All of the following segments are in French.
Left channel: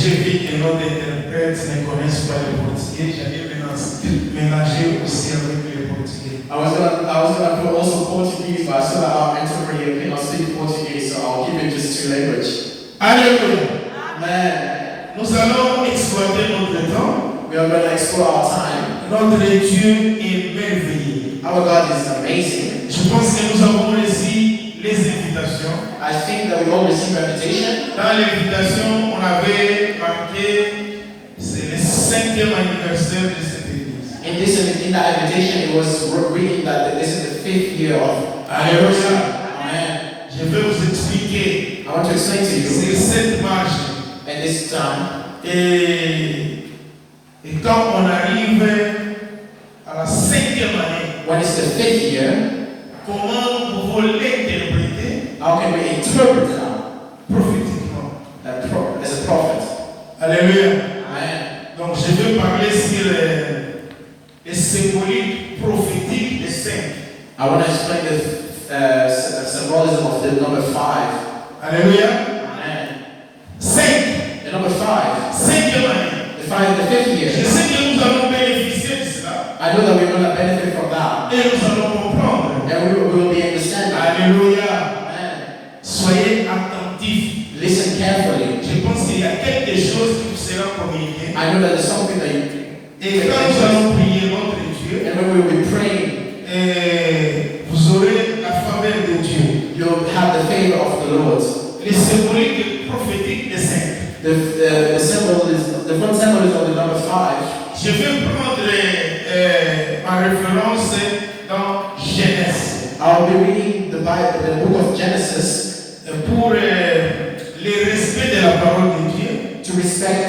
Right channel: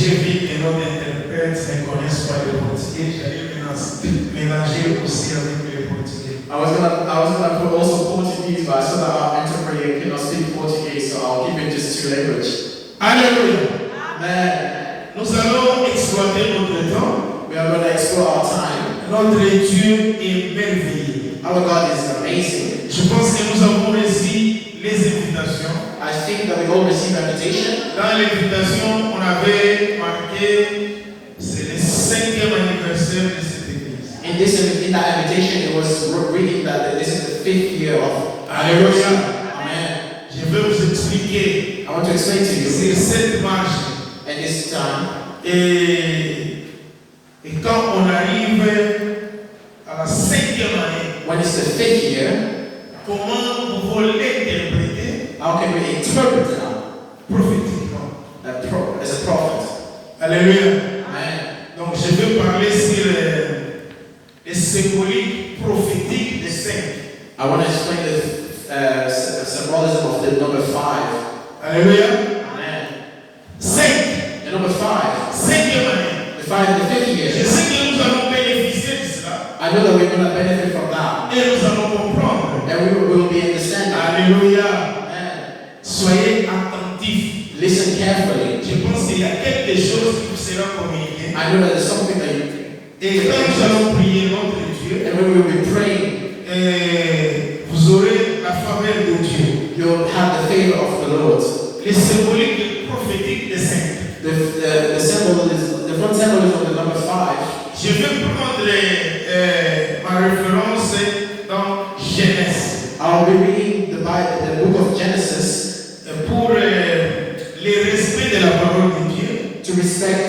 J'ai vu que nos interprètes ne connaissent pas le portugais. J'allais mélanger aussi avec le portugais. I was gonna put also Portuguese, but I saw that our interpreter cannot speak Portuguese, so I'll keep it just two languages. Alléluia. Amen. Nous allons exploiter notre temps. We are going to explore our time. Notre Dieu est merveilleux. Our God is amazing. Je pense que nous avons reçu les invitations. I think that we all received invitation. Dans l'invitation, on avait marqué c'est le 5e anniversaire de cette église. In that invitation, it was reading that this is the 5th year of Alléluia. Amen. Je vais vous expliquer. I want to explain to you. C'est cette marche. And this time. Et quand on arrive à la 5e année, when it's the 5th year, comment vous voulez l'interpréter? How can we interpret that? Prophétiquement. As a prophet. Alléluia. Amen. Donc je vais parler sur les symboliques prophétiques des 5. I want to explain the symbolism of the number 5. Alléluia. Amen. 5. The number 5. 5e année. The 5th year. Je sais que nous allons bénéficier de cela. I know that we're going to benefit from that. Et nous allons comprendre. And we will be understanding. Alléluia. Amen. Soyez attentifs. Listen carefully. Je pense qu'il y a quelque chose qui vous sera communiqué. I know that there's something that you. Et quand nous allons prier notre Dieu, and when we will be praying, vous aurez la faveur de Dieu. You'll have the favor of the Lord. Les symboliques prophétiques des 5. The one symbol is of the number 5. Je vais prendre ma référence dans Genèse. I'll be reading the Bible, the book of Genesis, pour le respect de la parole de Dieu. To respect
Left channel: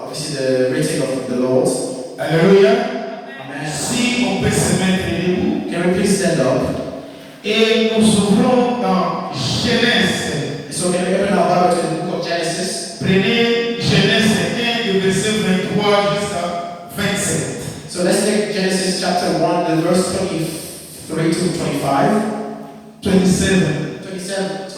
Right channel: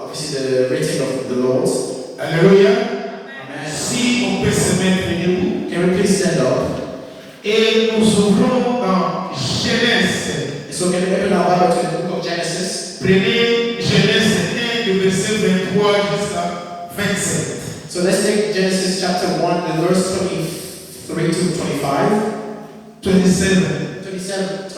obviously the reading of the Lord. Alléluia. Amen. Si on peut se mettre debout. Can we please stand up? Et nous ouvrons dans Genèse. So can we open our Bible to the book of Genesis? Prenez Genèse 1 du verset 23 jusqu'à 27. So let's take Genesis chapter 1, the verse 23 to 25. 27. 27. 27.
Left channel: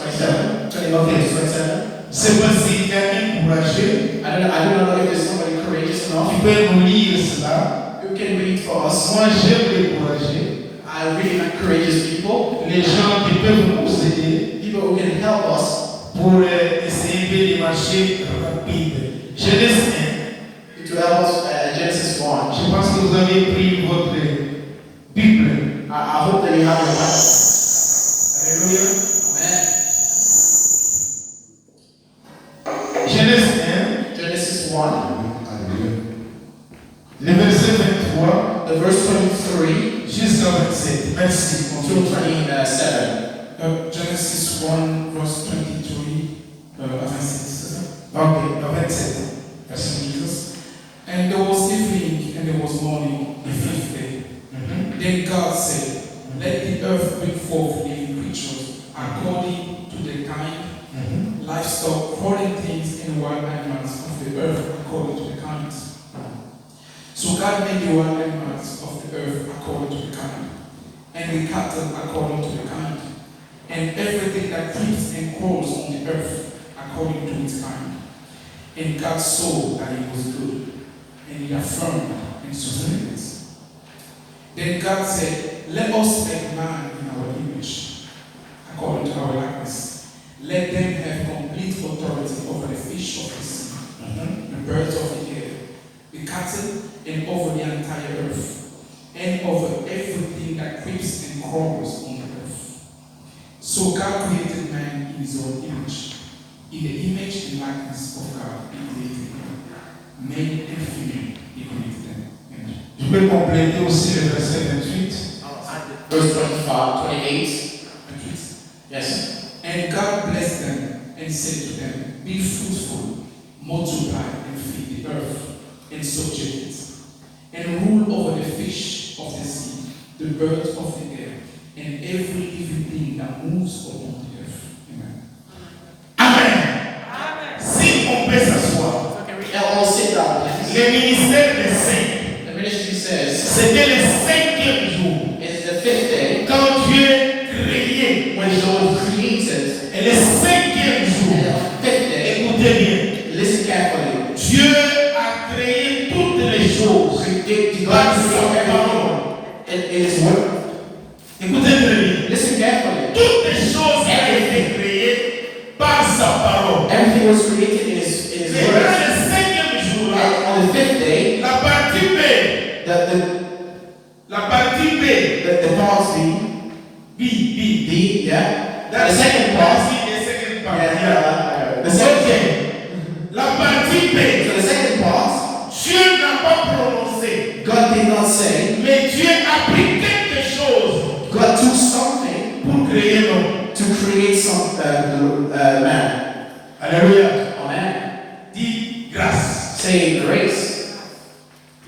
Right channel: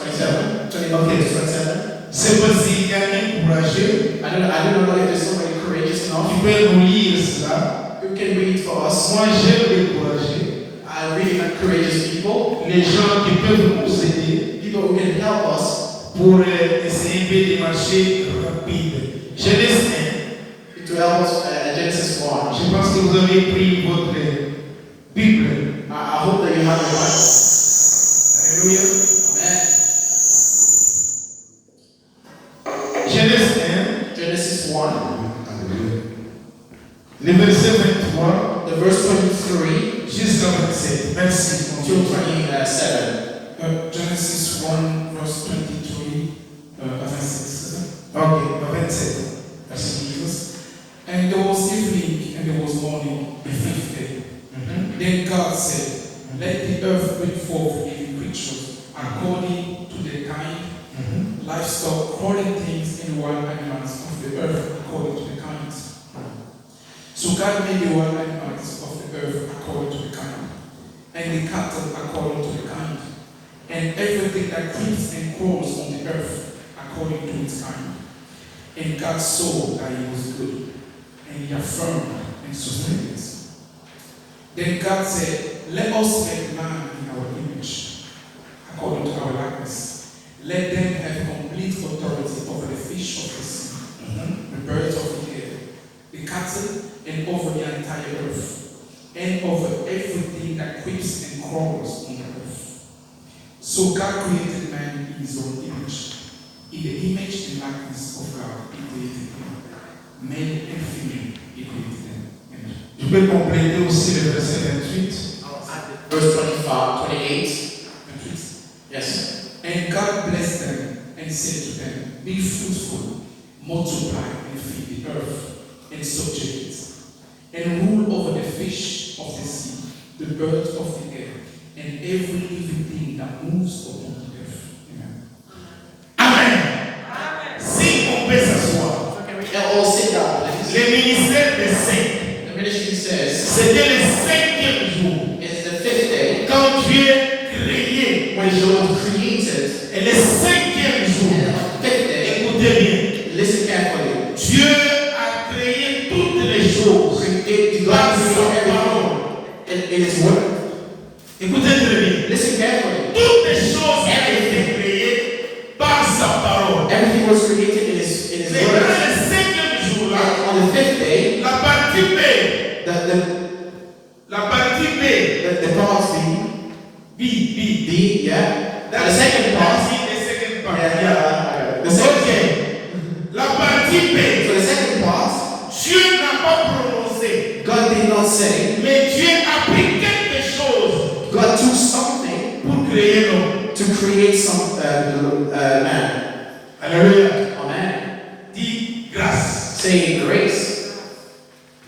C'est pas si quelqu'un courageux. I don't know if there's somebody courageous enough. Qui peut nous lire cela. Who can read for us? Moi j'aime les courageux. I really like courageous people. Les gens qui peuvent nous aider. People who can help us. Pour essayer de marcher rapide. Genèse 1. To help us Genesis 1. Je pense que vous avez pris votre Bible. I hope that you have your Bible. Alléluia. Amen. Genèse 1. Genesis 1. Le verset 23. The verse 23. Jusqu'à 27. Merci. Until 27. Genesis 1 verse 23 à 26. Ok, à 27. Merci Jesus. And there was evening and there was morning, the 5th day. Then God said, let the earth bring forth living creatures according to their kind, livestock, crawling things, and wild animals of the earth according to the kinds. So God made the wild animals of the earth according to the kind, and the cattle according to the kind, and everything that creeps and crawls on the earth according to its kind. And God saw that it was good, and he affirmed and sustained it. Then God said, let us make man in our image, according to our likeness. Let them have complete authority over the fish of the sea, the birds of the air, the cattle, and over the entire earth, and over everything that creeps and crawls on the earth. So God created man in his own image. In the image and likeness of God, he created him. Male and female, he created them. Amen. Je peux compléter aussi le verset 28. Verse 28. Yes. And God blessed them and said to them, be fruitful, multiply and feed the earth, and subject it, and rule over the fish of the sea, the birds of the air, and every living thing that moves upon the earth. Amen. Amen. Si on peut s'asseoir. All sit down, please. Le ministère des saints. The ministry says, C'était le 5e jour. it's the 5th day. Quand Dieu créé. When the Lord created, Et le 5e jour. and the 5th day, Écoutez bien. Listen carefully. Dieu a créé toutes les choses par sa parole. It is word. Écoutez bien. Listen carefully. Toutes les choses ont été créées par sa parole. Everything was created in his Mais word. dans le cinquième jour, là, And on the fifth day, la partie B, the la partie B, parts B, B, B, yeah. That's The second part. the second part. Yeah, the second. Ok. La partie B, So the second part, Dieu n'a pas prononcé, God did not say. mais Dieu a pris quelque chose God took something pour créer l'homme. to create some man. Alléluia. Amen. Dis grâce. Say grace.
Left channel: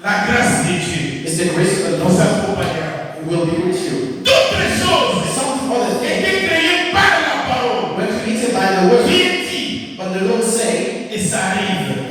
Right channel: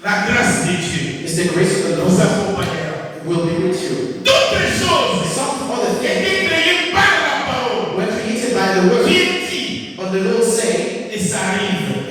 La grâce de Dieu Is the grace of the nous Lord accompagnera. will be with you. Toutes les choses Some other things étaient créées par la parole. were created by the word, Qui dit, but the Lord said, et ça arrive.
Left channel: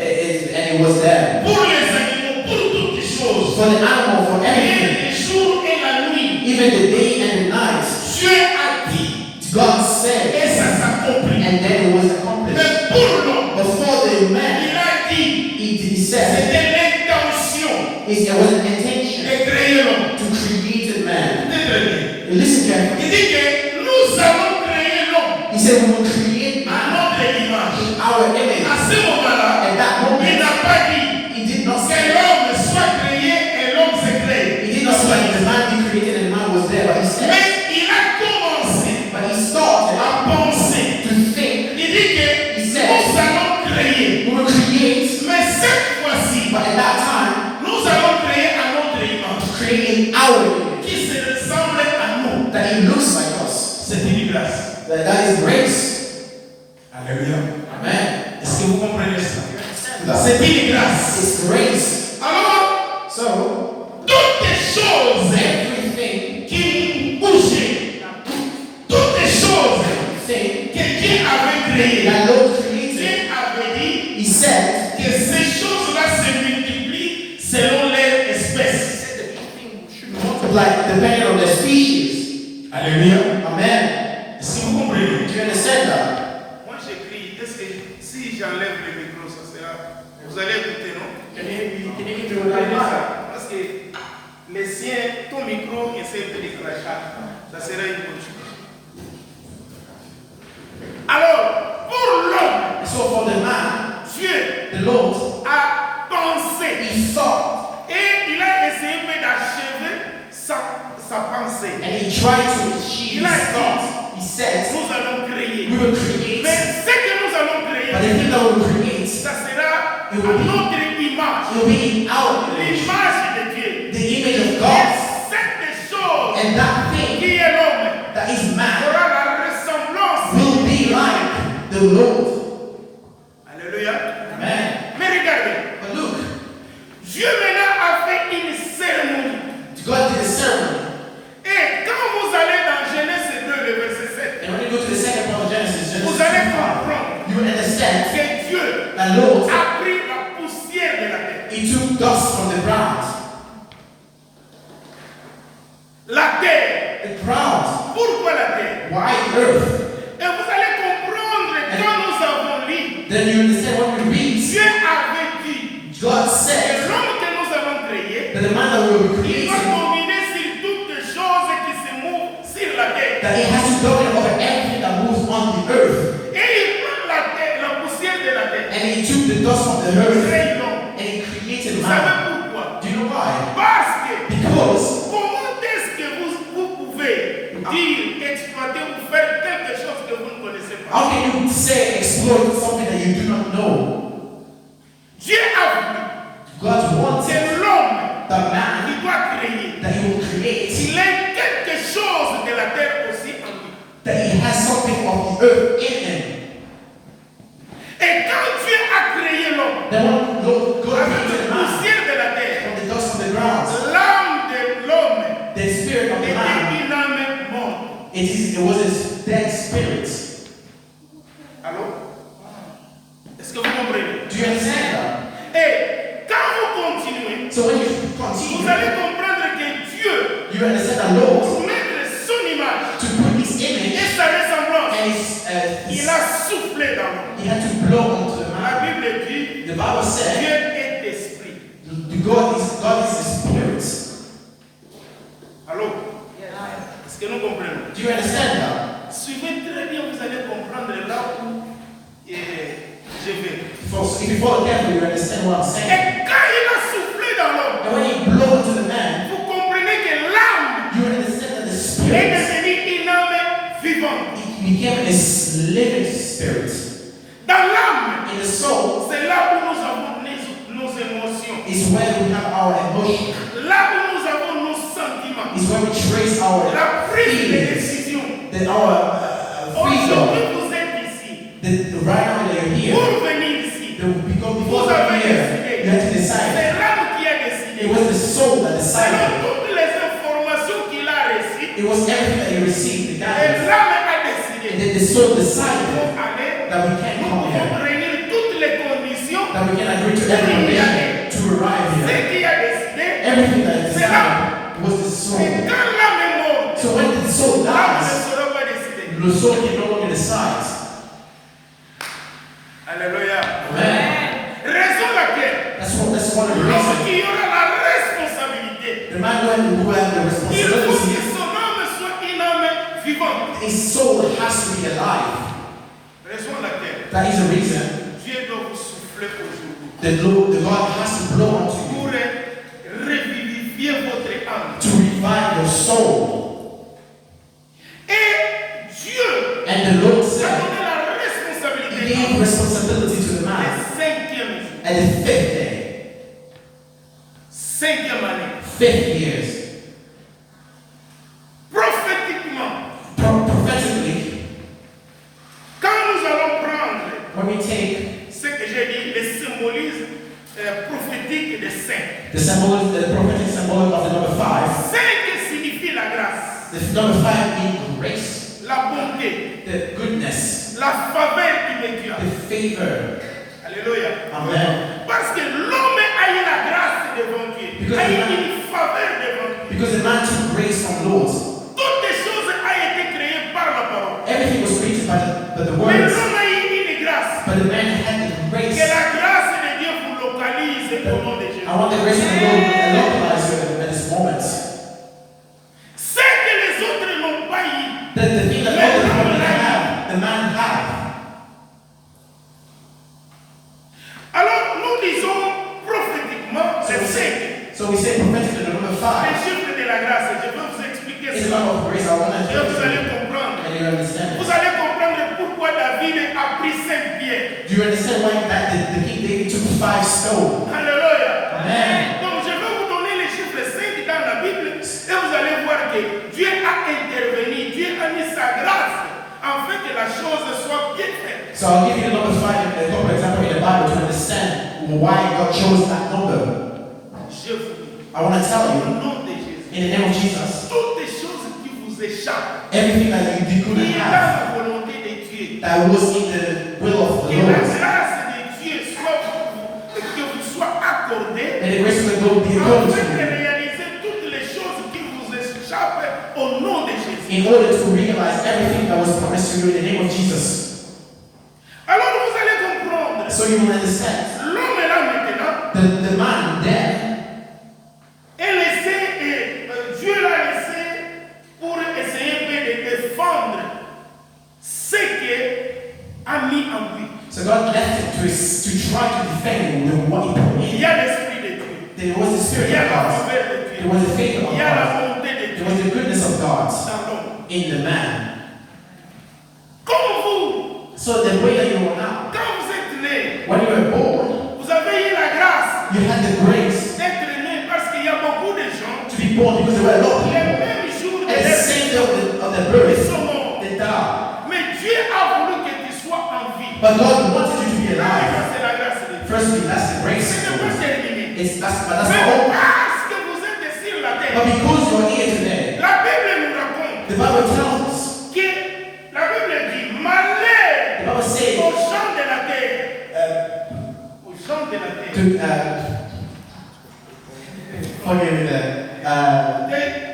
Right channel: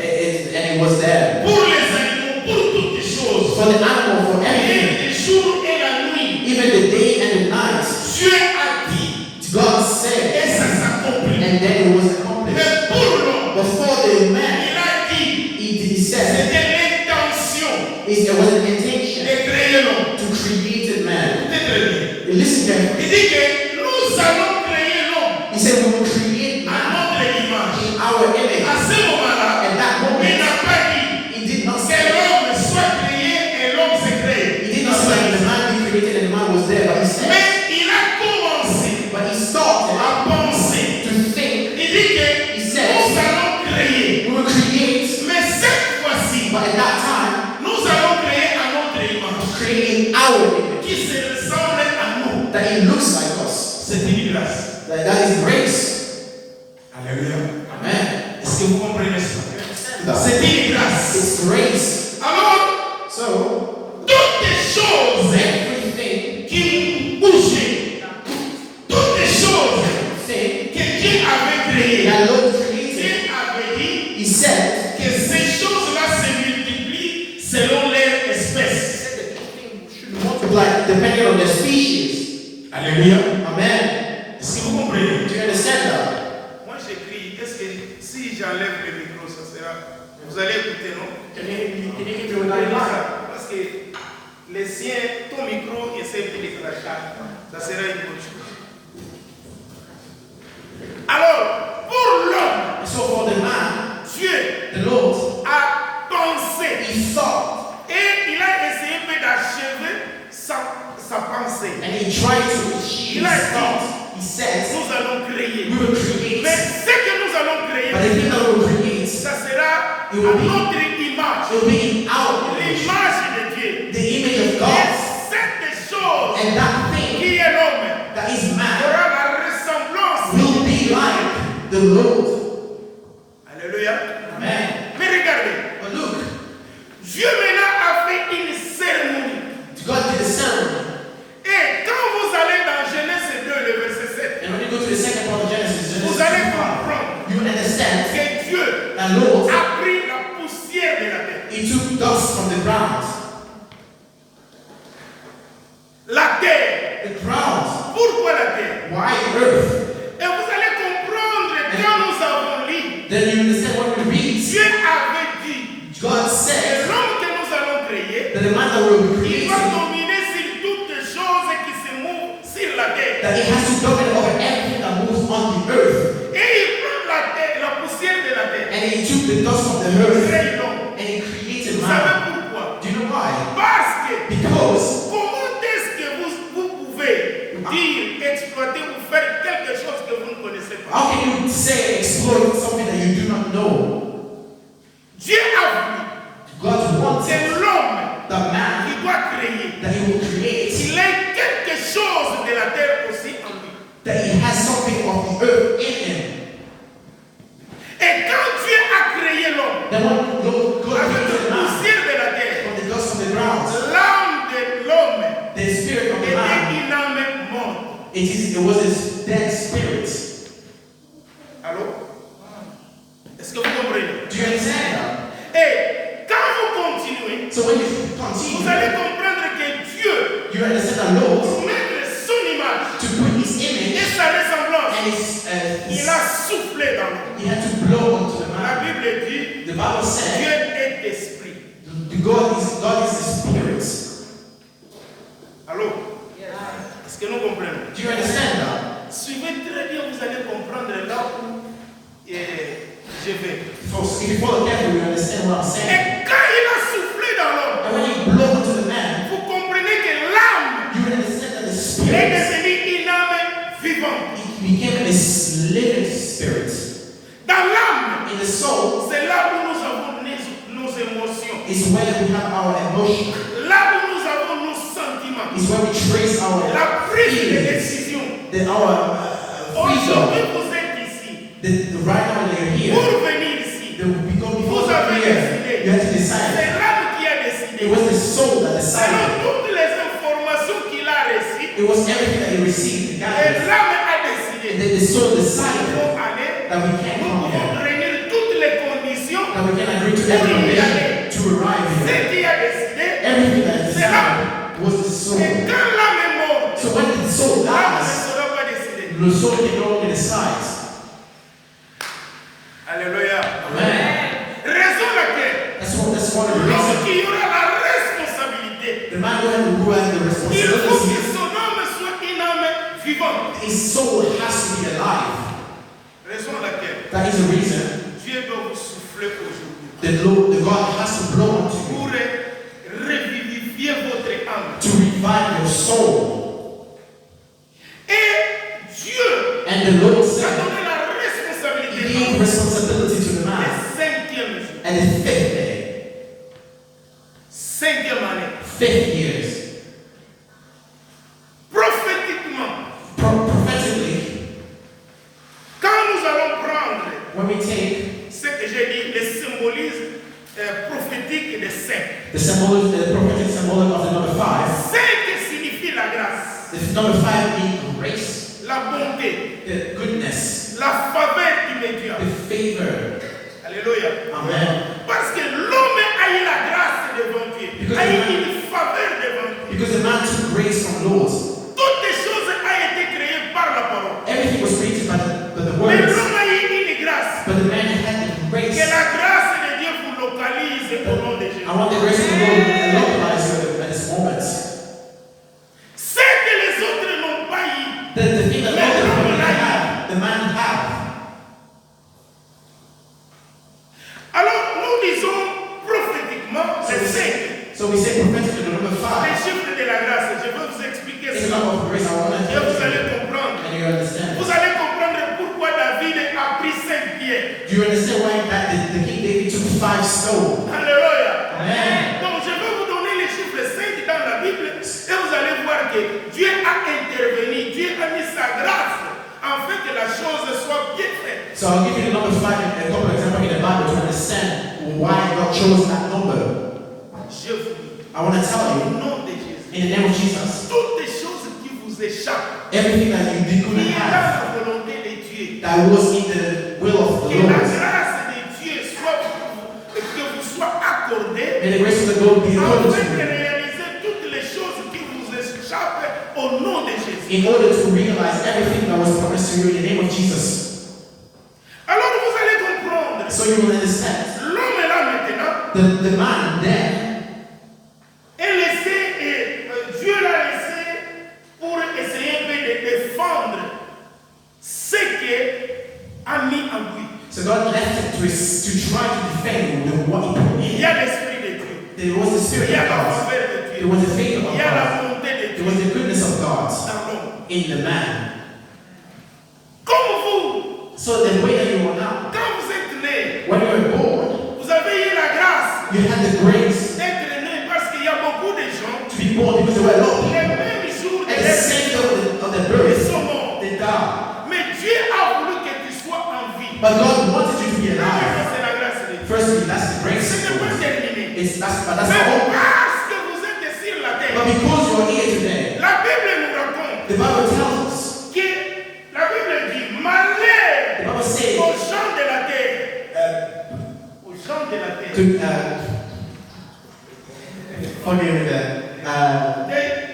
and it was there. Pour les animaux, pour toutes les choses. For the animal, for everything, Et le jour et la nuit, even the day and the night, Dieu a dit, God said, et ça s'accomplit. and then it was accomplished. Mais pour l'homme, But for the man, il a dit, he said, c'était l'intention it was an intention de créer l'homme. to create a man. Écoutez très bien. Listen carefully. Il dit que nous allons créer l'homme He said, we will create à man notre image. in our image. À ce moment-là, At that il moment, n'a pas dit he did not que say, l'homme soit créé et l'homme s'est créé. he did not say the man be created and the man was there, but he said, Mais il a commencé but he started à penser. to think. Il dit que He said, nous allons créer. we will create, Mais cette fois-ci, but at that time, nous allons créer à notre image create in our image, qui se ressemble à nous. that he looks like us. C'est une grâce. That is grace. Alléluia. Amen. Est-ce que vous comprenez ça? That C'est une grâce. it's grace. Alors, So, toutes les choses everything, qui bougeaient, toutes les choses everything que Dieu avait créées, that Lord created, Dieu avait dit he said, que ces choses-là se multiplient selon leur espèce. multiply depending on the species. Alléluia. Amen. Est-ce que vous comprenez? Do you understand that? Moi j'écris, est-ce que si j'enlève le micro, ça sera. Vous allez écouter, non? Parce que les siens, ton micro est simple de crachat. Ça sera une bonne chose. Alors, pour l'homme, So for the man, Dieu the Lord, a pensé he thought et il a essayé d'achever sa pensée. and he tried to achieve his thought. He said, Nous allons créer. we will create, Mais ce que nous allons créer, but the thing that we will create, ça sera à It will be- notre image. will be in our image, L'image de Dieu. the image of Et God. cette chose And that thing qui est l'homme that is man aura la ressemblance. will be like the Lord. Alléluia. Amen. Mais regardez, But look, Dieu maintenant a fait une cérémonie. God did a ceremony. Et quand vous allez dans Genèse 2, le verset 7, And when you go to the second part of Genesis, vous allez 2:5, comprendre you understand que Dieu that Lord, a pris la poussière de la terre. he took dust from the ground. La terre. The ground. Pourquoi la terre? Why earth? Et vous allez comprendre quand nous avons lu. Then you understand what we read. Dieu avait dit God que said l'homme que nous allons créer, that the man that will be il va created, dominer sur toutes les choses qui se mouvent sur la terre. that he has to dominate over everything that moves on the earth. Et il prend la terre, la poussière de la terre. And he took the dust from the earth Crée l'homme. and he created Vous man. savez pourquoi? Do you know why? Parce que Because comment est-ce que vous pouvez dire, exploiter ou faire quelque chose que vous ne connaissez pas? how can you say exploit something that you do not know? Dieu a voulu God wanted que l'homme the man qui doit créer, that he will create, il ait quelque chose de la terre aussi en lui. that he has something of the earth in him. Et quand Dieu a créé l'homme Then when God avec created la man poussière de la terre, from the dust from the ground, l'âme de l'homme the spirit of the était man, une âme morte. it was his dead spirit. Allô? Est-ce que vous comprenez? Do you understand that? Et quand vous continuez, So when you vous continue, allez comprendre que Dieu, you understand that Lord, pour mettre son image to put his et image sa ressemblance, and his, il a soufflé dans l'homme. he had to blow onto the La man. Bible dit The Bible Dieu said est esprit. God is a spirit. Allô? Est-ce que nous comprenons? Do you understand that? Suivez très bien, vous allez comprendre là où je vais. Folks, if you follow carefully, you understand what I'm saying. Et quand il a soufflé dans l'homme, And when you blow into the man, vous comprenez que l'âme you understand that the est spirit devenue une âme vivante. it became a living spirit. Dans l'âme, In the soul c'est là où nous avons nos émotions. is where we have our emotion. Là où nous avons nos sentiments. Is where we trace our La prise de feelings, décision. our Aujourd'hui, freedom. vous êtes ici. Right now that you're here, Pour venir ici, before vous you're avez here, décidé. you have to decide. C'est l'âme qui a décidé. It was the soul that Selon decided. toutes les informations qu'il a reçues, It was everything that you received, the et guidance. l'âme a And décidé. then the soul Nous decided pouvons aller, that we can't nous come pouvons here, réunir toutes les conditions. that we can agree to every condition to arrive Ce here. qui a décidé, Everything that is c'est l'âme. decided was the Et soul. quand l'âme est morte, So when the soul l'âme ne dies, sera pas décidée. the soul can no longer decide. Alléluia. Amen. Raison laquelle, That's one of the l'homme reasons. qui aura la responsabilité, The man who has the il faut que responsibility, son âme soit une âme vivante. his soul has to be alive. Raison laquelle, That is the reason Dieu doit vous souffler aujourd'hui the God has to blow onto you pour revivifier votre âme. to revive your soul. Et Dieu And the Lord a said, donné la He responsabilité gave responsibility to the le man. 5e jour, And the fifth day, 5e année. 5 years, Prophétiquement, prophetically, quand nous allons prendre when we take ce que j'ai dit, le symbolisme prophétique des saints. the prophetic symbolism of the number 5, 5 signifie la grâce, the number 5 being grace, la bonté, the goodness, la faveur immédiate. the favor. Alléluia. Amen. Parce que l'homme a eu la grâce devant Dieu, Because a eu the man- une faveur devant Dieu. Because the man took grace from Lord. Toutes les choses ont été créées par la parole. Everything was created by the Mais words. l'homme a eu une grâce. But the man had the grace. Que la grâce de Dieu vous localise au nom de Jésus. I want the grace of the Lord to localize you at this moment. Ce que les autres n'ont pas eu. The thing that Mais other l'homme people l'a eu. have, the man had. Alors nous disons prophétiquement les 5. So we say prophetically the number Les 5 chiffres de la grâce. Je vais vous expliquer is a cela. number of grace. I want Et to vous allez you comprendre. and you understand. Vous allez comprendre pourquoi David a pris 5 pierres. Do you understand why the King David took 5 stones? Alléluia. Amen. Donc je vais vous donner les chiffres 5 dans la Bible et vous allez voir que Dieu a intervenu, Dieu a mis sa grâce afin que la chose soit bien faite. So I'll give you the number 5 and a couple examples in the Bible to understand why God chose that number. Je vous dis, I want to tell au you, nom de Jésus, in the name of Jesus, toutes les choses qui vous échappent, everything that you couldn't qui est dans have, la volonté de Dieu, that was in the will of the que la Lord, grâce de Dieu soit, que vous soit accordée and the grace of the Lord be accorded afin to de you, réaliser toutes les choses qui vous échappent au nom de Jésus. in order to realize everything that was promised to you in the name of Jesus. Alors vous allez comprendre, So you will understand. l'homme est là maintenant, The man then, est laissé, Dieu l'a laissé pour essayer de défendre ce qu'il a mis en lui. so God left him to try to defend what he put Il in. y a l'Esprit de Dieu, There was the il Spirit y a of la God. faveur de There Dieu, was the favor of il y a la God. bonté de There Dieu was the goodness of God dans l'homme. in the man. Comme vous, So the way that you are now, quand vous êtes né, when you were born, vous avez eu la grâce you had the grace d'être né parce qu'il y a beaucoup de gens, to be born because there were a lot of les people. mêmes jours de At the leur same vie, day of the ils birth, sont morts. they died. Mais Dieu a voulu que tu sois en vie. But God wanted you to be alive. Premièrement, c'est la grâce de Dieu. Firstly, that's the Ce grace n'est of pas God. terminé. But that's Mais all. parce que vous êtes sur la But terre, because you are here today, la Bible nous raconte the Bible tells us, que la Bible dit malheur the Bible says, aux gens de la terre. Aux gens de la terre. forgive me there,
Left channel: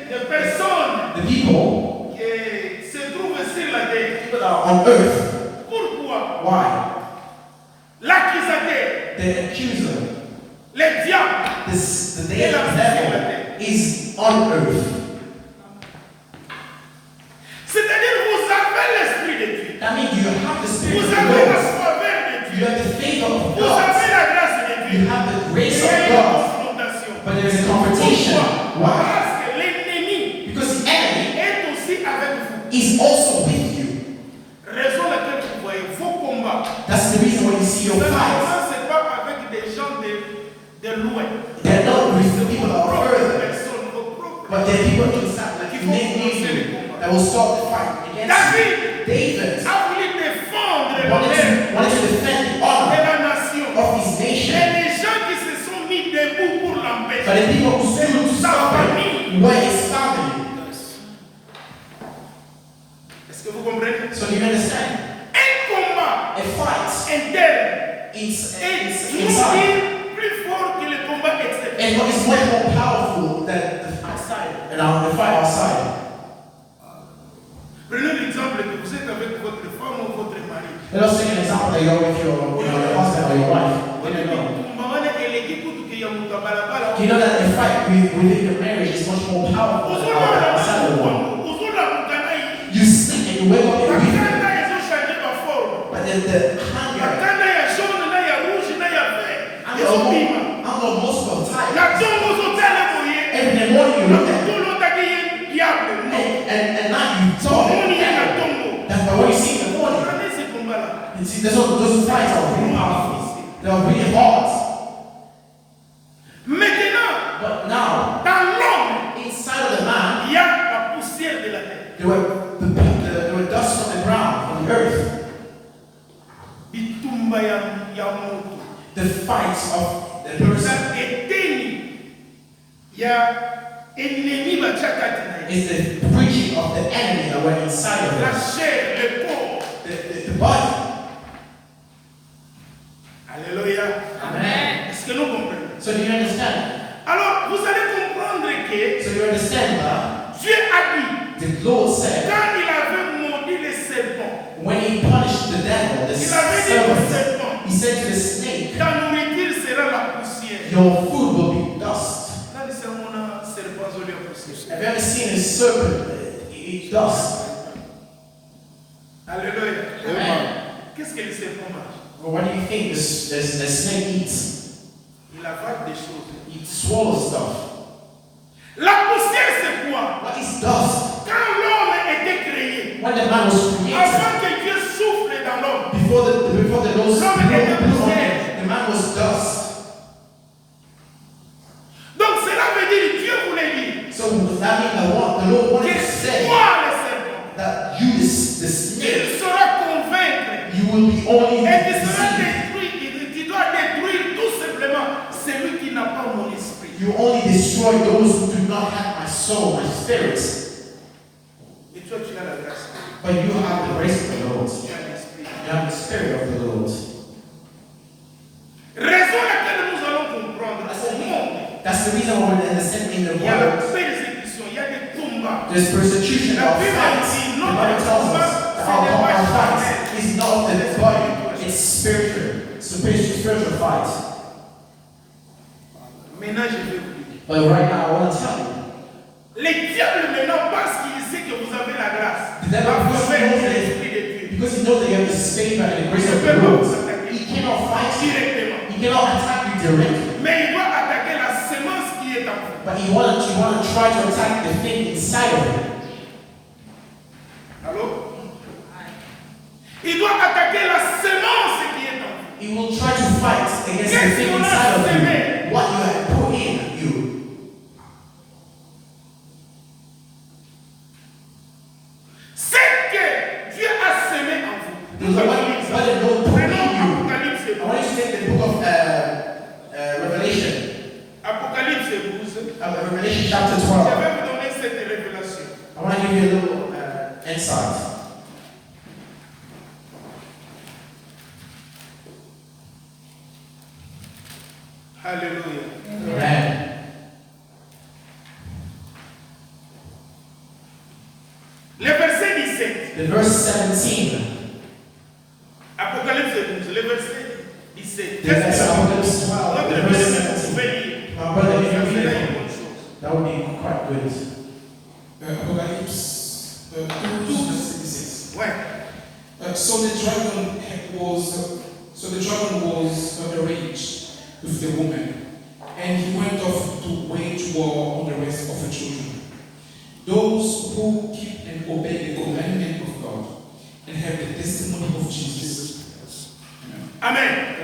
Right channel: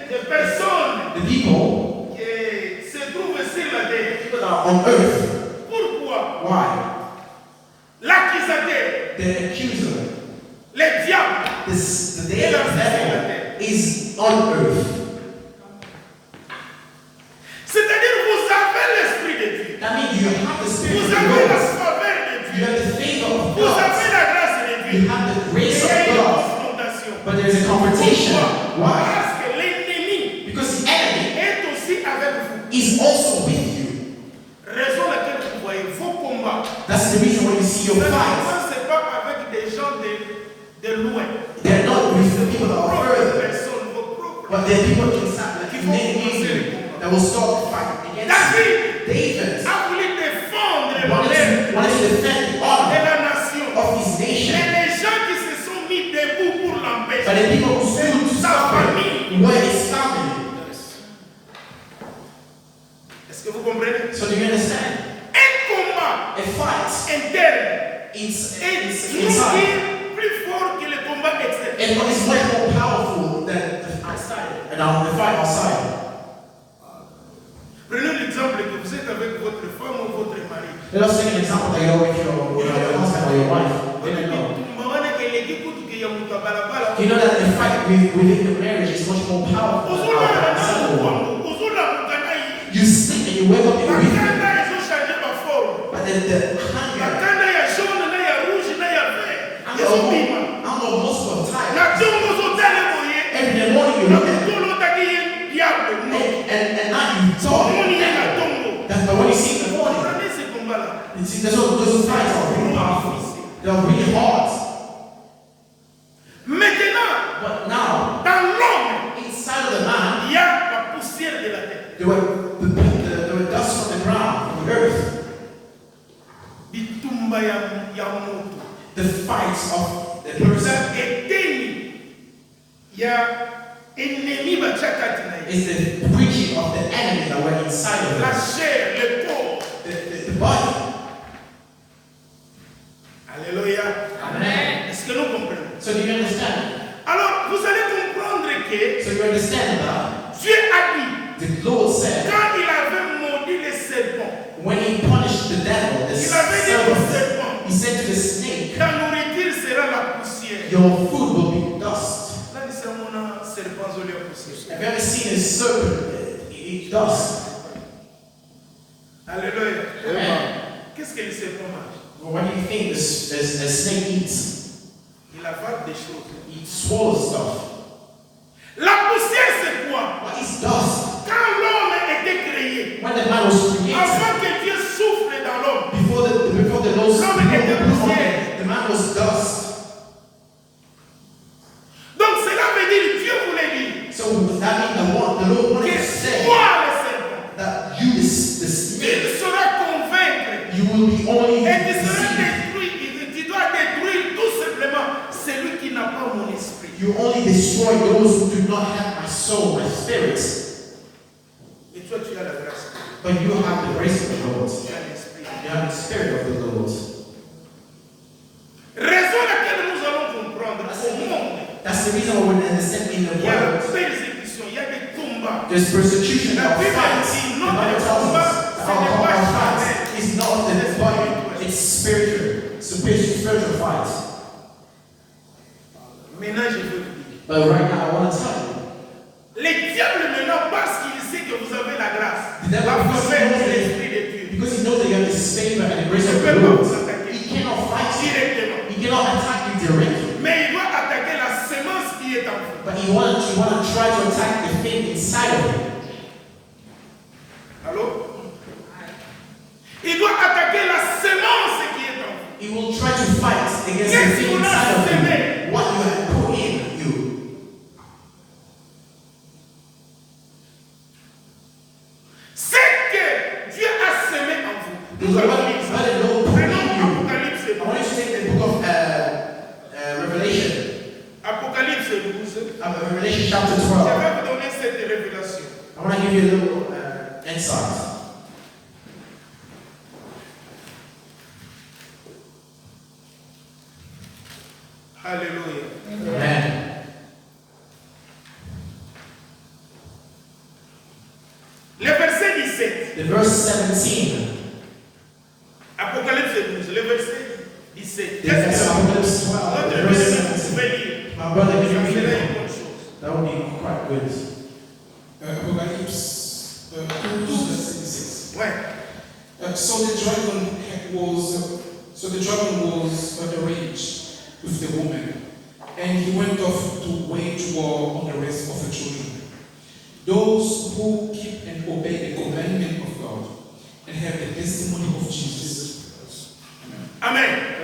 Des personnes the people qui se trouvent sur la terre. that are on earth, Pourquoi? why? L'accusateur, The the accuser, le diable, the devil is on earth. c'est-à-dire vous avez l'esprit de Dieu, That means you have the Spirit vous of avez la God. faveur de You Dieu, have the favor of vous avez God. la grâce de You Dieu. have the Et grace il y a of une God. confrontation. But there is a confrontation. Pourquoi? Why? Parce que l'ennemi Because the enemy est aussi avec vous. is also with you. Raison laquelle vous voyez vos combats. That's the reason why you see your Ça ne fights. commence pas avec des gens de loin. They're not with the people that Vos are propres further, personnes, vos propres. but they're people inside like Qui you vont need commencer les you combats. that will start the fight against David you. David a voulu défendre wanted l'honneur to defend the de honor la nation. of his Et nation. les gens qui se sont mis debout pour But l'empêcher, the people who stood to sa stop famille. him were his family. Est-ce que vous comprenez? So do you understand? Un combat A fight interne is est inside. plus fort que le combat externe. And what is much more powerful than the outside and the fight outside. Prenez l'exemple que vous êtes avec votre femme ou votre mari. Let us take an example that you're with your husband or your wife. You know that a fight within the marriage is much more powerful than outside the one. You sleep and you wake up in the evening, but then the hunger, I know most of the time, every morning you look at it, and now you talk. That's what you see in the morning. You see, those fights are really powerful. They are really hard. Maintenant, But now, dans l'homme, inside of the man, il y a la poussière de la terre. there were dust from the ground, from the earth. Bitumba ya moto. The fights of the Za person eteni ya ennemi bachakati na ye. is the preaching of the enemy that were inside of La us. chair, le corps. The body. Alléluia. Amen. Est-ce que nous comprenons? So do you understand? Alors, vous allez comprendre que So you understand that Dieu a dit, the Lord said quand il avait maudit les serpents, when he punished the devil, the il avait dit au serpent, serpent, he said to the snake, ta nourriture sera la poussière. your food will be dust. Là, c'est mon serpent zoli à poussière. Have you ever seen a serpent eat dust? Alléluia. Amen. Qu'est-ce que le serpent mange? Well, what do you think the snake eats? Il avale des choses. He swallows stuff. La poussière, c'est quoi? What is dust? Quand l'homme était créé, When the man was created, avant que Dieu souffle dans l'homme, before the Lord L'homme blew était upon poussière. him, the man was dust. donc cela veut dire, Dieu voulait dire, So that means the Lord wanted que to say toi le serpent, that you, the snake, il saura convaincre you will be only et tu seras deceived. détruit, tu dois détruire tout simplement celui qui n'a pas mon esprit. You only destroy those who do not have my soul, my spirit. Et toi, tu as la grâce, But you have the grace of the Lord. tu as l'esprit. You have the spirit of the Lord. Raison laquelle nous allons comprendre au monde, That's the reason why we understand in the il y a la world persécution, il y a des combats. there's persecution La of Bible fights. dit, The notre Bible tells combat, us that ce n'est our pas fight charnel. is not of the body, it's spiritual. It's a spiritual fight. Maintenant, je vais vous dire. But right now, I want to tell you, Les diables maintenant, parce qu'ils savent que vous avez la grâce, the devil la knows faveur de that l'Esprit de Dieu, because he knows that you have the favor and the grace il of ne the peut pas Lord, vous attaquer he cannot fight you. directement. He cannot attack you directly. Mais il doit attaquer la semence qui est en vous. But you want to try to attack the thing inside of him. Allô? Il doit attaquer la semence qui est en vous. He will try to fight against the Qu'est-ce thing qu'on a inside of semé? you. What you have put in you. C'est que Dieu a semé en vous. Nous What allons lire ça. the Lord put in Prenons you. Apocalypse I want you to take the book of Revelation. Apocalypse 12. Revelation chapter Je 12. vais vous donner cette révélation. I want to give you a little insight. Alléluia. Amen. Le verset 17. The verse 17. Apocalypse 12, le verset 17. The verse Qu'est-ce que My brother, can you Ça read serait it? une bonne chose. That would be quite good. Apocalypse 12, verset 16. Ouais. So the dragon was arranged with the woman, and he went off to wage war on the rest of the children. Those who keep and obey the commandment of God and have the testimony of Jesus. Amen.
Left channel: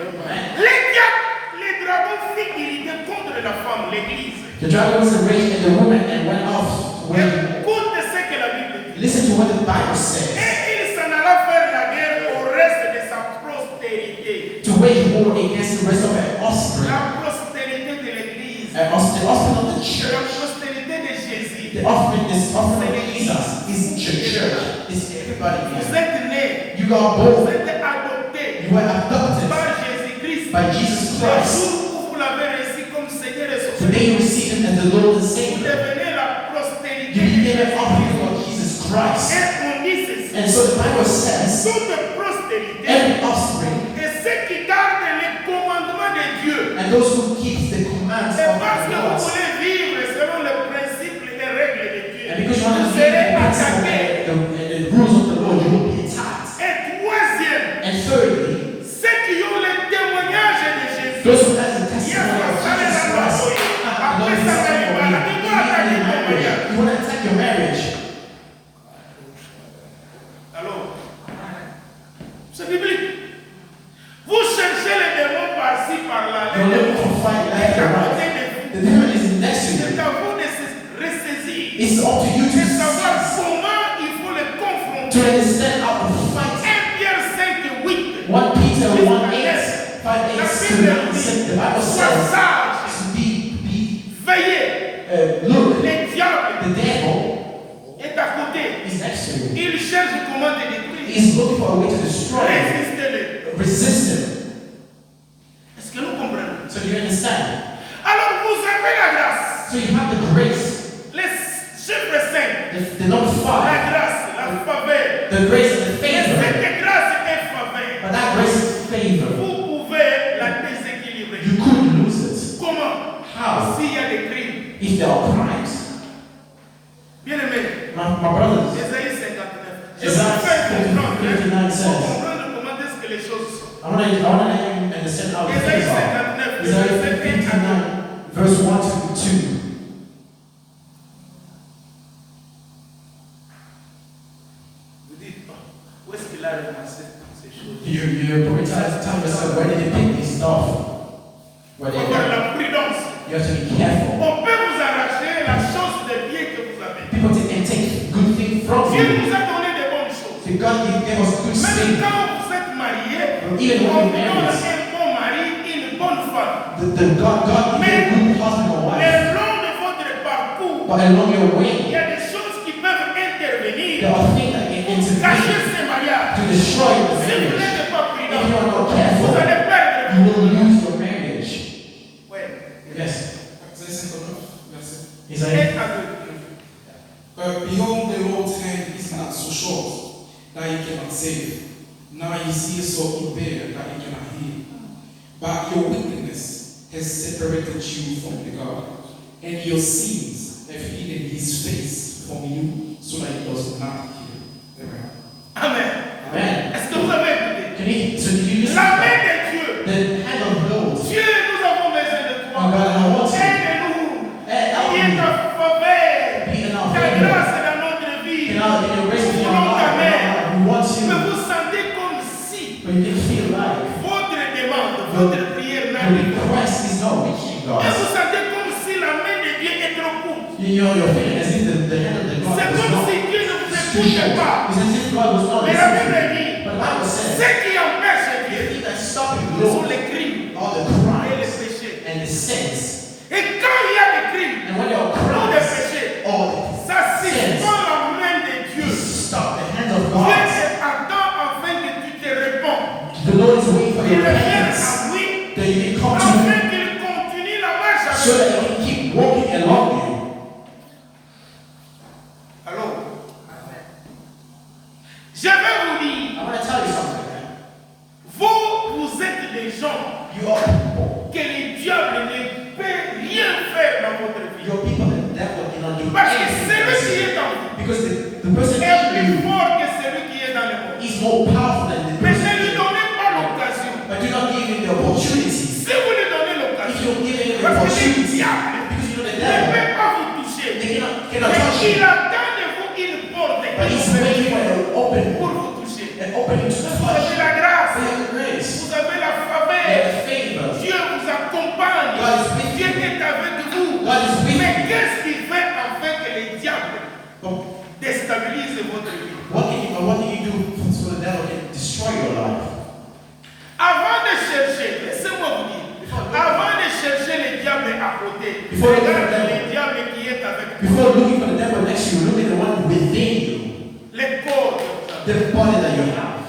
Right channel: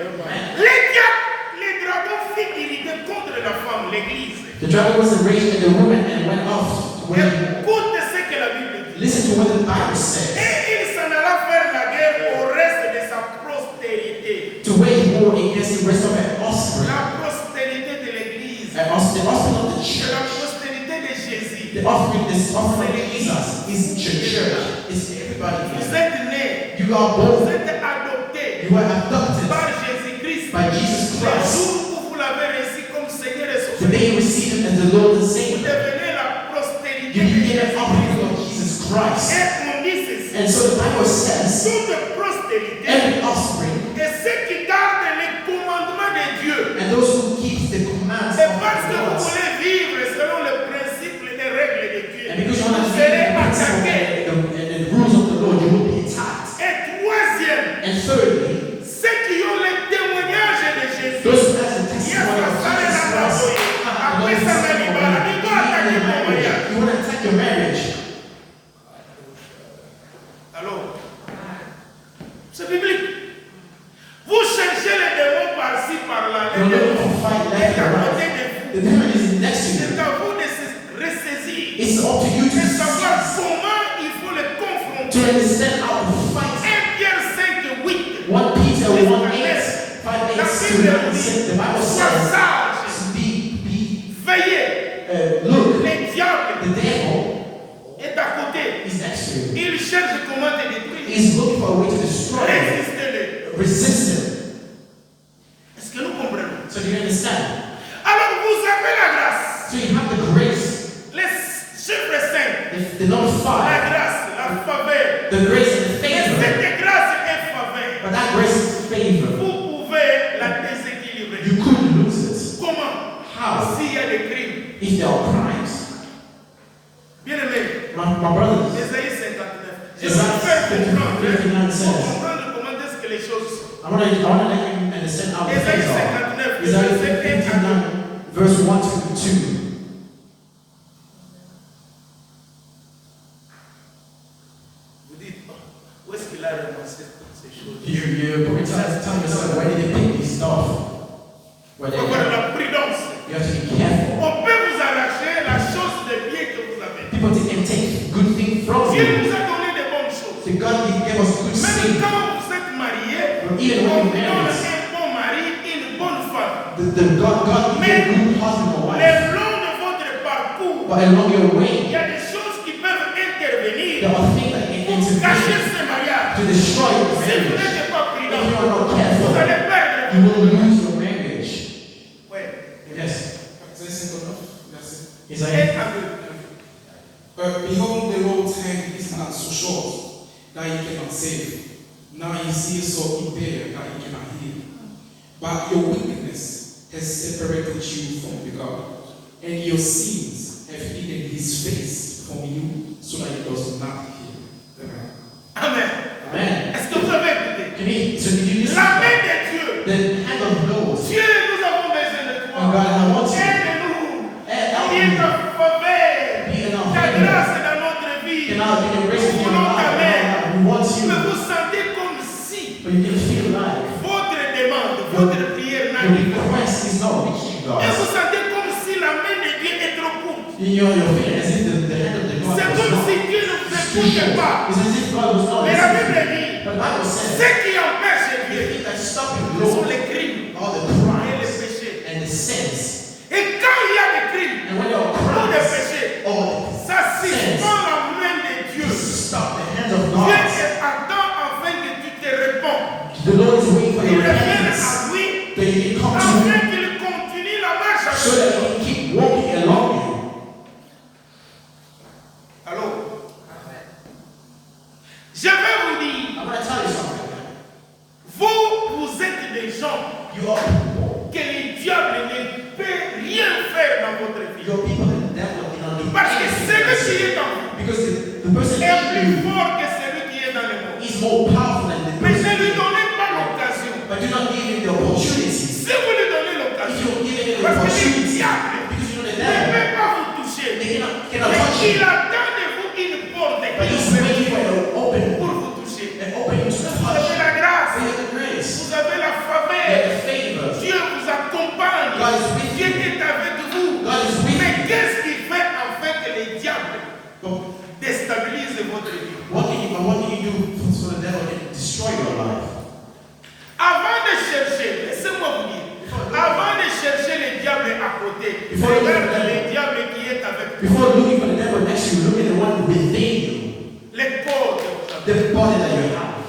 Les dragons fit irriter contre la femme, l'église. The dragon was enraged at the woman and went off to wage war. Écoute ce que la Bible dit. Listen to what the Bible says. Et il s'en alla faire la guerre au reste de sa postérité. To wage war against the rest of her offspring. La postérité de l'église. The offspring of the De church. la postérité de Jésus. The offspring of Jesus is the church. It's everybody Vous here. êtes nés. You are Vous born. êtes adoptés You were adopted par Jésus-Christ. by Jesus Le Christ. jour où vous l'avez reçu comme Seigneur et Sauveur. Today you receive him as the Lord and Vous Savior. devenez la postérité You de became an Jésus. offspring of Jesus Christ. Et on dit ceci. And so the Bible says, Toute postérité every offspring et ceux qui gardent les commandements de Dieu. and those who keep the commands C'est of parce que vous God. voulez vivre selon les principes et les règles de Dieu. And because you want to Vous live serez the principle attaqués. and the rules of the Lord, you will be attacked. Et troisième, And thirdly, ceux qui ont le témoignage de Jésus. those who have the Yes, testimony of pastor, Jesus la Christ. masoye. Après ça, la libala. Ils vont attaquer ton mariage. You want to attack your marriage. Alors, c'est biblique. Vous cherchez les démons par-ci, par-là. Les You're looking démons for fight sont left à and côté right. de The vous. devil is next to C'est you. à vous de se ressaisir It's up to you et to savoir comment il faut les confronter. understand how to fight. 1 Pierre 5, 8. 1 Peter 1:8, 5, 8, La 7, Bible the dit, Bible sois says sage, to be veillez. look, Le diable the devil est à côté. is next to you. Il cherche comment te détruire. He's looking for a way to destroy you. Résistez-le. Resist him. Est-ce que nous comprenons? So do you understand? Alors vous avez la grâce. So you have the grace, Les chiffres 5. the number 5, La grâce, la faveur. the grace and the Mais favor. cette grâce est faveur. But that grace is favor. Vous pouvez la déséquilibrer. You could lose it. Comment? How? S'il y a des crimes. If there are crimes. Bien aimé. My brothers, Ésaïe 59. Je vais Isaiah vous faire comprendre. 59 Pour says, comprendre comment est-ce que les choses sont. I want to let you understand how the Ésaïe things are. 59, Isaiah verset 1 à 2. 59, verse 1 to 2. Vous dites, oh, où est-ce qu'il a ramassé toutes ces choses? You probably tell yourself, where did they pick these stuff? Where Il they faut avoir got? la prudence. You have to be careful. On peut vous arracher la chose de bien que vous avez. People can take good things from Dieu you. nous a donné de bonnes choses. The God gave us good Même things. quand vous êtes marié, Even on when donne you're married, un bon mari, une bonne femme. God gave a good husband or Le wife. long de votre parcours, But along your il way, y a des choses qui peuvent intervenir there are things that can pour cacher intervene ce mariage. to destroy your Si vous marriage. n'êtes pas If prudent, you are not vous careful, allez perdre you votre will mariage. lose your marriage. Ouais. Yes. Isaiah 59, verset. Isaiah. Behold, the Lord's hand is not so short that he cannot save, nor his ear so impaired that he cannot hear. But your wickedness has separated you from the God, and your sins have hidden his face from you, so that he does not hear. Amen. Amen. Est-ce que vous avez écouté? So did you listen La to main that? de Dieu. The hand of the Lord. Dieu, nous avons besoin de Oh God, toi. I want you. Aide-nous. Help Viens me. ta faveur. Be in our Ta favor. grâce dans notre vie. In your grace Nous in your voulons ta main. life. We want Que you. vous sentez comme si But you can feel like votre demande, votre prière your n'arrive pas. request is not reaching Et God. vous sentez comme si la main de Dieu est trop courte. You're feeling as if the hand of the God C'est was comme not si Dieu ne vous too écoute short. pas. It's as if God was not Mais la Bible listening. dit, But the Bible says ce qui empêche the Dieu, thing that's stopping ce sont Lord les crimes are the et les crimes péchés. and the sins. Et quand il y a des crimes And when there are ou des crimes péchés, or ça suspend la main de Dieu. stop the hand of Dieu God, attend afin que tu te réponds. the Lord is waiting for Il your revient repentance à lui that you can come to afin Him qu'il continue la marche so avec that toi. He can keep walking along you. Alors, je vais vous dire, I want to tell you something. vous êtes des gens You are people que le diable ne peut rien Parce que pursue le you. diable Because you know the ne devil. peut pas vous toucher. They cannot Mais touch you. il attend de vous une porte But qui he's vous waiting for permet an open pour vous toucher. an opening to Vous avez touch. la grâce, We have the grace. vous avez la We faveur. have the favor. Dieu vous accompagne. God is with Dieu you. est avec vous. God is with Mais you. qu'est-ce qui fait en fait que les diables But déstabilisent votre vie? what can you do so the devil can destroy your life? Avant de chercher, laissez-moi vous dire, avant de chercher le diable à côté, Before you regarde look at le diable qui est avec toi. Before looking for the devil next to you, look at the one within you. Les corps. The body that you have.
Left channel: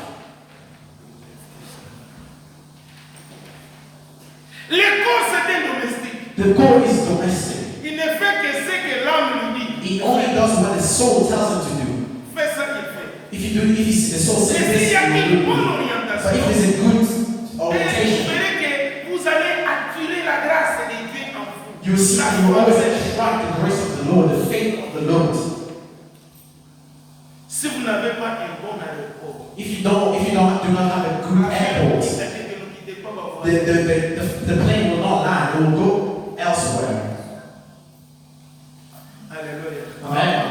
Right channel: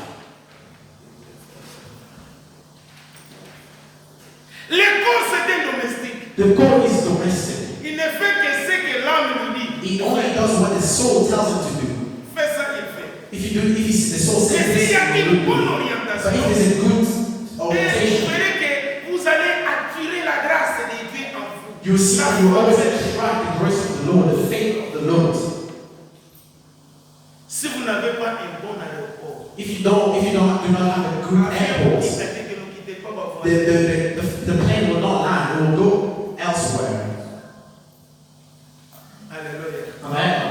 Les corps, c'est un domestique. The goal is domestic. Il ne fait que ce que l'âme lui dit. He only does what the soul tells him to do. Fais ça, il fait. If the soul says Mais this, s'il y a he une will bonne do it. But orientation, if there's a good vous orientation, verrez que vous allez attirer la grâce de Dieu en vous. you see, La you will foi always de Dieu. attract the grace of the Lord, the faith of the Lord. Si vous n'avez pas un bon aéroport, If you do not have a good airport, c'est-à-dire que ne quittez pas ma voie. the plane will not land. It will go elsewhere. Alléluia. Amen.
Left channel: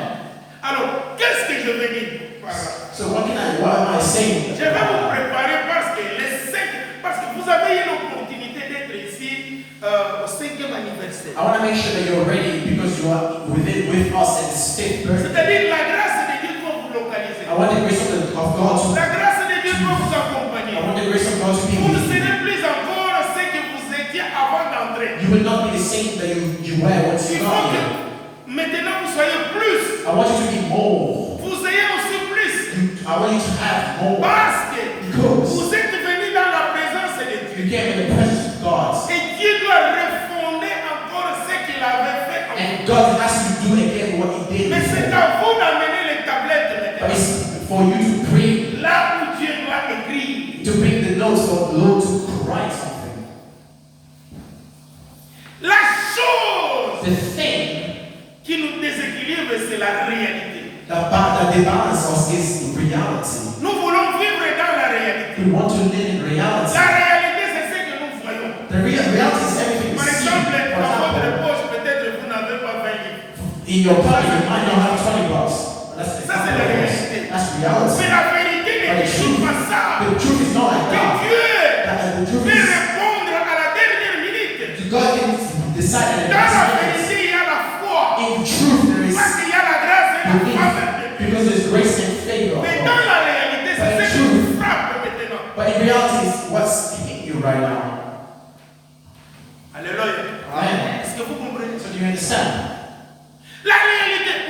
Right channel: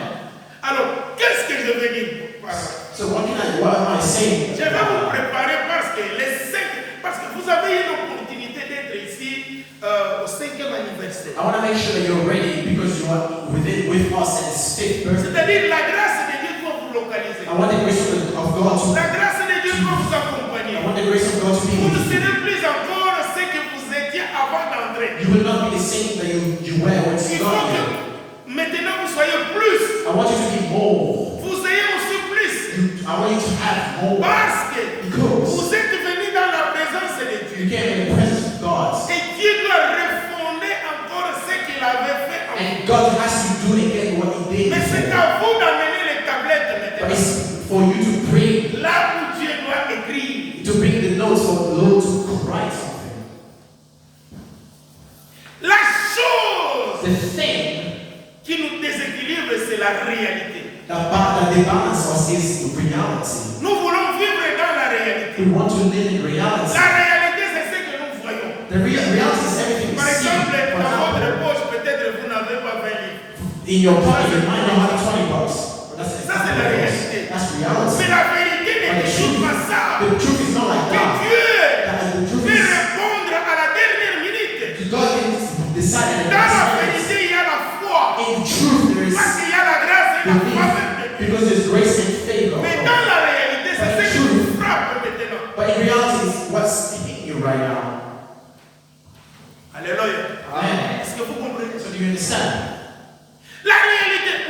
Alors, qu'est-ce que je veux dire par là? So what am I saying? Je vais vous préparer parce que vous avez eu l'opportunité d'être ici au 5e anniversaire. I want to make sure that you're ready because you are with us at this 5th birthday. C'est-à-dire la grâce de Dieu doit vous localiser. I want the grace of God to. La grâce de Dieu doit vous accompagner. I want the grace of God to be Vous ne with you. serez plus encore ce que vous étiez avant d'entrer. You will not be the same that you were when Il you faut got que here. maintenant vous soyez plus. I want you to be more. Vous ayez aussi plus. I want you to have more. Parce que Because vous êtes venus dans la présence de you Dieu. came in the presence of God. Et Dieu doit refonder encore ce qu'il avait fait avant. And God has to do again what He did Mais c'est before. à vous d'amener les tablettes But maintenant. it's for you to bring Là où Dieu doit écrire. the notes for the Lord to write something. La chose The thing qui nous déséquilibre, c'est la réalité. that debalance us is the reality. Nous voulons vivre dans la réalité. We want to live in reality. La réalité, c'est ce que nous voyons. The reality is everything we Par see. exemple, For dans votre example, poche, peut-être vous n'avez pas 20 livres. in your pocket, you might not have $20. Ça, c'est la réalité. That's reality. Mais la vérité ne dit pas ça. The truth is not like Que that. Dieu The truth peut is répondre à la dernière minute. God can decide Dans la that vérité, il y a la foi. in truth there is Parce qu'il y a la grâce et la faveur de Dieu. because there's grace and favor. Mais dans la réalité, c'est ce qui nous frappe maintenant. But in reality, it's what's hitting you right now. Alléluia. Amen. Est-ce que vous comprenez? So do you understand? La réalité,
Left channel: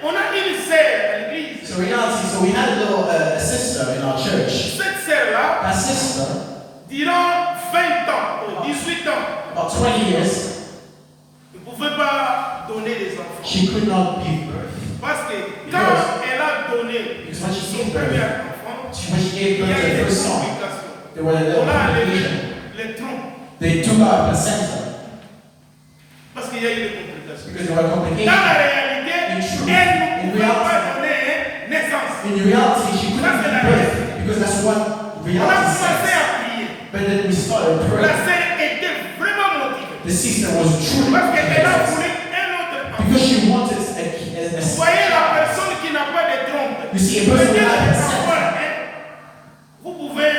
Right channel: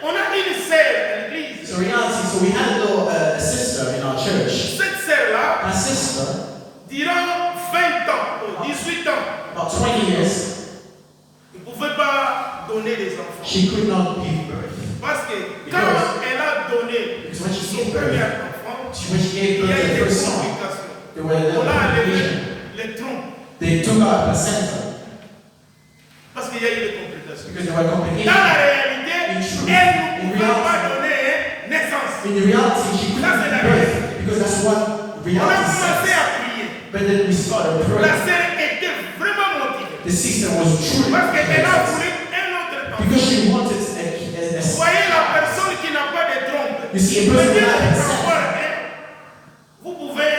on a une sœur à l'église. So reality, so we had a sister in our church. Cette sœur-là, That sister, durant 20 ans, ou 18 ans, about 20 years, ne pouvait pas donner des enfants. she could not give birth. Parce que quand elle a donné Because when she son gave premier birth, enfant, when she gave il y birth a to eu the des first son, complications. there were a little On a enlevé complication. les troncs. They took out a placenta Parce qu'il y a eu des complications. because there were Dans complications. la réalité, In truth, elle ne in pouvait pas reality, donner naissance. in reality, she couldn't c'est la give birth because that's what On a reality commencé says. à prier. But then we started La praying. sœur était vraiment motivée. The sister was truly Parce qu'elle a blessed voulu un autre enfant. because she wanted Vous voyez la personne qui n'a pas de trompe. You see, a person Peut-être that avoir has un, vous pouvez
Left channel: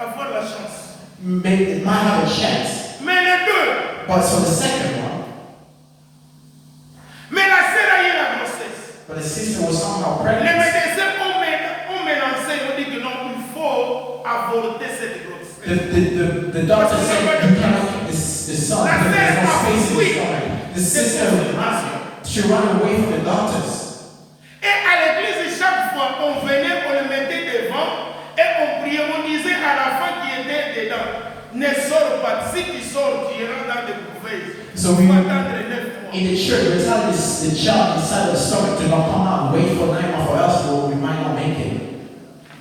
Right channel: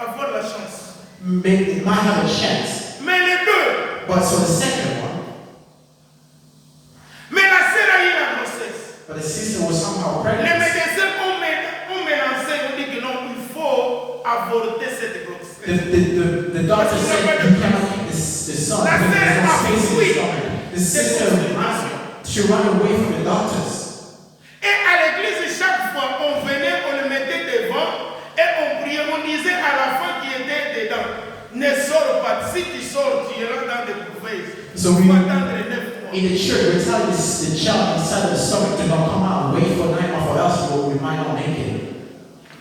avoir la chance. maybe it might have a chance. Mais les deux, But so the second one, mais la sœur a eu la grossesse. but the sister was somehow Les pregnant. médecins ont mélangé, ont dit que non, il faut avorter cette grossesse. The doctor said you cannot keep the son because there's no space in the stomach. The sister, she ran away from the doctors. Et à l'église, chaque fois, on venait, on le mettait devant et on priait, on disait à la femme qui était dedans, ne sors pas, si tu sors, tu iras dans des couverts. So Tu we- vas attendre 9 mois. In the church, we tell the child inside the stomach to not come out and wait for 9 months for us, or we might not make it.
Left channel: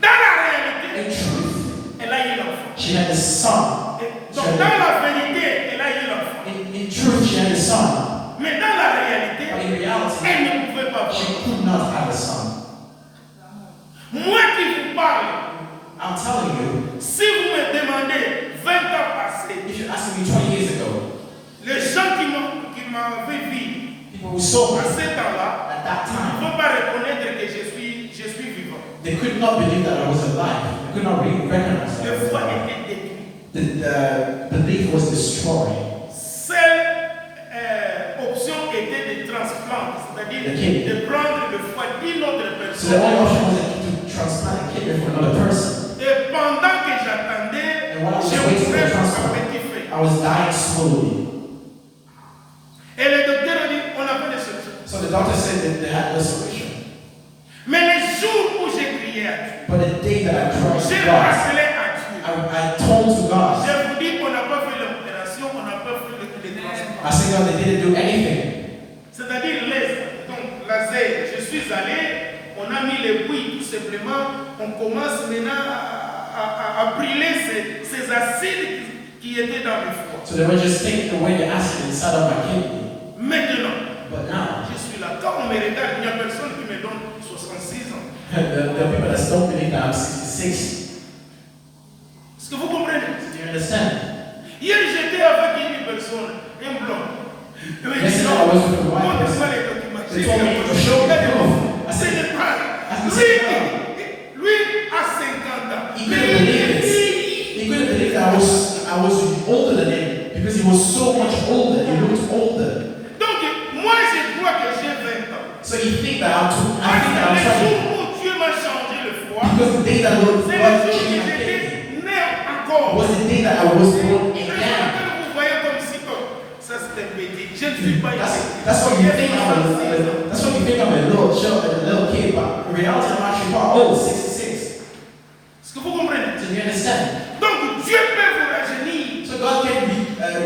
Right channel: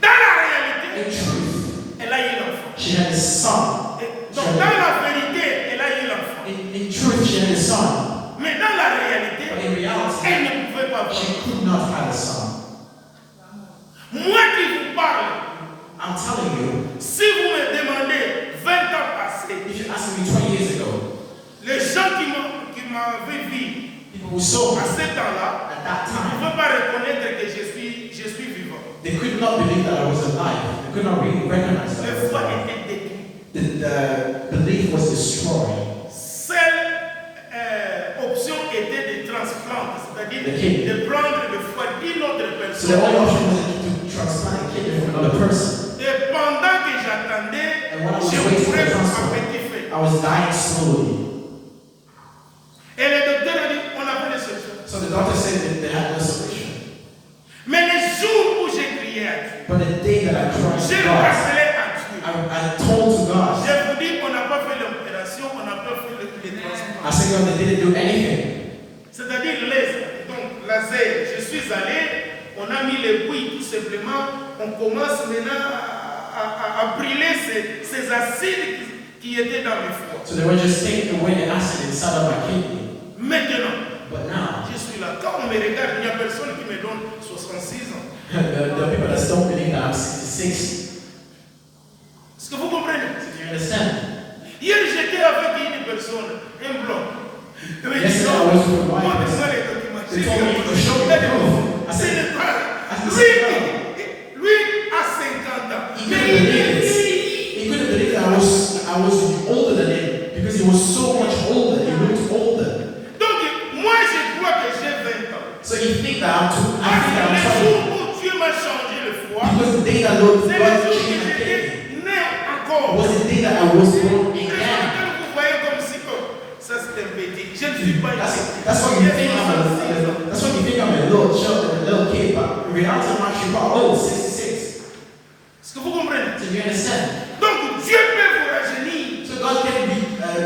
Dans la réalité, In truth, elle a eu l'enfant. she had a son. Donc, dans la vérité, elle a eu l'enfant. In truth, she had a son. Mais dans la But réalité, in reality, elle ne pouvait pas voir. she could not have a son. Moi qui vous parle, I'm telling you, si vous me demandez 20 ans passés, if you asked me 20 years ago, les who saw À me ce temps-là, at that ils ne time, peuvent pas reconnaître que je suis vivant. they could not believe that I was alive. They could not really recognize that I Le was foi alive. était détruit. The belief was destroyed. Seule option était de transplanter, c'est-à-dire de prendre le foie d'une autre So the only personne. option was to transplant a kidney from another person. Et pendant que j'attendais, And when I was je waiting for mourais the à transplant, petit feu. I was dying slowly. Et le docteur a dit, on n'a pas de solution. So the doctor said that they had no solution. Mais le jour où j'ai crié à Dieu, But the day that I cried j'ai to God, rappelé à Dieu. I told to God, Je vous dis qu'on n'a pas fait l'opération, on n'a pas fait le transplant. I said, God, they didn't do anything. C'est-à-dire donc laser, je suis allé, on a mis les bouilles tout simplement, on commence maintenant à brûler ces acides qui étaient dans le foie. So they were just taking away the acid inside of my kidney. Maintenant, But now, je suis là. Quand on me regarde, il n'y a personne qui me donne 66 ans. the people that don't believe that I'm 66. Est-ce que vous comprenez? Do you understand? Hier, j'étais avec une personne, un blanc. Il me dit, Yes, non, I was with a white montre-moi person. les documents. They told me to show me proof. I C'est said, le pas. I said, Lui a 50 ans. He Mais couldn't il believe est it. vieilli. He couldn't believe that I was older than him because he was so much older. He looked older. Donc, moi, je crois que j'ai 20 ans. So you think that I Parce think that que le I'm jour 20. où Dieu m'a changé le foie, Because the day that Lord c'est God le jour changed que my kidney j'étais né encore. was the day that I was born Les gens again. que vous voyez comme si, oh, ça c'est un bébé. Je ne suis pas That's what you think that's what you think I'm a little child, a little kid, but in reality I'm actually quite old, 66. Est-ce que vous comprenez? So you understand? Donc, Dieu peut vous rajeunir. So God can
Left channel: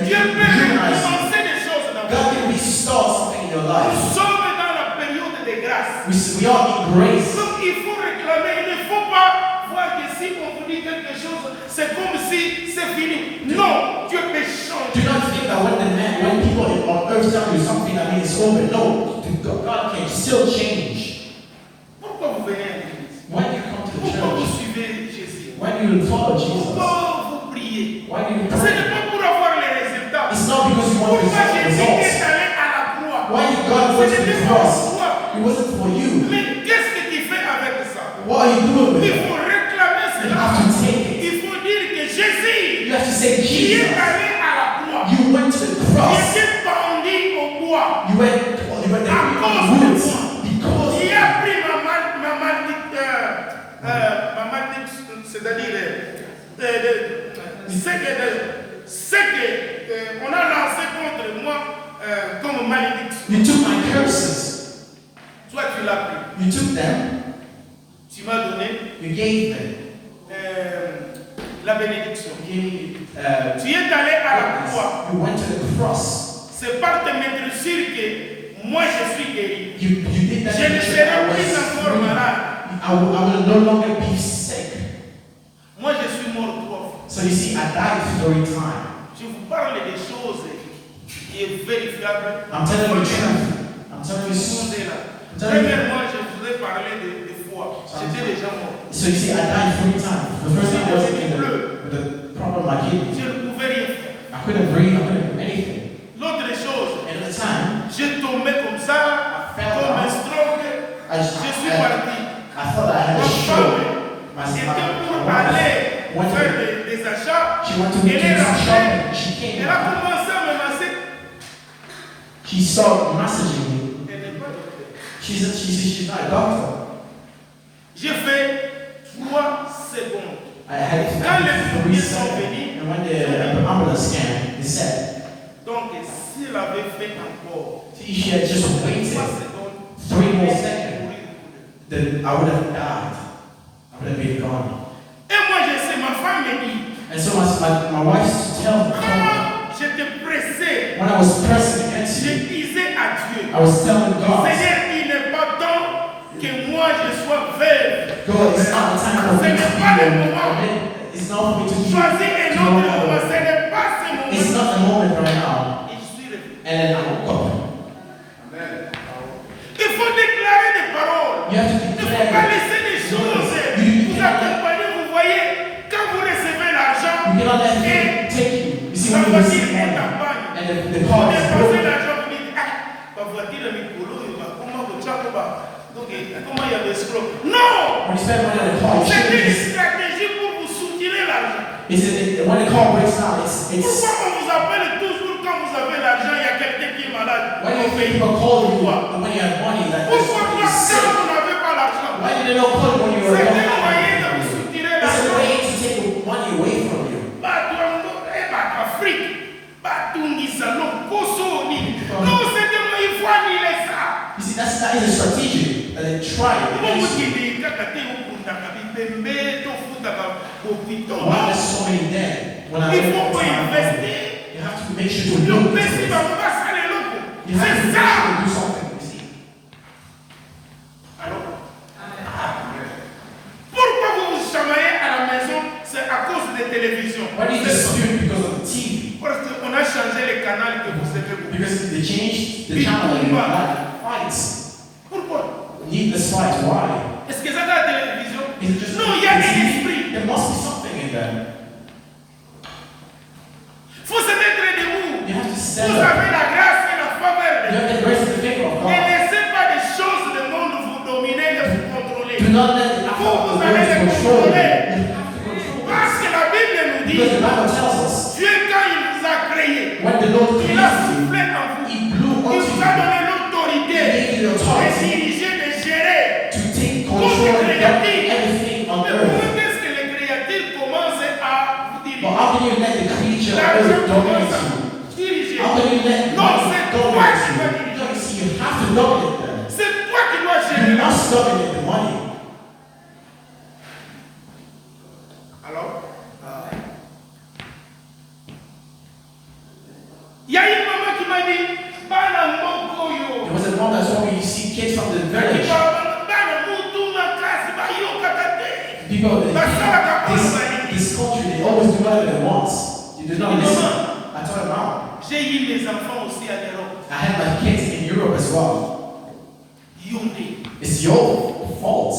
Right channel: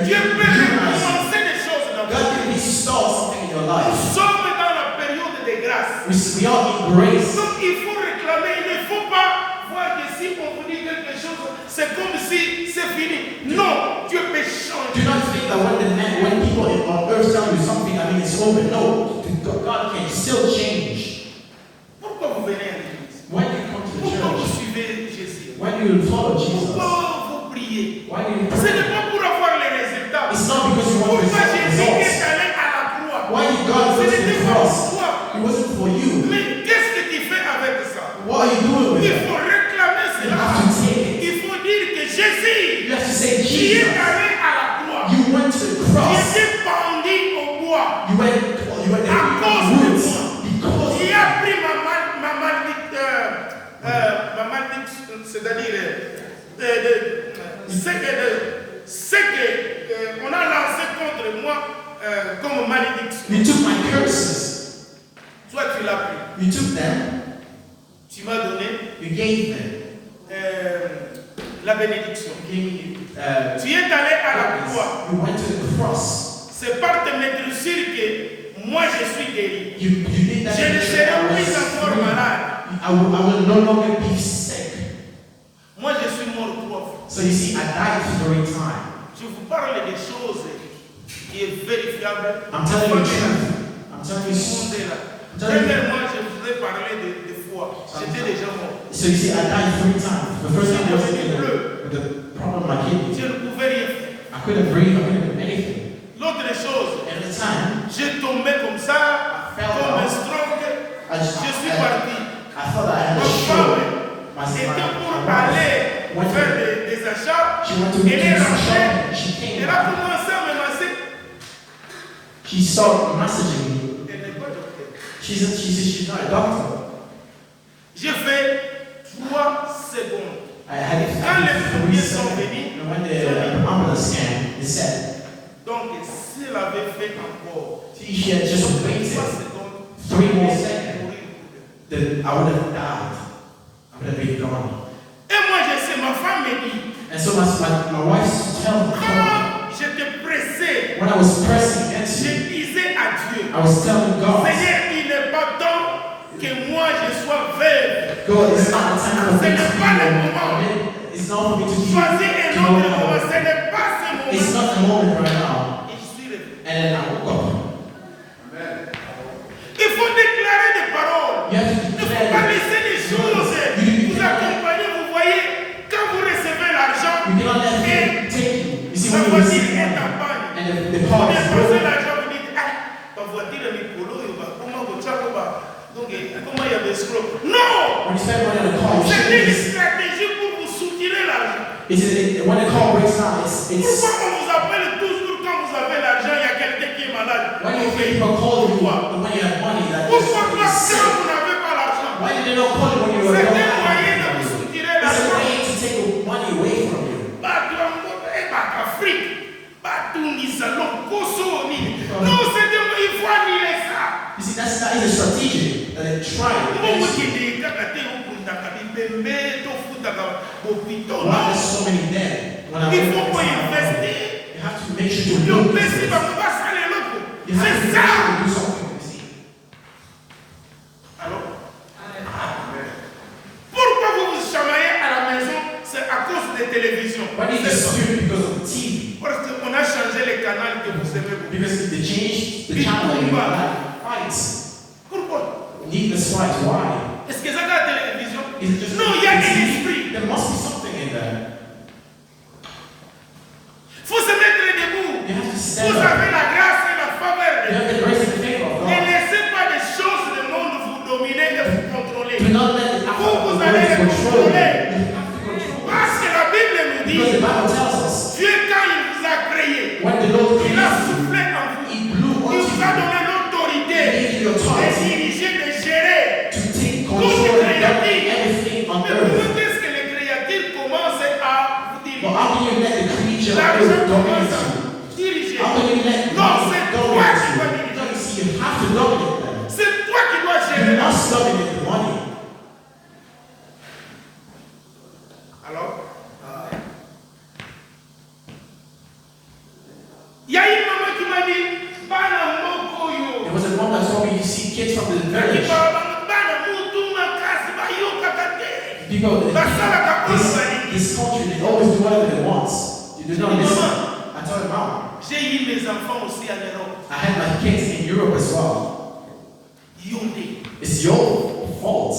Dieu peut rejuvenate. commencer des choses dans God votre can vie. restart something in your Nous life. sommes dans la période de grâce. We are in grace. Donc, il faut réclamer. Il ne faut pas voir que si on vous dit quelque chose, c'est comme si c'est fini. Non, Dieu peut Do changer. not think that when people on earth tell you something, that means it's over. No, God can still change. Pourquoi vous venez à l'église? When you come to the Pourquoi vous church, suivez Jésus? when you follow Jesus, Pourquoi vous priez? why do you Ce pray? n'est pas pour avoir les résultats. It's not because you want Pourquoi Jésus est results. allé à la croix? Why did God go Ce to the n'était pas cross? pour toi. It wasn't for you. Mais qu'est-ce que tu fais avec ça? What are you doing with Il it? faut réclamer You cela. have to take it. Il faut dire que Jésus You have to say, qui est Jesus, allé à la croix, you went to the qui cross. était pendu au bois, You went à cause in de woods moi. because Il a pris ma malédiction, c'est-à-dire ce que on a lancé contre moi comme malédiction. you took my curses. Toi, tu l'as pris. You took them. Tu m'as donné You gave them. la bénédiction. You gave, Tu es allé à la croix. you went to the cross. C'est par te mettre sûr que moi je suis guéri. You did that. Je ne to serai show plus I encore was malade. I will no longer be sick. Moi je suis mort 3 fois. So you see, I died 3 times. Je vous parle des choses qui est vérifiable. I'm telling you the truth. I'm Tout telling le you. monde est là. I'm telling you. Premièrement, je vous ai parlé de foi. J'étais déjà mort. So you see, I died 3 times. The first time was with the problem with my kidney. Je ne pouvais rien faire. I couldn't breathe. I couldn't do anything. L'autre chose, At the time, j'ai tombé comme ça, comme un stroke. Je suis parti. I thought I had Ma a femme stroke. était pour aller faire des achats. She went to Elle est do some rentrée. shopping. She came Elle a back. commencé à me masser. She started messaging me. Elle n'est pas docteur. She's not a doctor. J'ai fait 3 secondes. I had Quand les 3 premiers sont seconds. venus, And when the ambulance came, they said, donc si elle avait fait encore she had just 3 waited secondes, 3 more elle seconds, allait mourir. then I would have died. I would have been gone. Et moi je sais, ma femme me dit, And so my wife told me, quand j'étais pressé, when I was pressing against je you, disais à Dieu, I was telling God, Seigneur, il n'est pas temps que moi je sois veuve. God, it's not the time for me to Ce n'est pas le be moment. It's not for me to do Choisis un autre moment, ce n'est pas ce It's moment. not the moment right now. Et je suis revenu. And then I woke up. Il faut déclarer des paroles. You have to Il ne faut declare pas it. laisser les choses vous accompagner. Vous voyez, quand vous recevez l'argent You cannot let et him take you. You see, la when you voiture receive est en money panne, and the vous car is dépensez broken, l'argent, vous dites, ah, ta voiture est comment il y avait escroc. Non! When you spend money on a car, you C'était une shouldn't. stratégie pour vous soutirer l'argent. When the car breaks down, it's Pourquoi on vous appelle toujours quand vous avez l'argent, il y a quelqu'un qui est malade? when you think people call you when you have money, that Pourquoi is sick. quand vous n'avez pas l'argent? Why did they not call you when you were C'est not un moyen de having vous money? soutirer It's a l'argent. way to take the money away from you. Non, c'est il faut annuler ça. You see, that is a strategy, and they try it. Why There's so many dead. When I Il look faut at investir. you have to make sure to Le look. PC va pas saler l'eau. You have to C'est make ça. sure to do something. You see. Alors, pourquoi vous vous chamaillez à la maison? C'est à cause des télévisions. Why did you dispute because of the TV? Parce qu'on a changé les canaux que vous aimez beaucoup. Because they changed the channel that you like. Fights. Pourquoi? Needless fights. Why? Est-ce que ça a la télévision? Is it just Non, il y a un TV? esprit. There must be something in there. Il faut se mettre debout. You have to stand Vous up. avez la grâce et la faveur de You Dieu. have the grace and the favor of Ne God. laissez pas des choses du monde vous dominer et vous contrôler. Do not let the power of the Vous allez world les control you. contrôler. You have to control Parce this. que la Bible nous Because the dit, Bible tells us Dieu quand il vous a créé, when the Lord il a created you, soufflé en vous. He blew Il onto vous a you donné l'autorité He gave you de authority diriger, de gérer. to take Tout control est of créatif. everything on Mais comment earth. est-ce que les créatures commencent à vous But diriger? how can you let the creature of L'argent earth commence dominate à you? vous diriger. How can you let Non, money c'est toi dominate qui dois you? diriger. No, you see, you have to dominate them. C'est toi qui dois gérer. You must dominate the money. Alors, il y a une maman qui m'a dit, Bana Moko It yo. was a mom that told me you see kids from the Bana village. Mutu Makasi, Bayo Kakate. People, Basala Kakoli. this country, they always do whatever they want. You do not listen. I told him, Mom, J'ai eu mes enfants aussi à l'Europe. I had my kids in Europe as well. Yondé. It's your fault.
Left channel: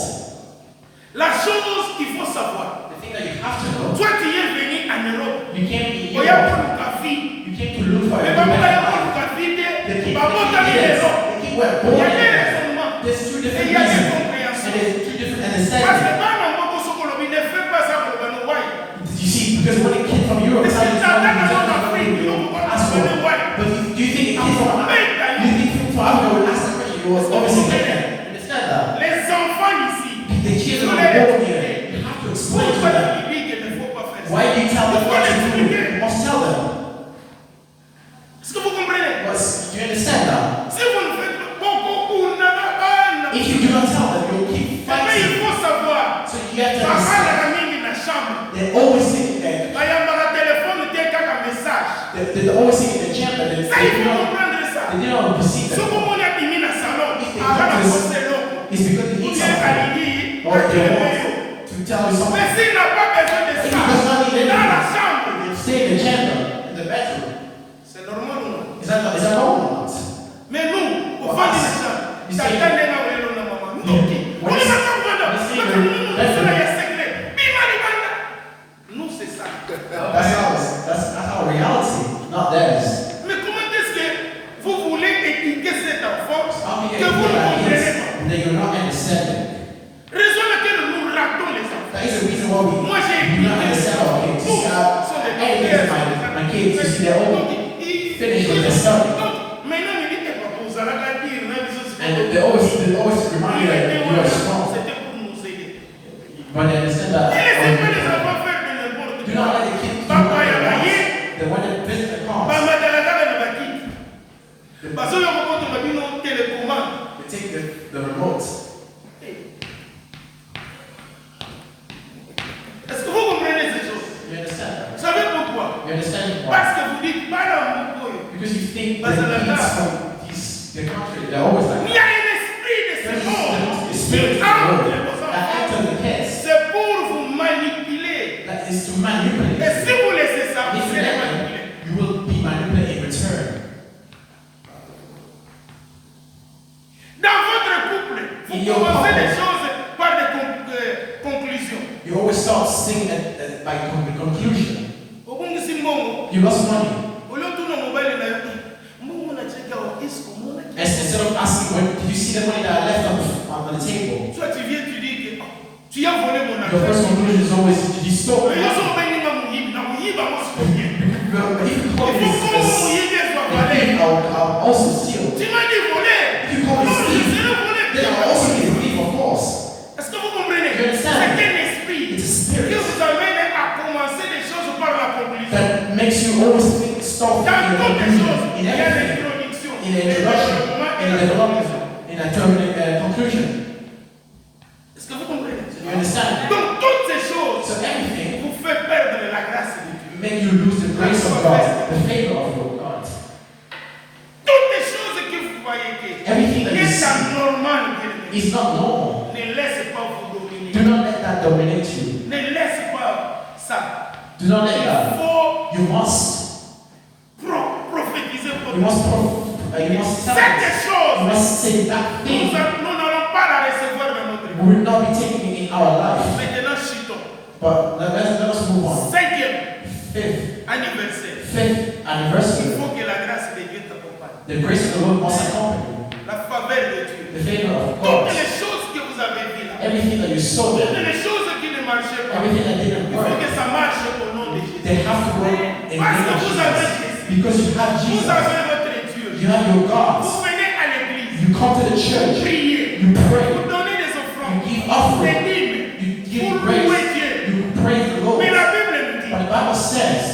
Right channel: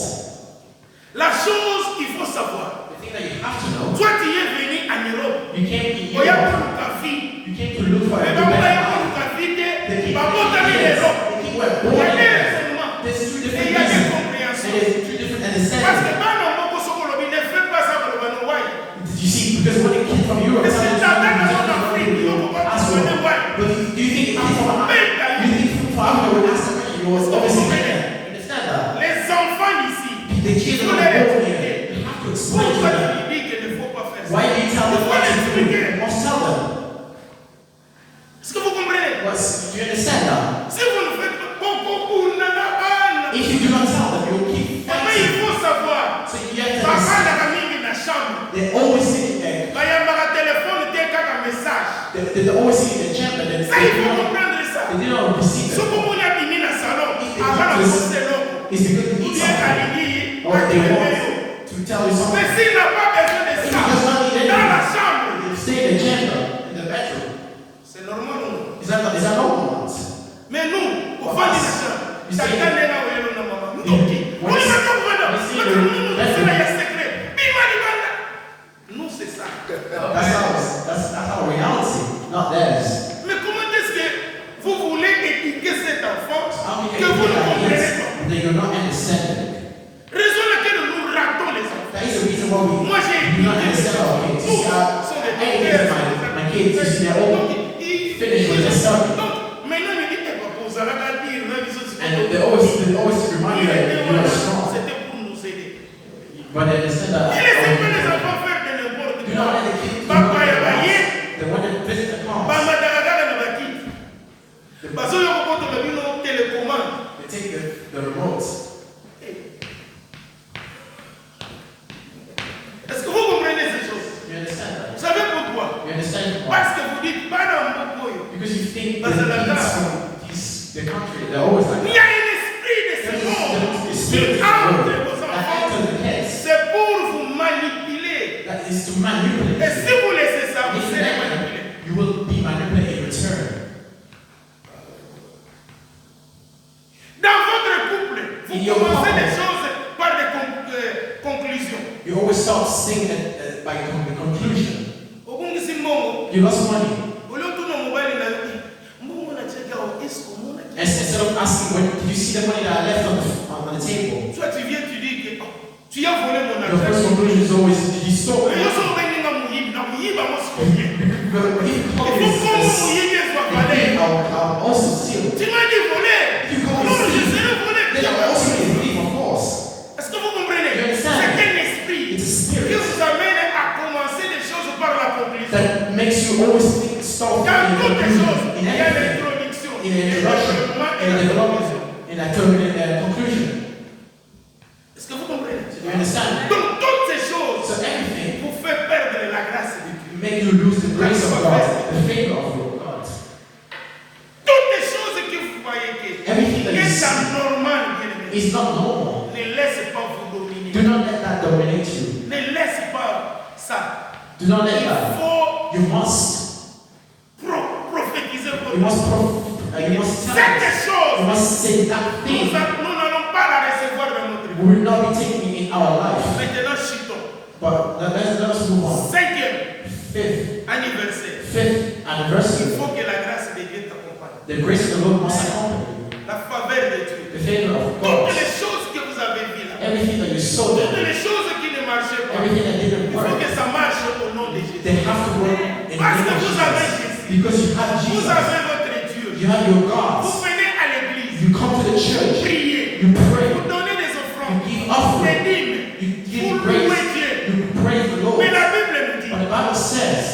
La chose qu'il faut savoir, The thing that you have to know, toi tu es venu en Europe. you came to Oya Europe. pour Lukafi. You came to look for Mais a maman new ya life. pour Lukafi, The people, Babo Tami yes, l'Europe. the people were Il born y a in des there. raisonnements. There's two Et different il y a des reasons. And compréhensions. there's two different Parce que understandings. Bana Moko Sokolobi ne fait pas ça pour le Banouaï. You see, because when a kid from Europe Mais c'est comes dans to la Africa, Afrique, you nous, will on ask va for le it. voir. But do you think a kid from Africa, you think from Africa would ask that question? You was obviously there. Understand that? Les enfants ici, The kids vous are les born expliquez. here. You have to explain to Pourquoi them. tu dis qu'il ne faut pas faire ça? Why do you tell them Il faut what les to do? expliquer. You must tell them. Est-ce que vous comprenez? But do you understand that? Si vous ne faites pas beaucoup, If you do not tell them, you'll keep mais il fighting. faut savoir, So you have to papa understand. na mingi na chambre. They're always sitting there. Bayambaka téléphone te kaka message. They're always sitting in the chamber. Ça il faut comprendre ça. They did not receive Soko that. moni abimi na salon, If they aga na practice, pose loko. it's because they Ou need bien something. alingi, Or they akeleyo. want to tell you something. Mais s'il n'a pas besoin de If ça, he does not need dans la anything, chambre, you stay in the chamber, in the bedroom. c'est normal ou non? Is that normal? Mais nous, au fond de la chambre, You say- tata nena welo na mama. You- Ndoki. what Oni is- maka kwenda. what is- Maka nunu Yes. kusala ya secret. Bima ni banda. Nous c'est ça. That's our reality, not theirs. Mais comment est-ce que vous voulez éduquer cet enfant How can que you vous ne educate comprenez kids pas? that you're not understanding? Raison laquelle nous ratons les enfants. That is the reason why we Moi j'ai do not éduqué les understand our enfants. kids. Tous You sont des see, docteurs. my kids, you see, they're all finished with their study. Donc, maintenant, il dit, papa, vous allez dire, on a besoin de And they always remind you that you are strong. C'était pour nous aider. But they understand that. Ne laissez pas les enfants faire de n'importe Do not quoi. let the kids do Papa, what il y a they want. baillé. They want to visit the cars. Bama dalagala na bakiti. Parce que yoko poto na bino télécommande. They take the remote. Est-ce que vous comprenez ces choses? You understand Vous that? savez pourquoi? You understand why? Parce que vous dites, pas dans mon coyo. Because you think Parce the que la kids carte. from the country, they're always like Il y a un esprit de ce monde the qui spirit of the entre world vos that enfants. enters the heads. C'est pour vous manipuler. That is to manipulate. Et si vous laissez ça, vous If you serez let manipulé. them, you will be manipulated in return. Dans votre couple, vous In your commencez couple. les choses par des conclusions. You always start saying that by the conclusion. Obungisi mbongo, You lost money. uliontuna mobile na mbongo na cheka wa isko mona Instead of asking, when did you see the money that I left on the table, Toi, tu viens, tu dis que oh, tu as volé mon your first argent. conclusion is always, you stole Mais it. yo so bengi na muyibi, na muyiba mo si bien. But if you call Il me faut qu'on muyibi soit valé. I'll also steal. Tu m'as dit voler. You call me Non, je thief, serai volé. then I'll also be a thief, of course. Est-ce que vous comprenez? You understand? C'est un esprit It's a qui spirit vous amène à commencer des choses par la conclusion. that makes you always think stuff Dans in toutes les choses, conclusion, il y in a everything, l'introduction, in the introduction, et in la the development, conclusion. in a conclusion. Est-ce que vous comprenez? You understand? Donc toutes ces choses So everything vous fait perdre la grâce de Dieu. make you lose the grace of God, the favor of your God. Toutes les choses que vous voyez que Everything that you est see anormal, bien-aimé, is not normal. ne laisse pas vous dominer. Do not let that dominate you. Ne laisse pas ça. Do not let Il that. faut You must prophétiser pour You nous. must you must tell Cette us. You chose, must say that thing. nous n'allons pas la recevoir dans notre vie. We will not be taking it in our life. Maintenant, chutons. But let us move on. Cinquième Fifth anniversaire. Fifth Il anniversary. faut que la grâce de Dieu t'accompagne. The grace of the Lord must accompany you. La faveur de Dieu. The favor of Toutes God. les choses que vous avez vues là. Everything that you saw Toutes there. les choses qui ne marchaient pas. Everything that didn't Il faut work. que ça marche au nom de Jésus. They have to work in the Parce name que of vous avez Jesus. Jésus. Because you have Vous Jesus. avez votre Dieu. You have your Vous God. venez à l'église. You come to the church. Priez. You pray. Vous donnez des offrandes. You give Des offering. dîmes. You give Vous louez grace. Dieu. You praise the Lord. Mais la Bible nous dit, But the Bible says,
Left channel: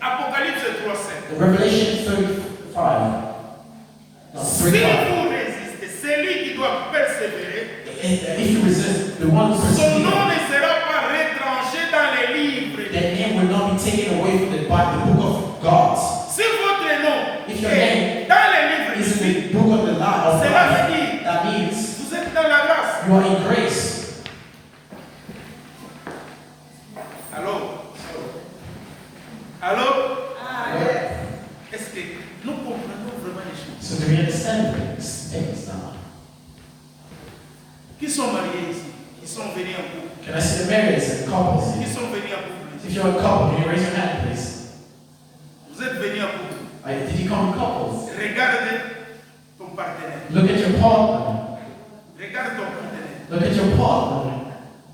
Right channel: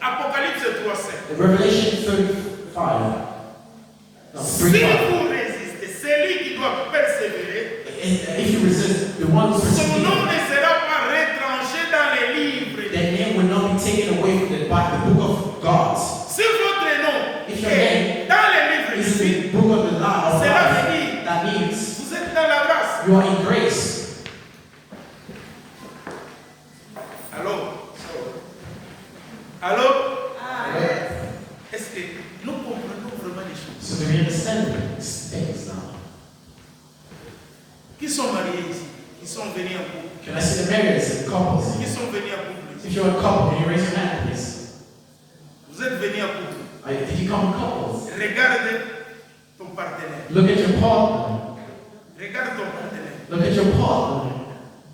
Apocalypse 3:5. in Revelation 35, no, Si 3:5, vous résistez, celui qui doit persévérer, if you resist, the one who son nom perseveres, ne sera pas retranché dans les livres. their name will not be taken away from the book of God. Si votre nom If your est name dans les livres de It's vie, the book of the law of cela life. veut dire That means vous êtes dans la grâce. you are in grace. Allô? Allô? Est-ce que nous comprenons vraiment les choses? So do we understand things now? Qui sont mariés ici? Ils sont venus en couple. Can I see the marriages and couples? Qui sont venus en couple If ici? you're a couple, can you raise your hand, please? Vous êtes venus en couple. Did you come in couples? Regarde ton partenaire. Look at your partner. Regarde ton partenaire. Look at your partner.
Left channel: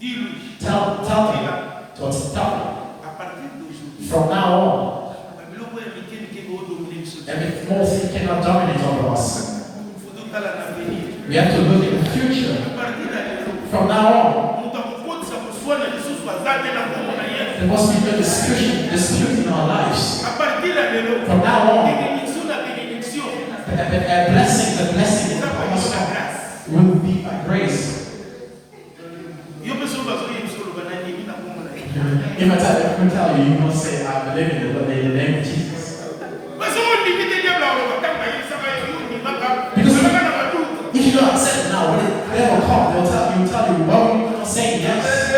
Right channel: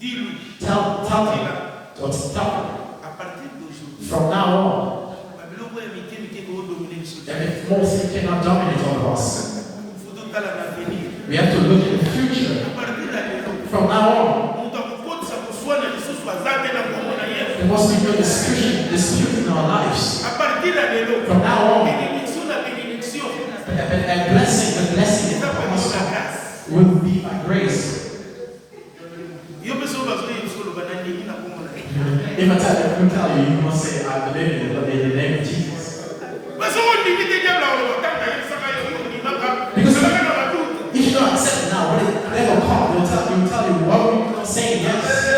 Dis-lui. Tell Dis-la. them. Tell them. À partir d'aujourd'hui, From now on, Babylone est américaine qui est dominer le social. every more thing cannot dominate over us. Il faut tout à l'avenir. We have to look at the future. À partir d'aujourd'hui, From now on, nous avons compte ça pour soi, les choses soient zappées dans le monde ailleurs. there must be no dispute in our lives. À partir d'aujourd'hui, From now on, bénédiction, la bénédiction, a blessing, the blessing ça that va must être la come grâce. will be by grace. Yo peux sauver parce que il faut le bananier, il n'a pas mon avis. If I tell you, you must say, I believe in the name of Jesus. Mais si on limite le diable, on va t'en payer, ça va y aller, on y va pas. Parce que là, on va tout. If you don't accept it now, when the devil comes, he'll tell you, well, you're not saying yes.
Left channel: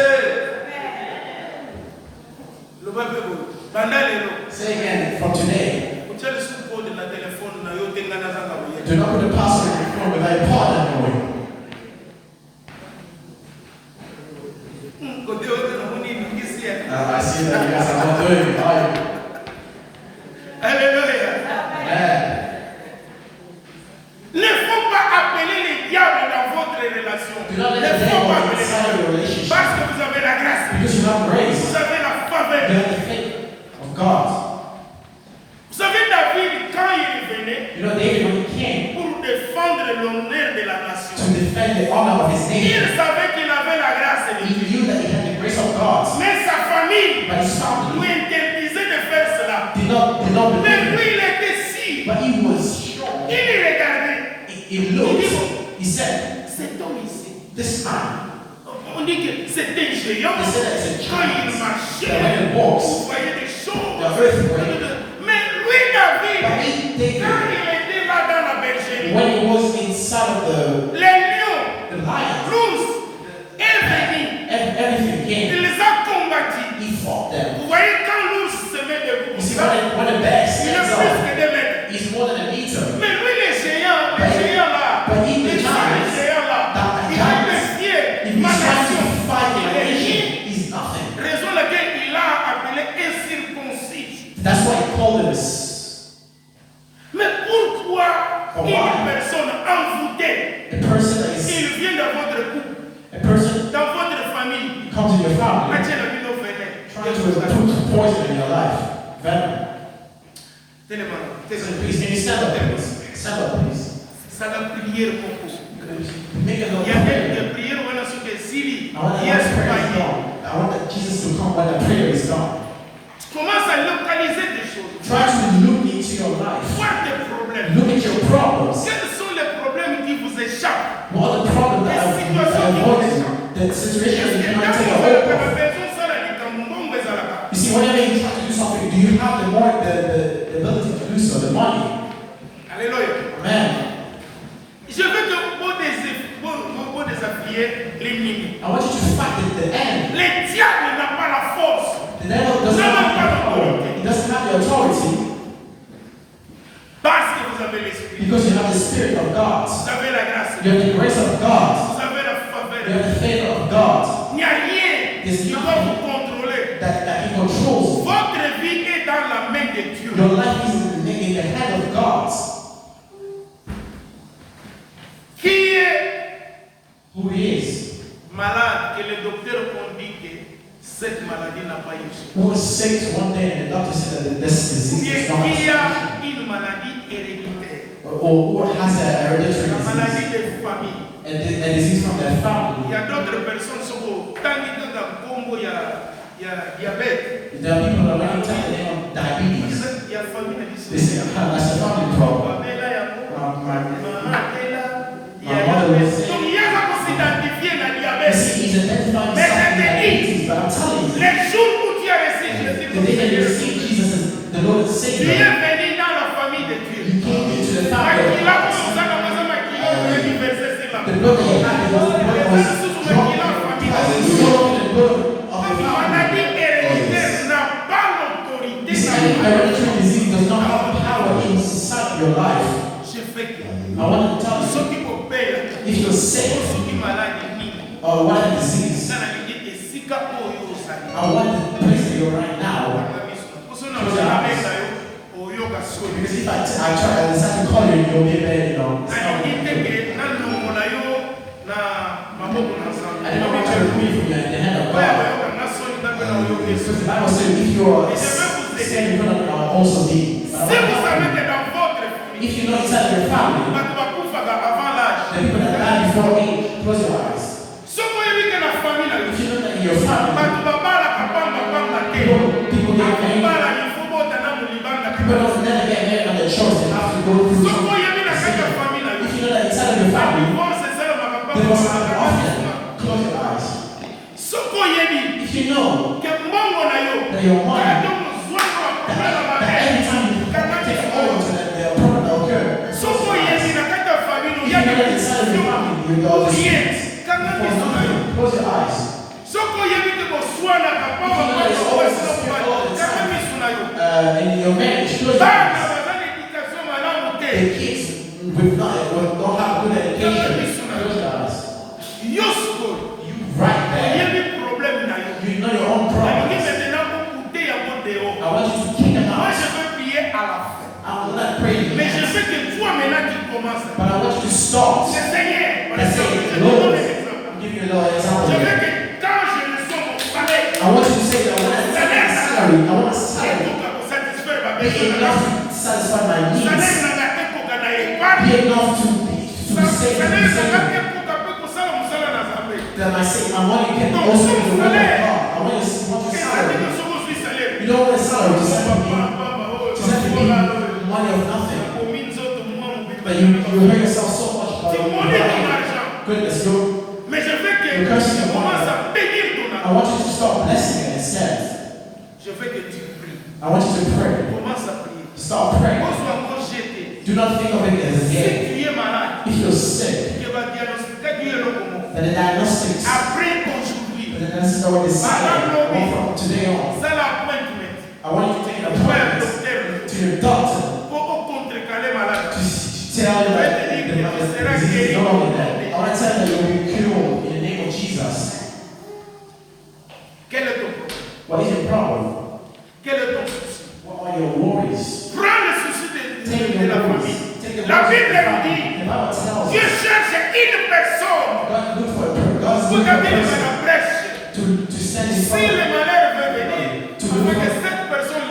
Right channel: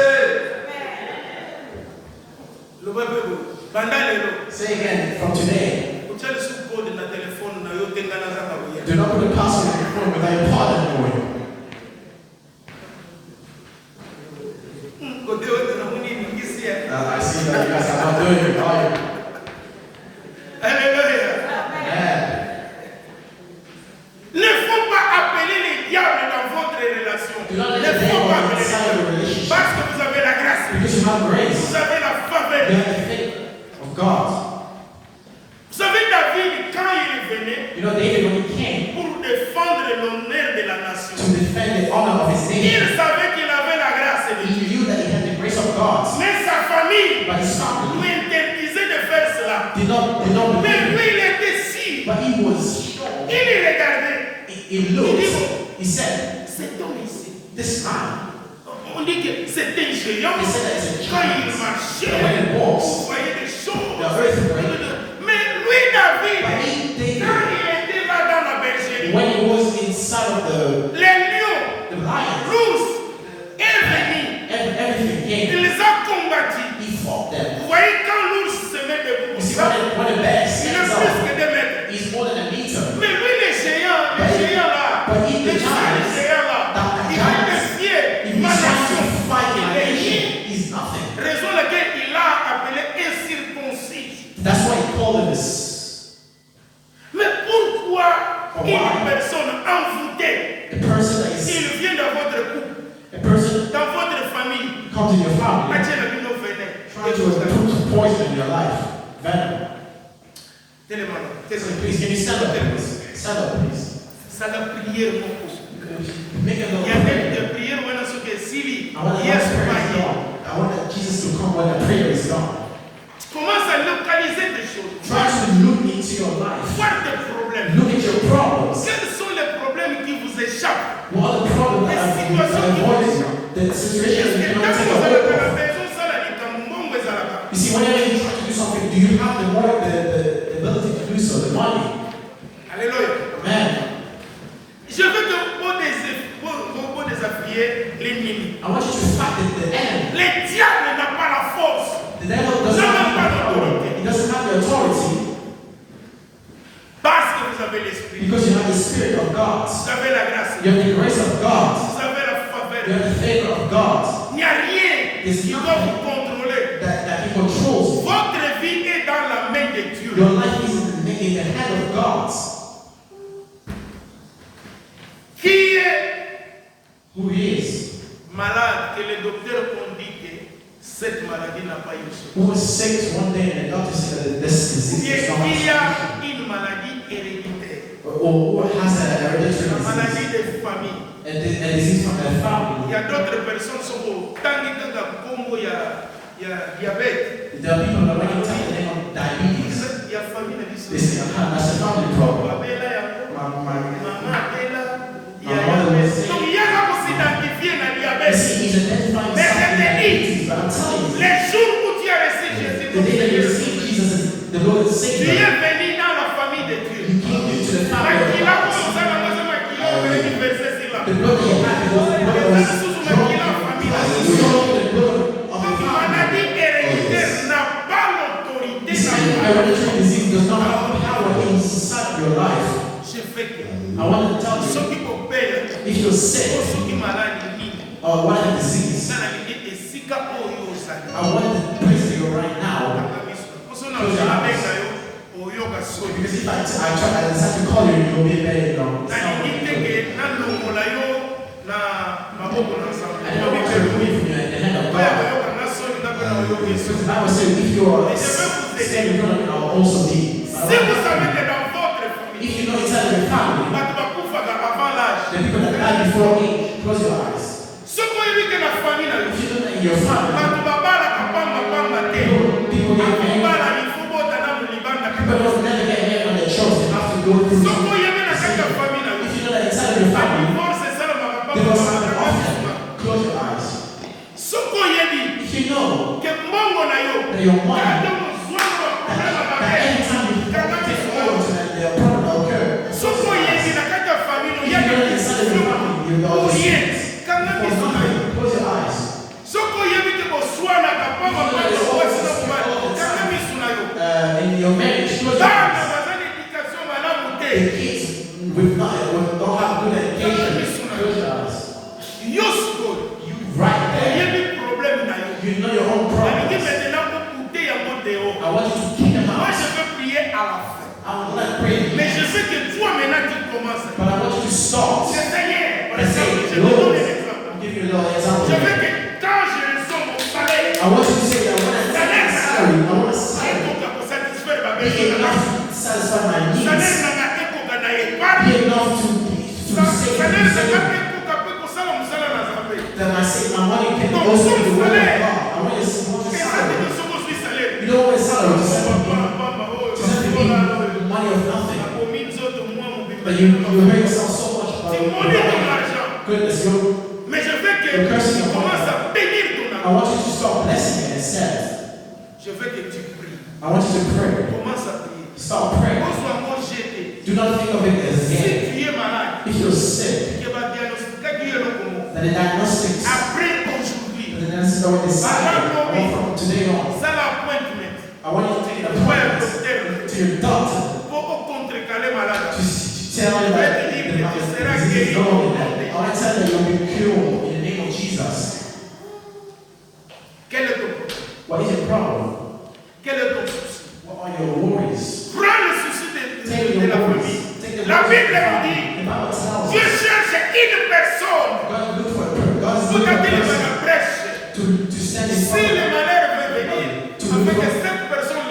Le peuple, pendant les lots, Say again, from today, vous avez sous code dans le téléphone, na yo tenga na zanga boye. do not put the password in your phone without your partner knowing. Côté autre, na moni ngisi ya. I see that you guys are not doing it, are you? Alléluia. Yeah. Ne faut pas appeler les diables dans votre relation. Do not Ne let the faut devil pas appeler les inside diables. your relationship. Parce que vous avez la grâce. Because you have grace. Vous avez la faveur. You have the faith of God. Vous savez, David, quand il est venu You know, David, when he came pour défendre l'honneur de la to nation, defend the honor of his nation, il savait qu'il avait la grâce de he Dieu. knew that he had the grace of God. Mais sa famille But his lui family interdisait de faire cela. did not Mais believe lui, him. il était si. But he was sure. Il regardait. He looked. He said, Cet homme ici, this man, on dit que c'est un géant. he said that it's a Quand il giant. marchait, When he vous walks, voyez des choses. the earthquake. Mais lui, David, But he, quand David, il était là dans la bergerie, when he was inside of les lions, the lion, rouges, et venus, everything il came. les a combattus. He fought them. Vous voyez, quand l'ours se met debout, You see, when the bear il stands est plus up, que 2 mètres. he's more than a meter. Mais lui, les géants là, But he, the les giants, géants là, that il a giants, défié if ma he's trying nation. to fight Il in a est nation, rien. he's nothing. Raison laquelle il a appelé incirconcis. That's why he called it this. Mais pourquoi Oh, une wow. personne envoûtée, The person that is il vient dans votre life. Venom. So please, can you stand up, please? Stand up, please. Ça la prière beaucoup. Make a Il y a des prières où on a ce que si I want yes that prayer pas is gone. I want that Jesus to come when the prayer is gone. commence à localiser des choses. Try to look into your life. Voir des problèmes. Look at your problems. Quels sont les problèmes qui vous échappent? What are the problems that are avoiding the situation that you can't take a hold of? You see, whenever you try to do something, do you have the ability to do so, the money? Alléluia. Amen. Je veux que vous désaffiez l'ennemi. I want you to fight the enemy. Le diable n'a pas la force. The devil doesn't have the power. He doesn't have the authority Parce que vous avez l'esprit. because you have the Spirit of God. Vous avez la grâce. You have the grace of God. Vous avez la faveur. You have the favor of God Il n'y a rien qui doit vous contrôler. that He controls. Votre vie est dans la main de Dieu. Your life is in the hand of God. Qui est Who He is. malade que les docteurs ont dit que cette maladie n'a pas eu son. Who was sick one day and the doctor said that this disease is not Qui a a une maladie héréditaire. or who has a hereditary La disease. maladie de famille. A disease from their Il family. y a d'autres personnes qui sont au Congo, il y a diabète. There are people that when you type the name of diabetes, Il y a famille they say, that's a family problem. Babela yango, My maman Tela, il y a mother was donc il y a ça pour s'identifier na you diabète. see, he's identifying Mais something je te like dis, diabetes, but I'm telling you, les jours où tu as reçu Jésus the comme day that you Seigneur, receive Jesus as the Lord and tu Savior, es venu dans la famille de Dieu. you came into the family Makila of God. comme ça, dans ma makila, on veut dire verset sur la. The blood that you had, it was the blood that was drawn. It was drawn the blood of Donc, the family. maladie héréditaire n'a pas l'autorité. This hereditary disease does not have power inside your life. Je fais que I want to tell you, ceux qui peuvent payer, if you're sick ceux qui malades, or whatever disease, ça n'a dit que si ka oyo osali. I want to place you right now. Because if I decide to call you, you'll be a bad, I don't want to remove from you in the hand of God. Because the Bible says if you are standing in front of me, I will also be. If you know inside of your family, the people that died before age, close your eyes. If you know that in your family, people get married. People don't never get married on their choice. They have to go through something. If you know that inside of your family, there was an offering. Close your eyes. If you know that your mom, that every time you take over to that their problem occur. If you know that inside of your family, you know this. Close your eyes. In your marriage, close your eyes. The kids don't have good education. Close your eyes. You right there. You know your own problems. I want you to kick them out. I will not pray. Mais je veux que toi maintenant tu commences. But I want you to start. C'est Seigneur. Par And exemple, say, je te donne Lord, un exemple. I'll give you a little example. Je veux que quand je reçois mon salaire, I want you to say that when I take my salary, I want a c'est salary. pour que satisfaire ma Be besoin. enough to satisfy my Salaire needs. n'a pas été na épargne. Be enough to save Salaire me. n'a pas été pour ça on sala na zambe. That my money can also be the will of God. I want a Et ça salary. dit que ce que suis salaire. You don't want a salary to send me Na money of nothing. commune zote moi mon bébé. But you hurt yourself so much Tu about monnaie ton argent. goodness. Mais je veux que tu commences à bénir ton I argent. want you to start blessing it instead. Je veux que tu pries. I want you to pray. Commence à prier. Start praying. Pose-toi encore jeté. Do not think of it as a Si game. tu es malade, If you're sick, que va diagnostiquer Dieu le comment. then the diagnostics, Après aujourd'hui, the diagnosis already decided. I want from today on. ça l'appointment. I want you to take an Tu vas un appointment docteur to your doctor pour contrecarrer malade. to tell him that the disease is no longer there. I want to tell you that you'll be cured in the name of Jesus. Quel est ton problème? What is your problem? Quel est ton souci? What are your worries? Prends le souci Take de your la worries. famille. Take the La worries Bible of the nous family. dit, The Bible tells Dieu us cherche une personne God look for a person. God is pour looking for a t'attirer person la brèche. to stand in Si front le of malheur veut venir, afin que cette personne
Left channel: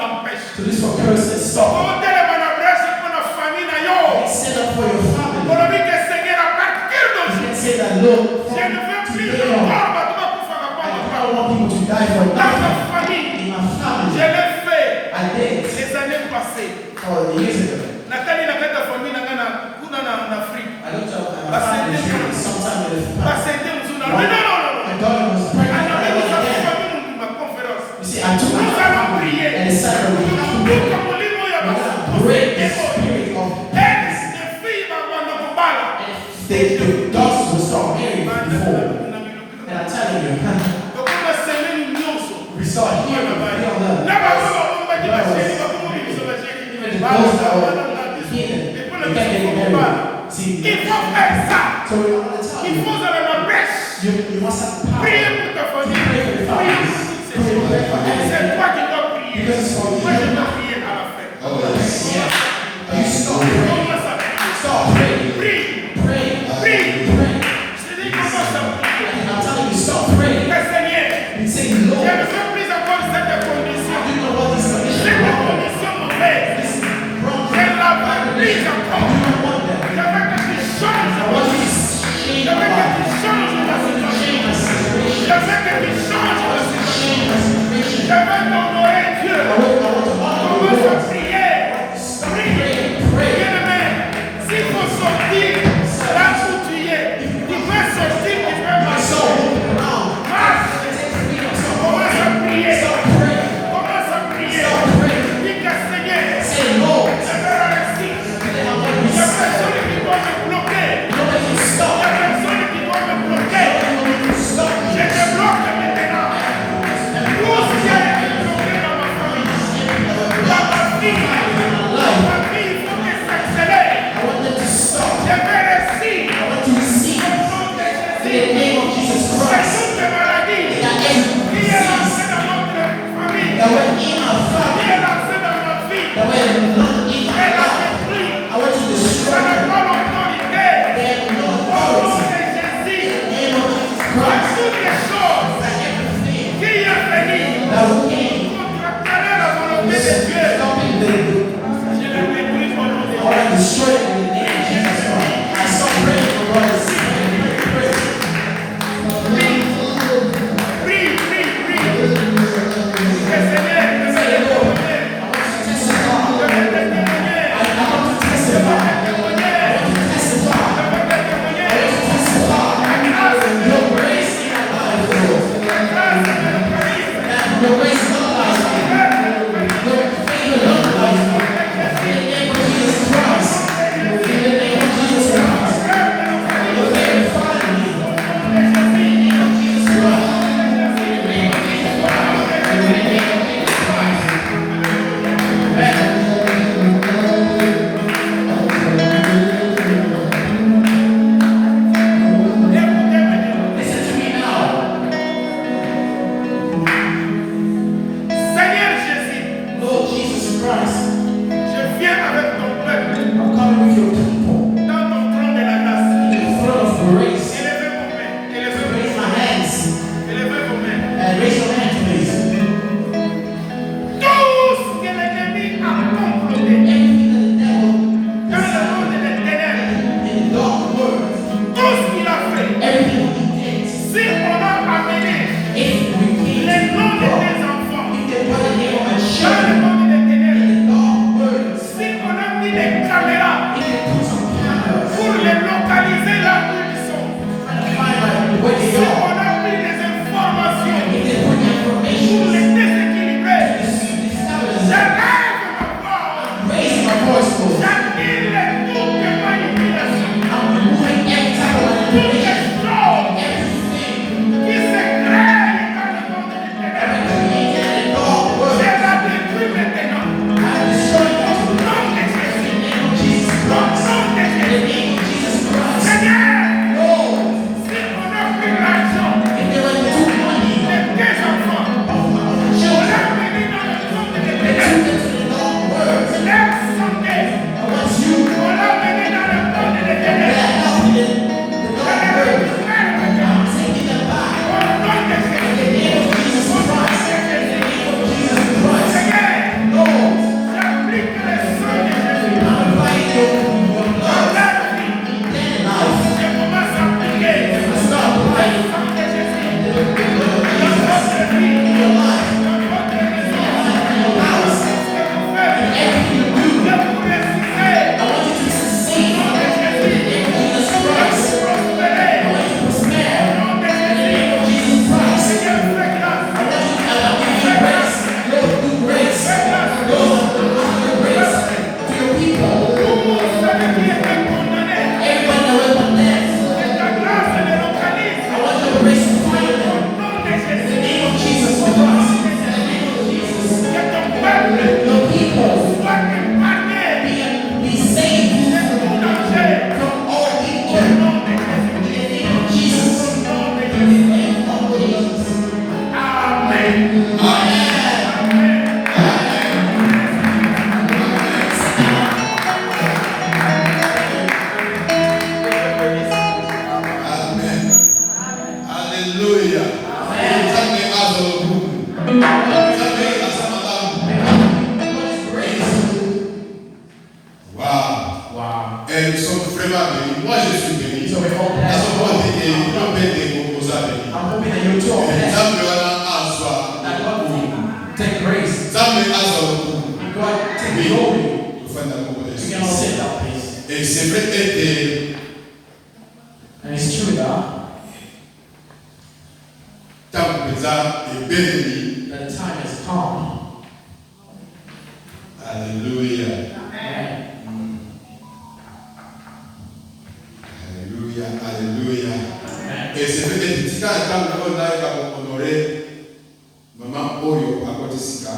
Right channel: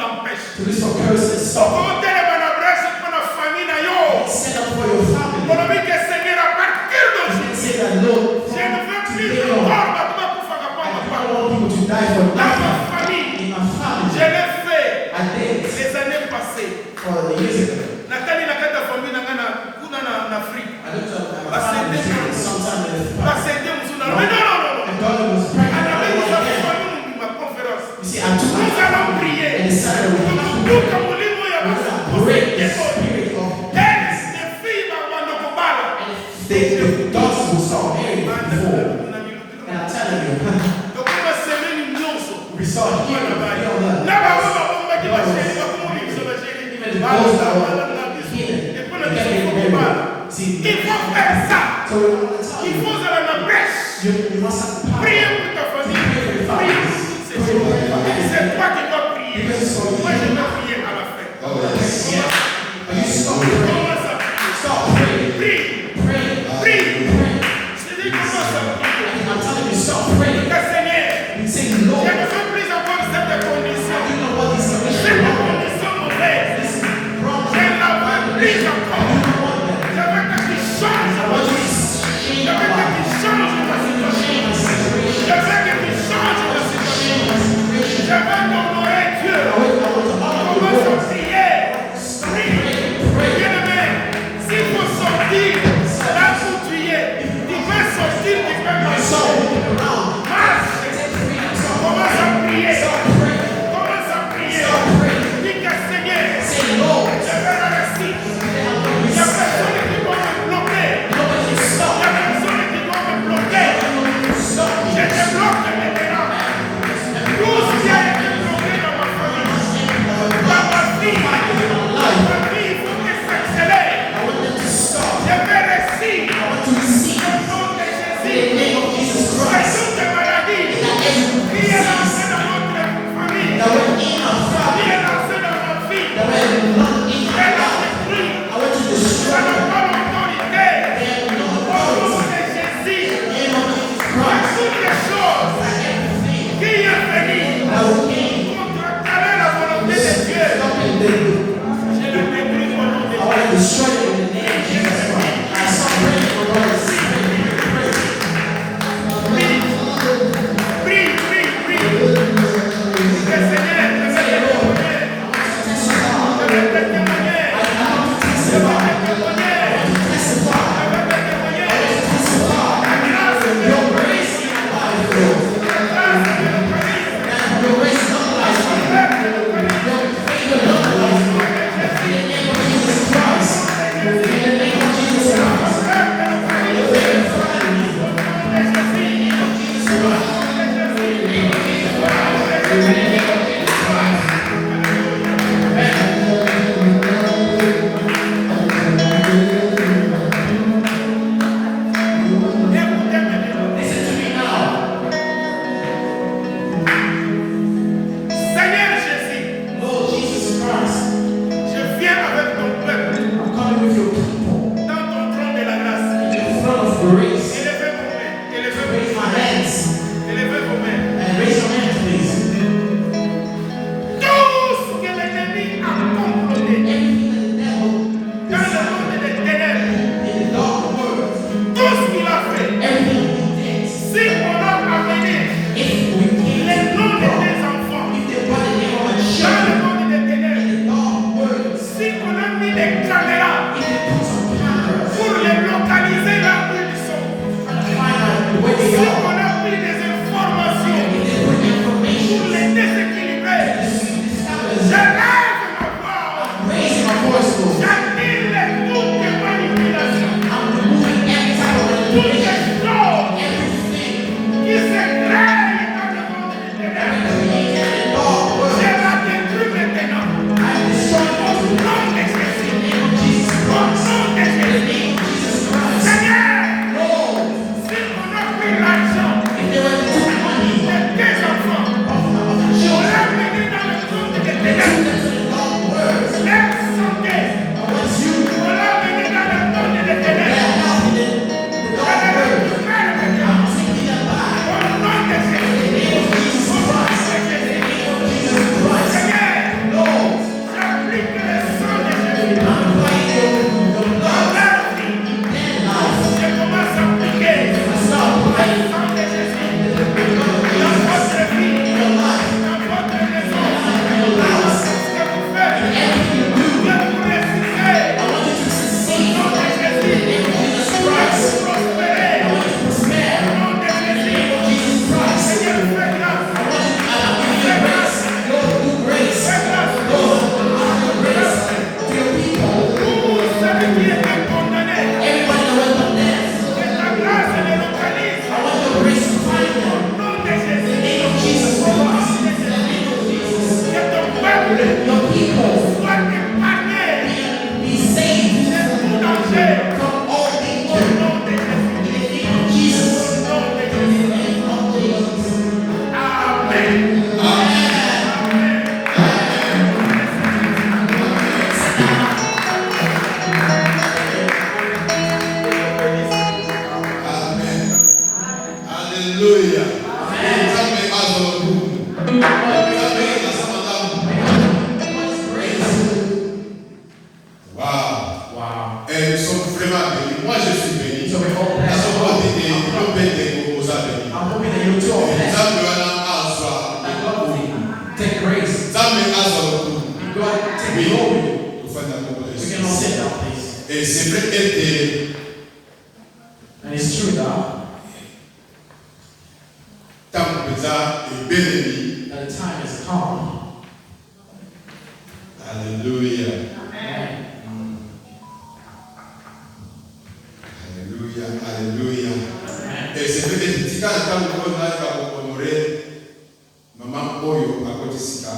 person is stopped. Comment elle va la brèche pour la famille na yo? Set up for your family. Pour le que Seigneur à partir You d'aujourd'hui. can say that, Lord, Je ne veux plus today encore, on, mais tu vas pouvoir I pas don't want people to die for dans ma nothing. famille. In my Je family, l'ai fait I did les années passées. for the years ago. Nathalie na kata famille na ngana kuna na Afrique. I looked up my But family Satan- sometime in the Pas past. c'était mzuna. Mais non, non, non, non. My daughter was pregnant. Alors, I nous went avons again. fait ma conférence. You see, I took my Nous allons family prier. and decided we have to Nous, pray. comme on dit, nous, il y a We're pas gonna break the spirit of Ex de filles va prendre le combat là. the daughters will start marrying before. And I'm telling you, Donc on va semer une nyonso. we start hearing Là-bas, we don't know. là-bas, on va dire la chérie, va comment dire ça va chérie. Even the Voilà, girls ça that va are dans la maison. here, Et puis they le can't maison get combat là. married. See, Il faut faire ça. so I want to tell Il you, faut aller à la brèche. you must have the power. Priez pour ta famille. Priez pour toutes ces choses. C'est toi qui dois prier. Moi, je vais prier à la fin. You start praying. Commence à prier. Start praying. Prie. Pray. Prie. Pray. Je dis commence à prier. I'm telling you, start praying. Le Seigneur, You say, je Lord, ne veux plus encore cette condition. you know what these conditions Cette are. condition mauvaise. This is wrong. Je ne la veux plus encore. You don't want that. Je veux que tu changes. I want you to Je change veux my que life. tu changes ta situation. Change my situation. Je veux que tu changes ta situation. Je veux t'honorer Dieu. I want to honor you, Commence à Lord. prier. Prie. Bien-aimé, s'il faut sortir là où tu es, tu peux sortir, tu peux marcher. Marche. Commence à prier. Commence à prier. Dis que Seigneur, Say, Lord, je vais réussir. Il y a personne qui doit me bloquer. Il y a personne qui doit me bloquer. Je te bloque maintenant. Tout ce qui a été bloqué dans ma famille, dans ma vie, il faut que ça s'accélère. Je vais réussir. Au nom de Jésus. Personne de maladie qui est lancé dans notre famille, qui est lancé dans ma vie, elle a détruit. Ça n'a pas l'autorité. Au nom de Jésus. Toutes les choses qui est venu contracter la volonté de Dieu, je les détruis au nom de Jésus. Prie, prie, prie. Le Seigneur, je vais te témoigner. Je vais te témoigner. Je vais te témoigner. Je vais te témoigner. La grâce de Dieu. La grâce de l'Eucharisme. La grâce de l'Eucharisme. Seigneur Jésus, je viens avec ton peuple dans ton trône de la grâce. Élevez vos mains, élevez vos mains, élevez vos mains. Tout ce que l'ennemi a comploté dans le monde des ténèbres, tout ce qu'il a fait, si on a amené les noms de tes enfants dans le monde des ténèbres, si on a mis des caméras pour les localiser là où ils sont, si on a pris des informations pour les déséquilibrer, je lève ma voix, j'annule toute manipulation, toutes les choses qui se créent dans le monde des ténèbres. Je la détruis maintenant. Au nom de Jésus. Wow. Et nous sommes vraiment bénis. Moi, je suis béni. So we're all Nous blessed. sommes pas bénis. Nous sommes bénis. I'm hoping that you too are blessed. That God will take grace. God take glory. We can all sit down, please. Et c'est vrai que And it's true that the time has come. Alléluia. Amen. Alléluia. Alléluia. Amen. Et c'est vrai que tika ntango on a honoré maman Oyo à côté sika.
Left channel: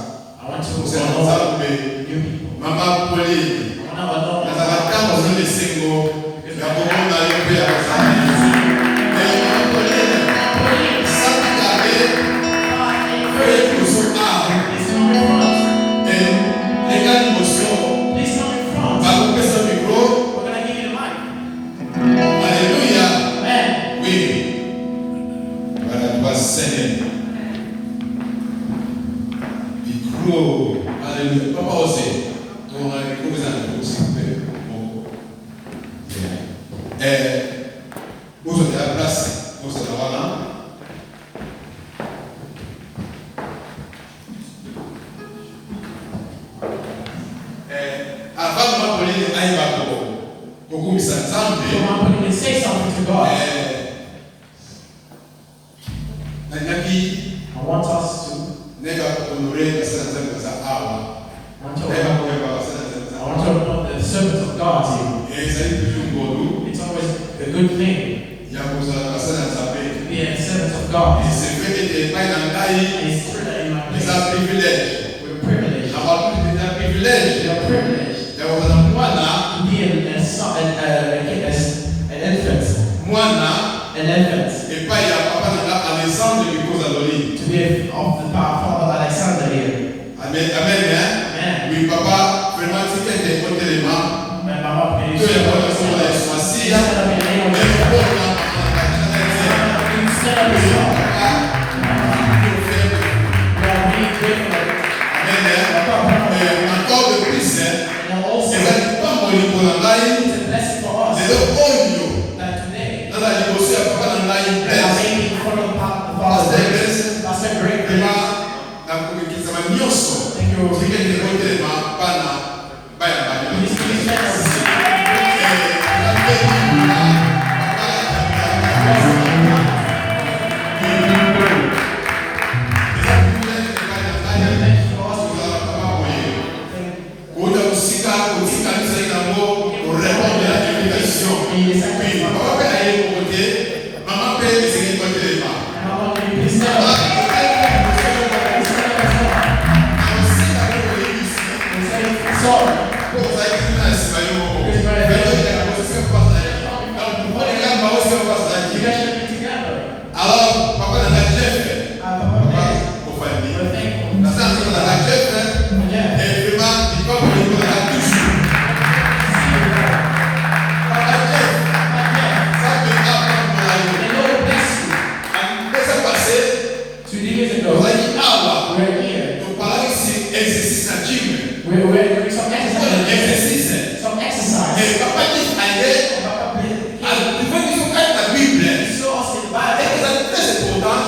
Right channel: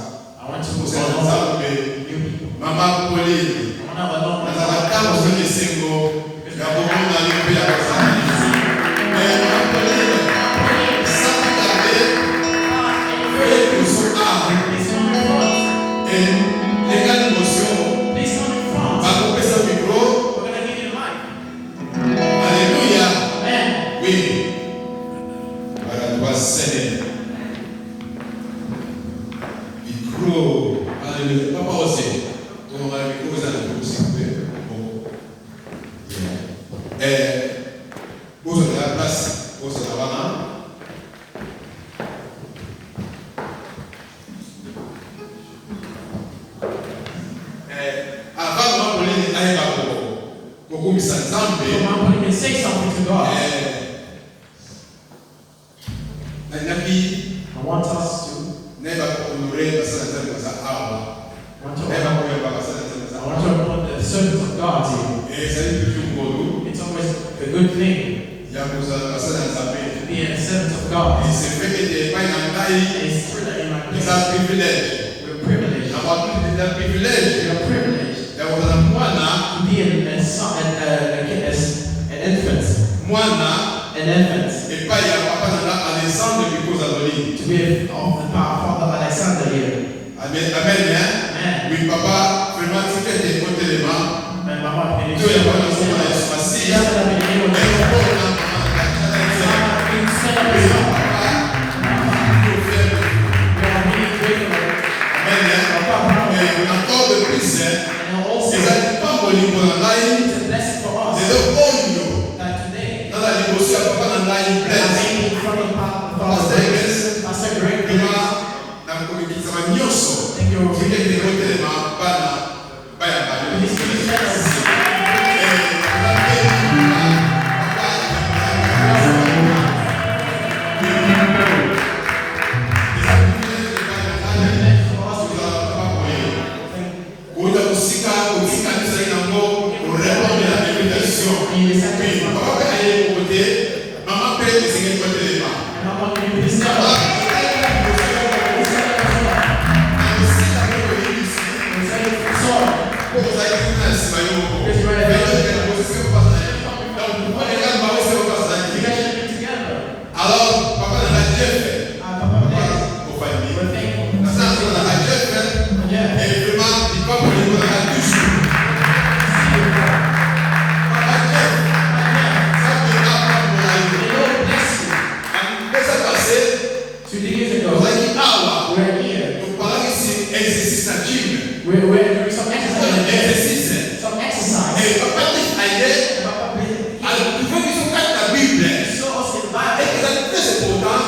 I want to C'est honor ensemble you people. maman Pauline. I want to honor Dans la table de Sengo, il y a beaucoup de gens qui ont mais maman Pauline, ça vous avez fait nous sommes Please come in front. et les gars d'émotion, Please come in front. va couper son micro. We're going to give you the mic. Alléluia. Amen. Oui. Voilà, toi Seigneur. Micro. Alléluia. Papa aussi. Donc, on va micro, vous allez tous. Bon. Vous avez la place. Vous avez la place. Avant de m'appeler, aïe, beaucoup de So I'm going to say something to God. I I want us to. never honorer personne à ça I want to never honor honorer personne the servants of God here. et ça est toujours bon It's always a good thing il y a besoin de personne à to saper be a servant of God. et c'est vrai que des pas dans taille And it's true that in my c'est place, un privilège we're privileged. d'avoir tout c'est un privilège We are privileged d'avoir un moine to be an infant. An infant. et pas il y a papa dans Alexandre du Kozaloli To be of the Father Alexander here. amen amen Amen. oui papa vraiment tu fais des côtés les mains And my wife, que les bonnes sont dans les soisies mais bon là encore de plus, c'est pas mon niveau dans la ligne, c'est le oignon. Dans la négociation, papa dans la ligne pleine. Parce que vraiment, la communauté, ça va nyoso. C'est que les autres éléments, pas dans la alors, papa n'a pas fait. Pour famille. La salle n'a pas fait. Et vraiment, il faut que nous la touche. Papa Jeff, ça peut pas prendre la vie. Qu'est-ce qui s'est passé? Nous avons dit, ah ouais. Nous parlons ici, exercice à gym. Exercice. Et papa Jeff a aidé. Alors, il faut qu'ils soient prêts à la Bible. Et que ça c'est important.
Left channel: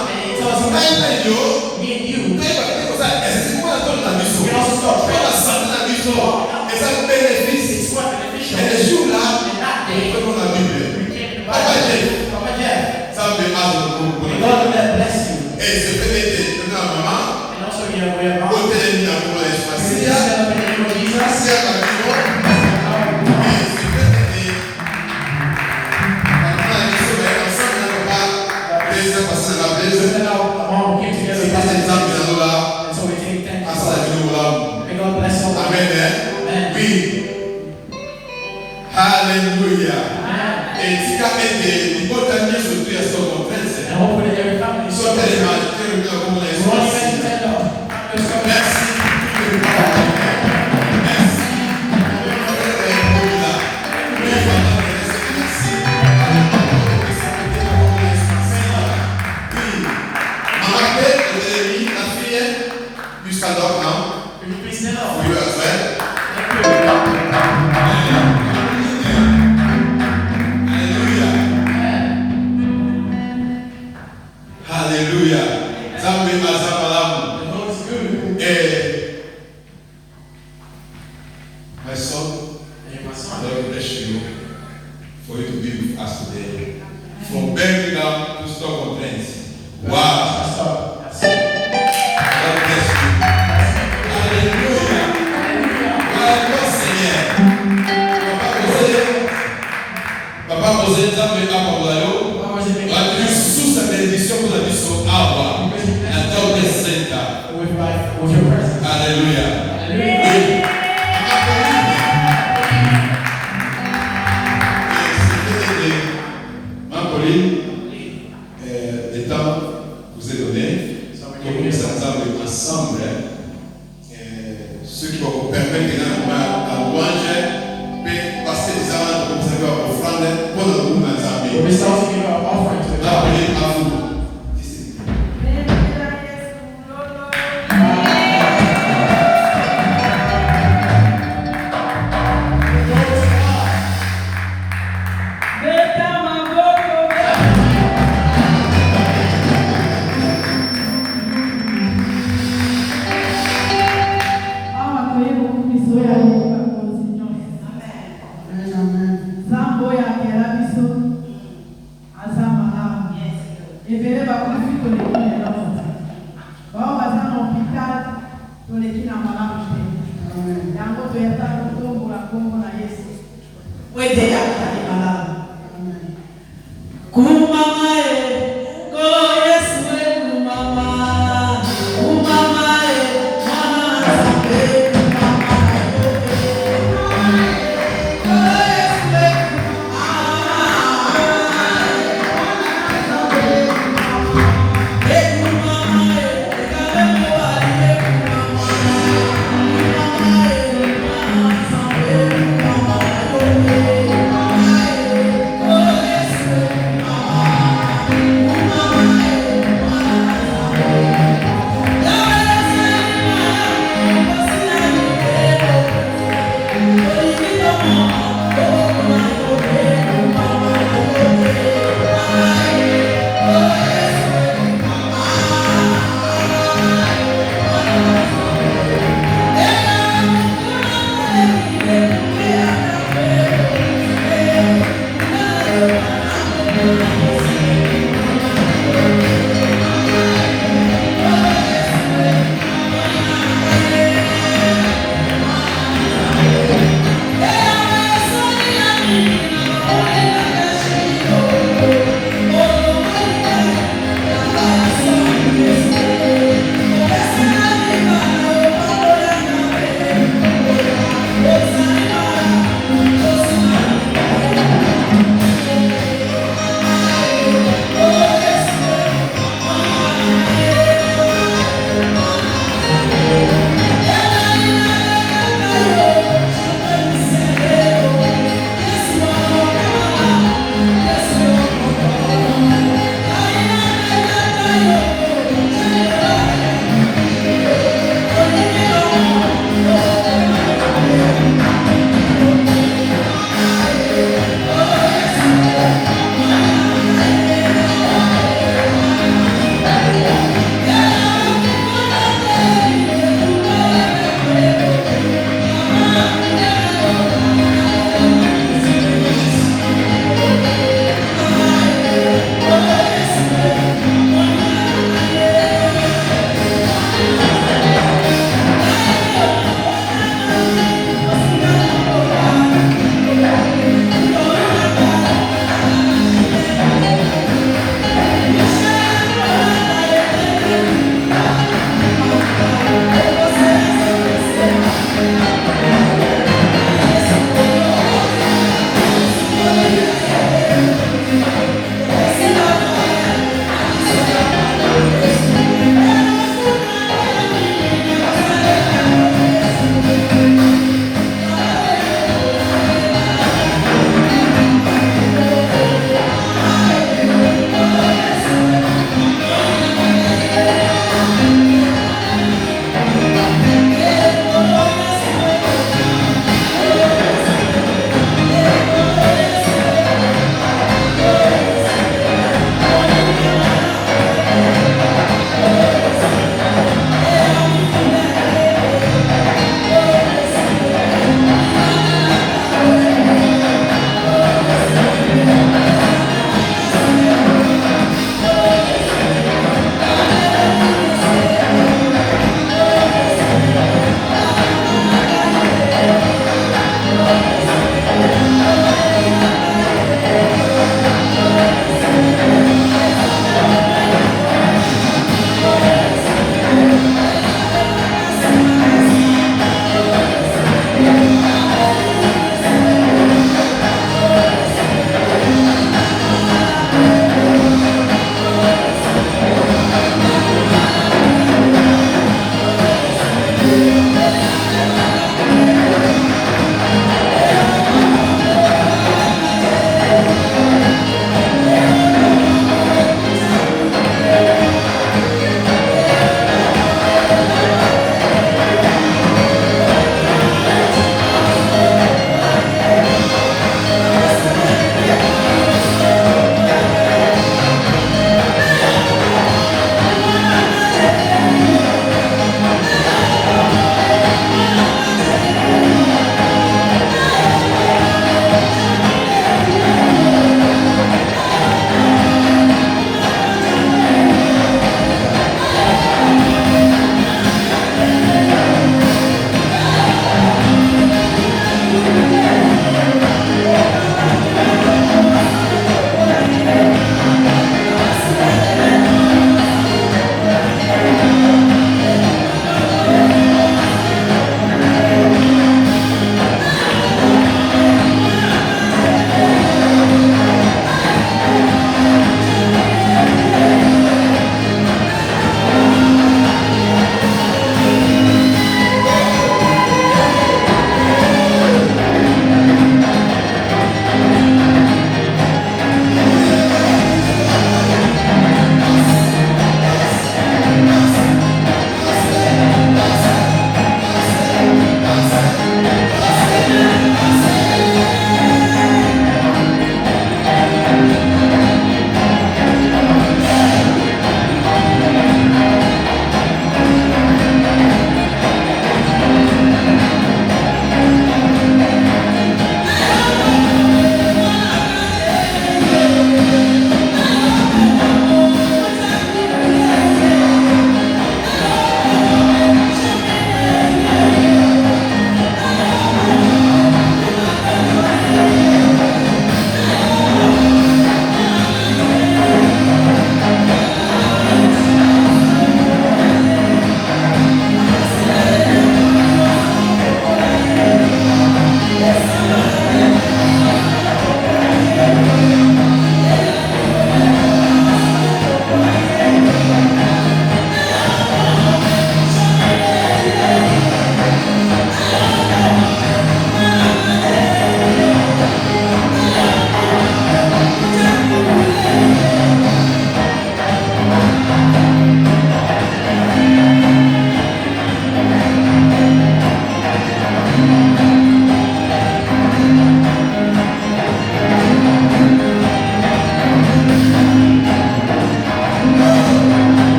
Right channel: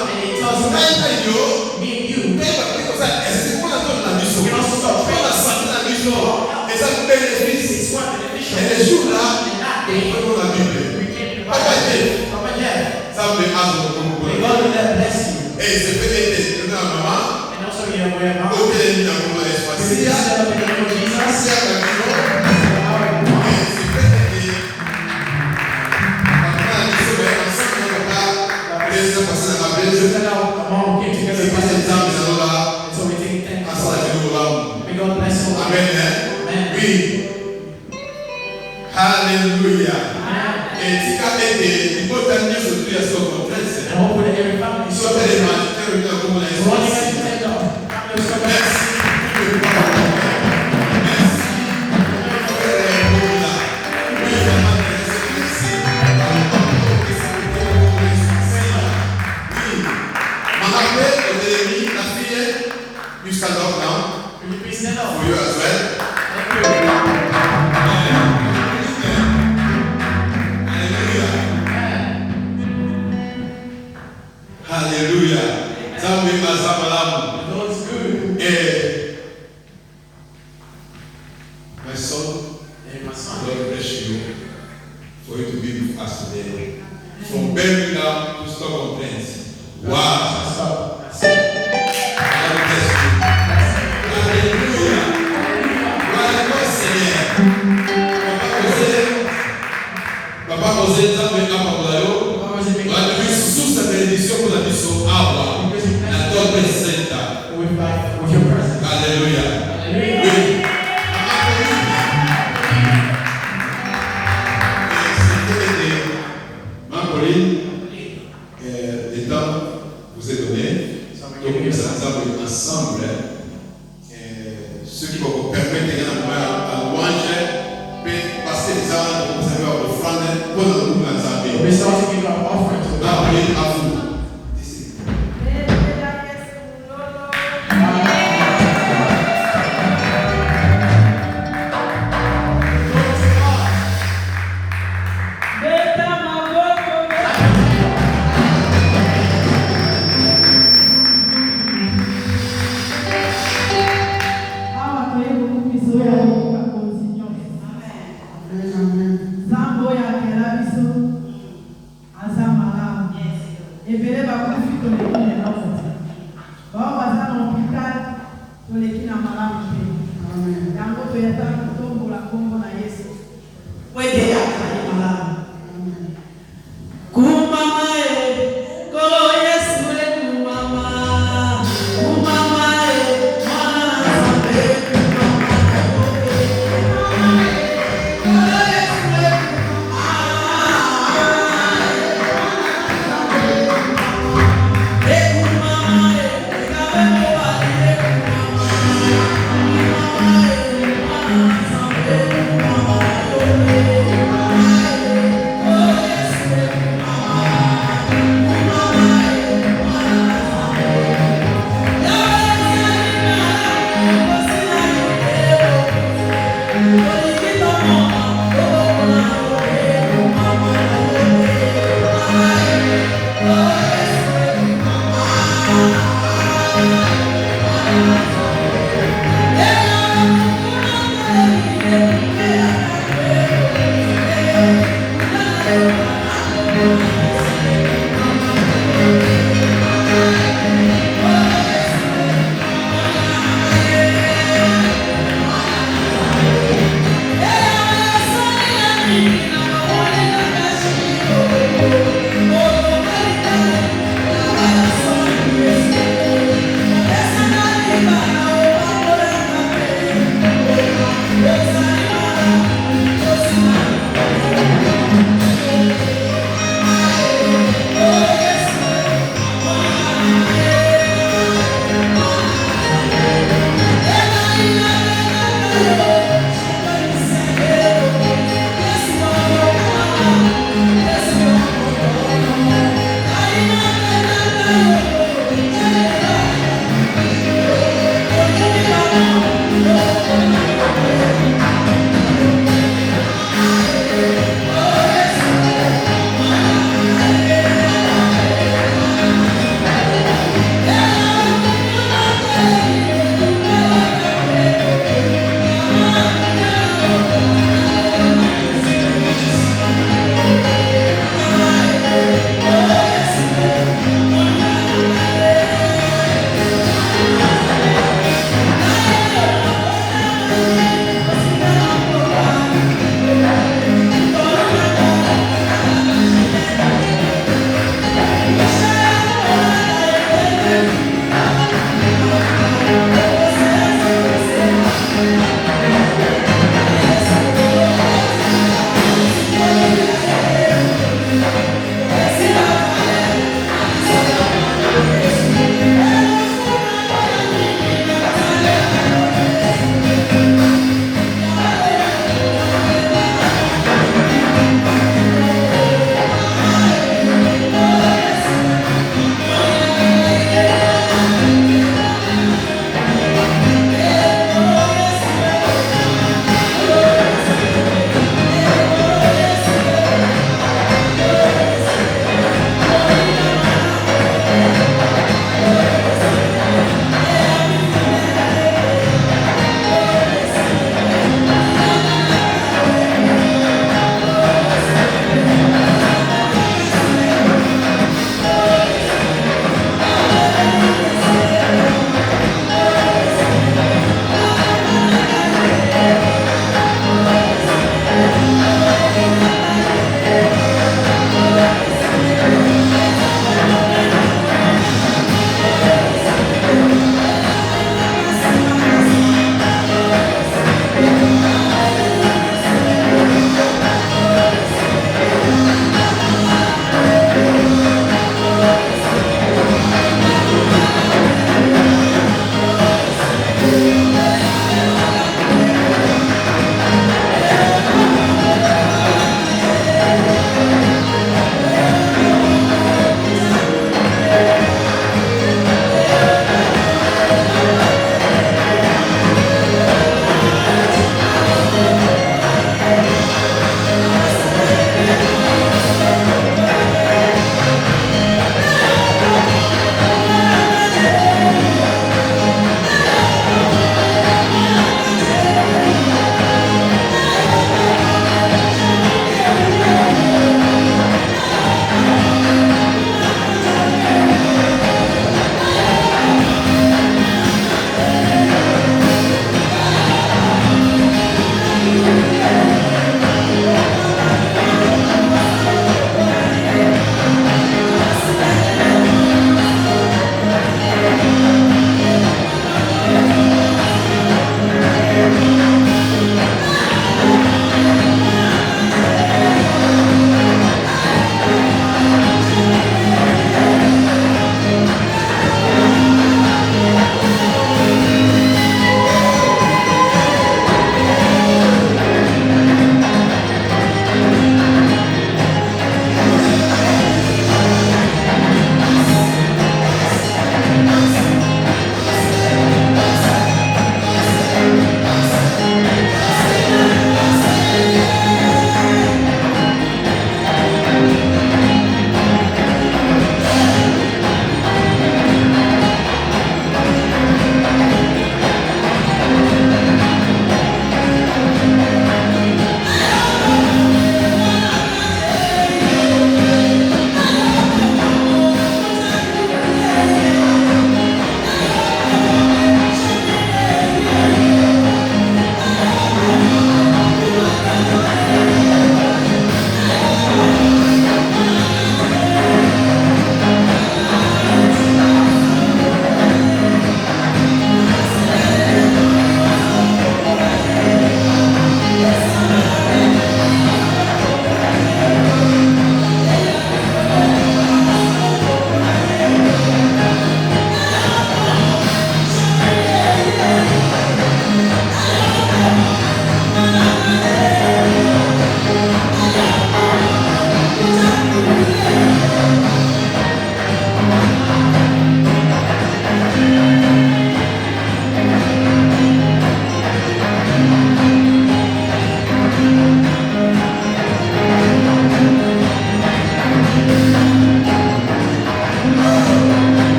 Et ça bénéfice. Et les jours là, il faut la Bible. Papa Jeff, ça me et c'est fait que maman, au téléphone, à mon espace. C'est à Alléluia. Et si tu as été, il faut t'amener sur tout ce qu'on fait. Sur les mains, tu peux regarder comment les choses. Merci. Jusqu'à maintenant, vous as fait. going to be with us today. From Birmingham to Stockholm. Wow. God bless you. Alléluia. Gloire Seigneur. Papa José, Nzambe Apagolayo. On a sous sa bénédiction pour la mission Awa. La Torre Sainte. Alléluia. Oui. Le temps vous est donné. Donc nous allons ensemble. Ceux qui vont vous permettre à louange, passer les armes pour vous avoir offrande pour le groupe d'Azabé. Appelez à vous. Thank you.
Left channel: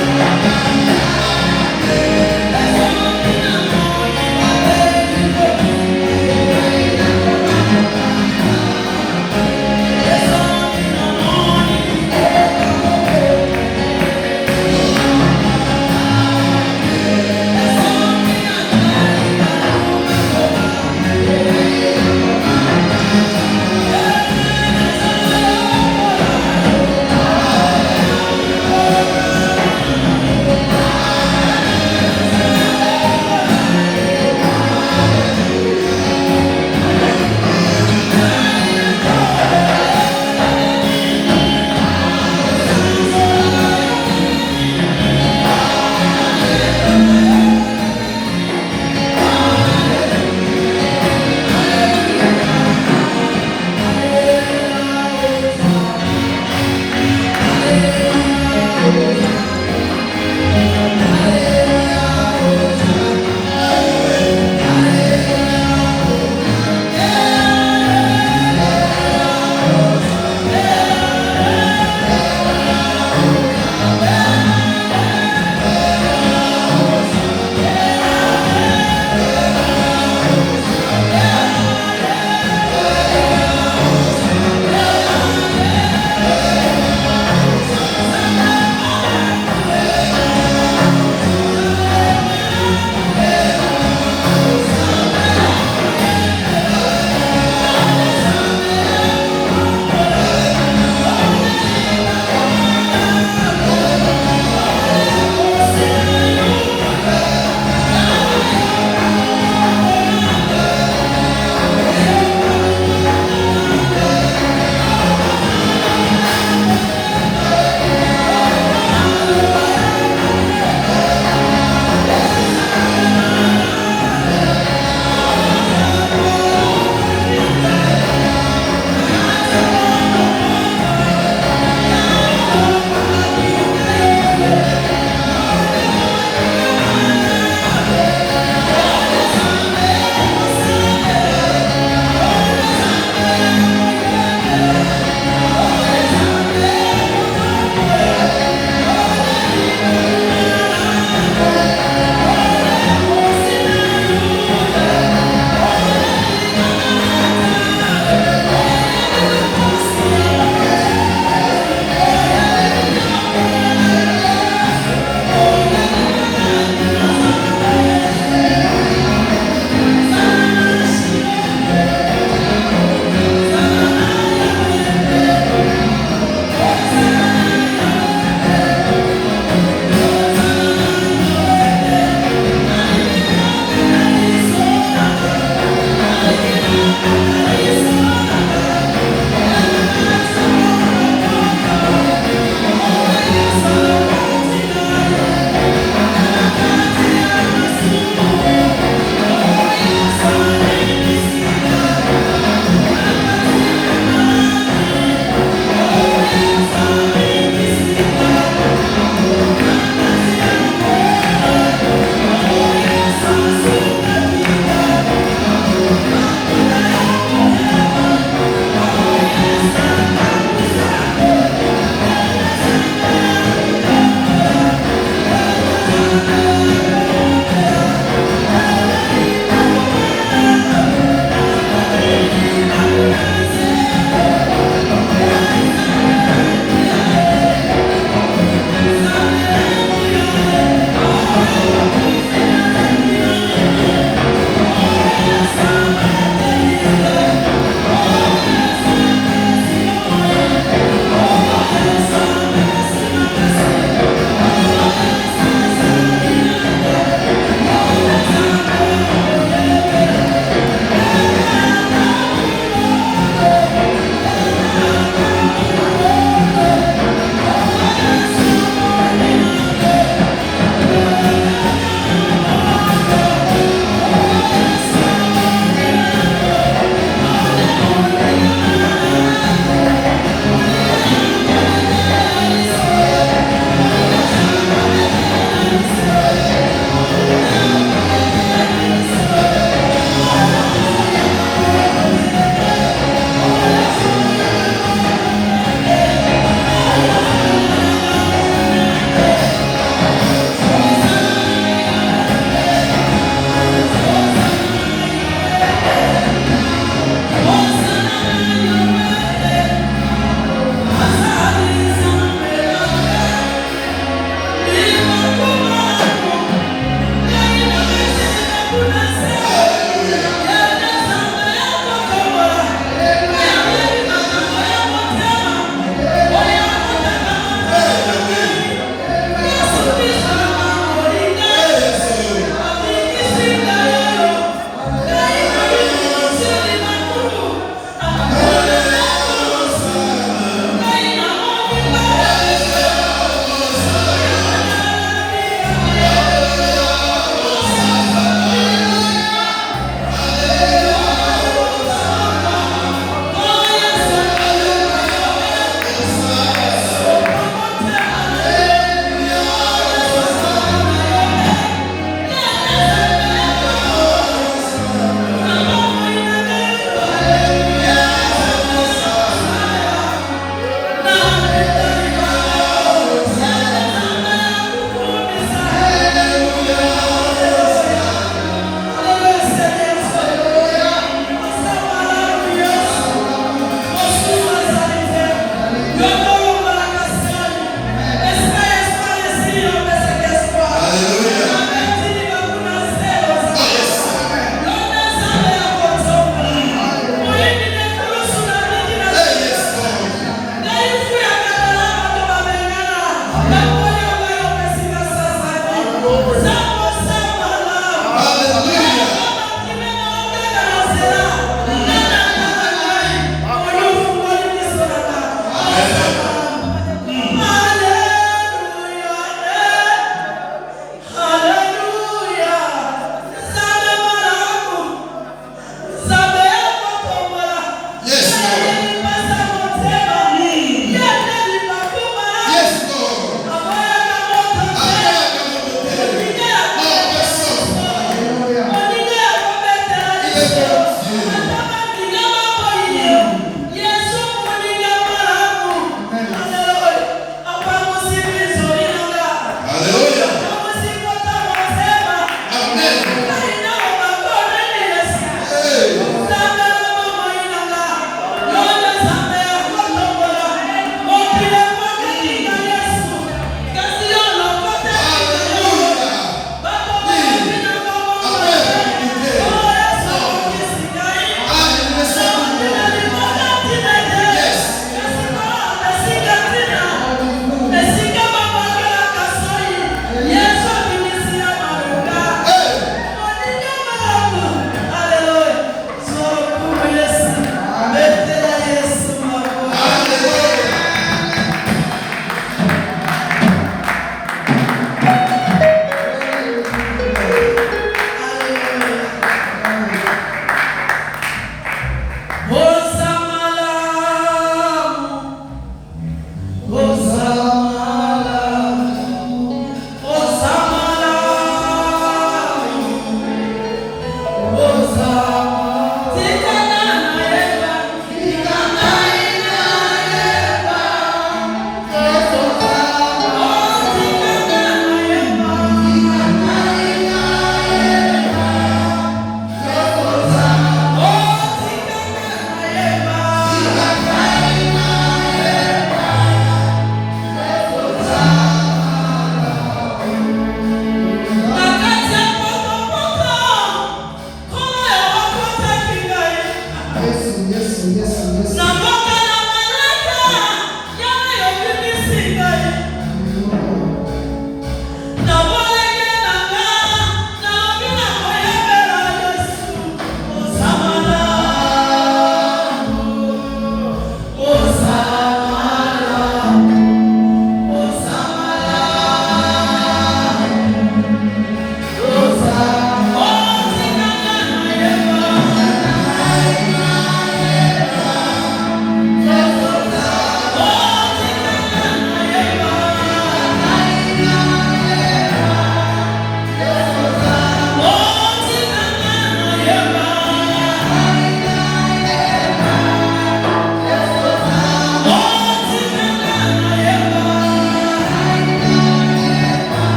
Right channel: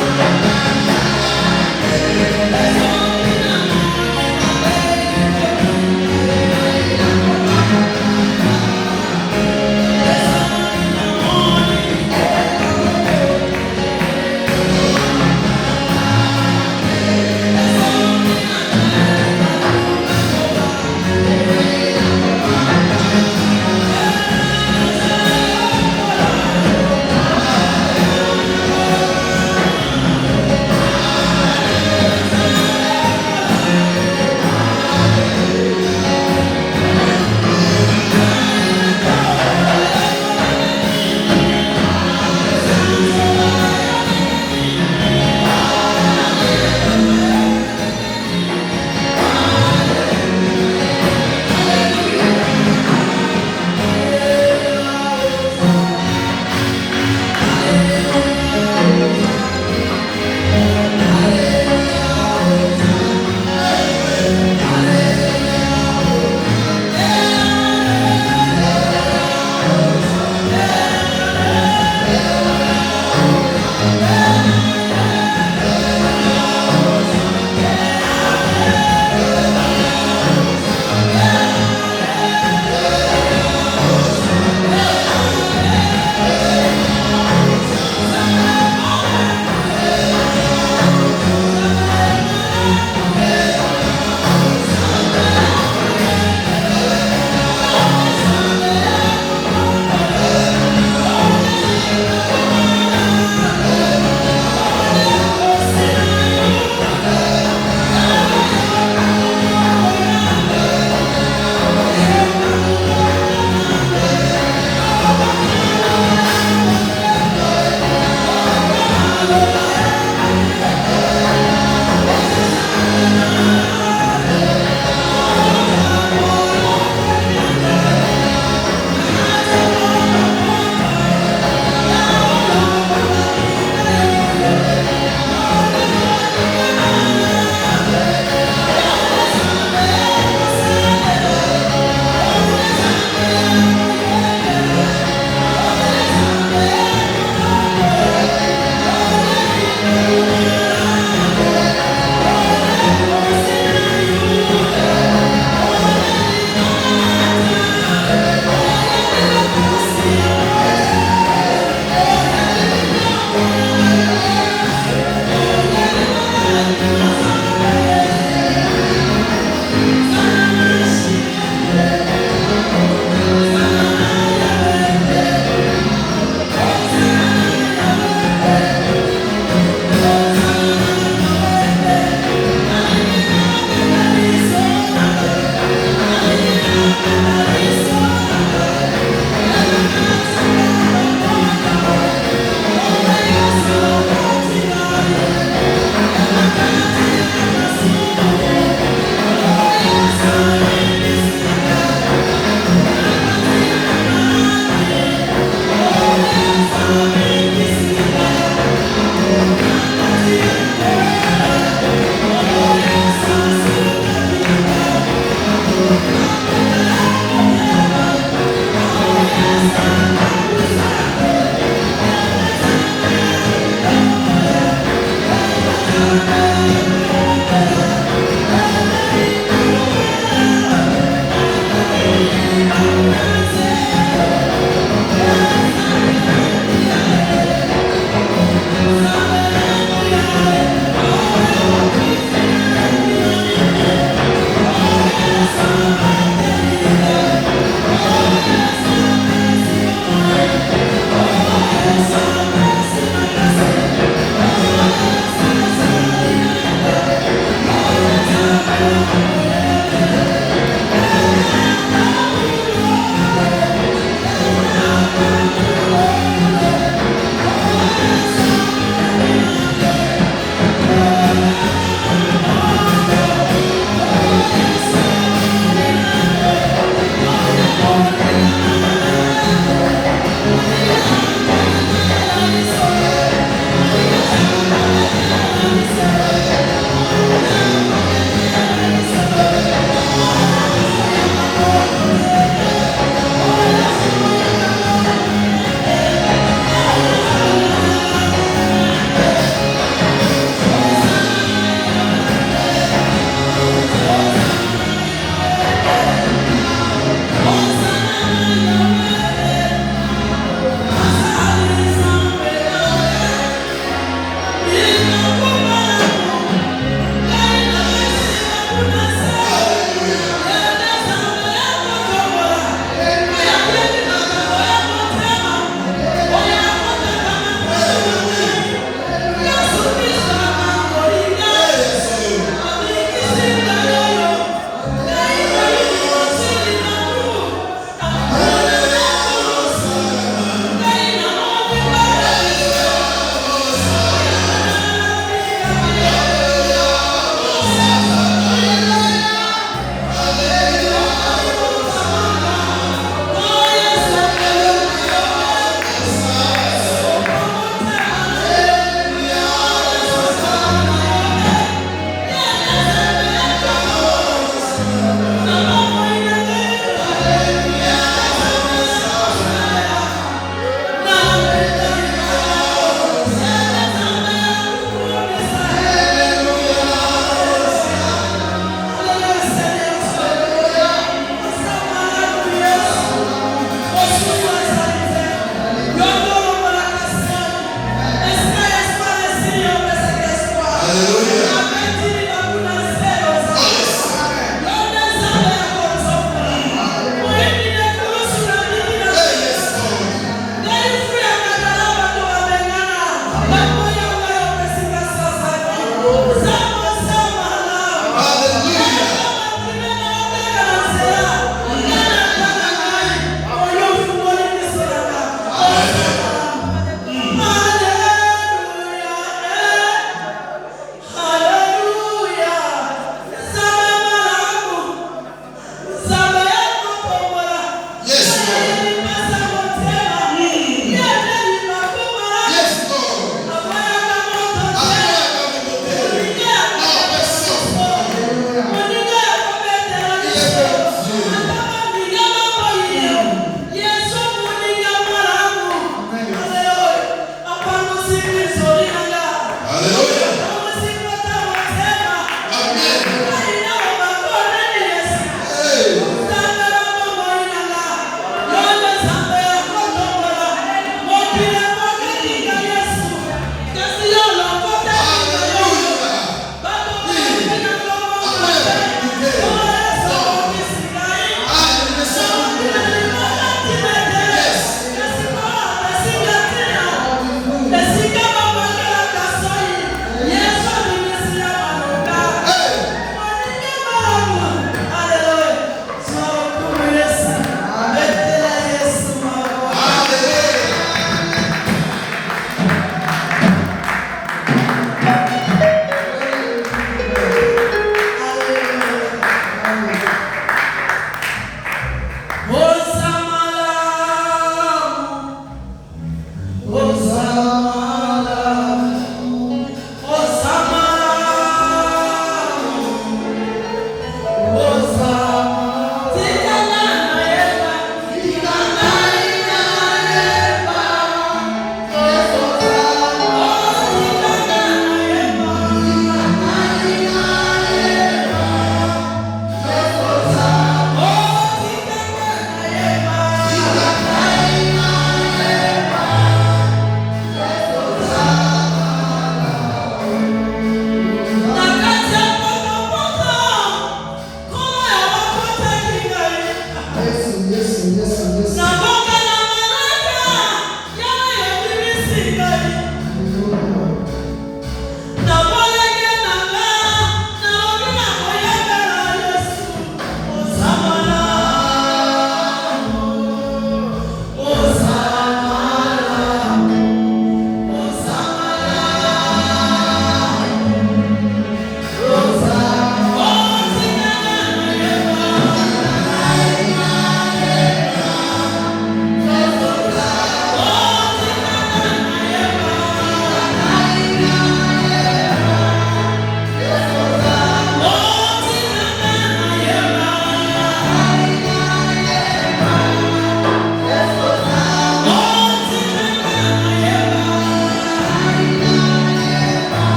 Amen.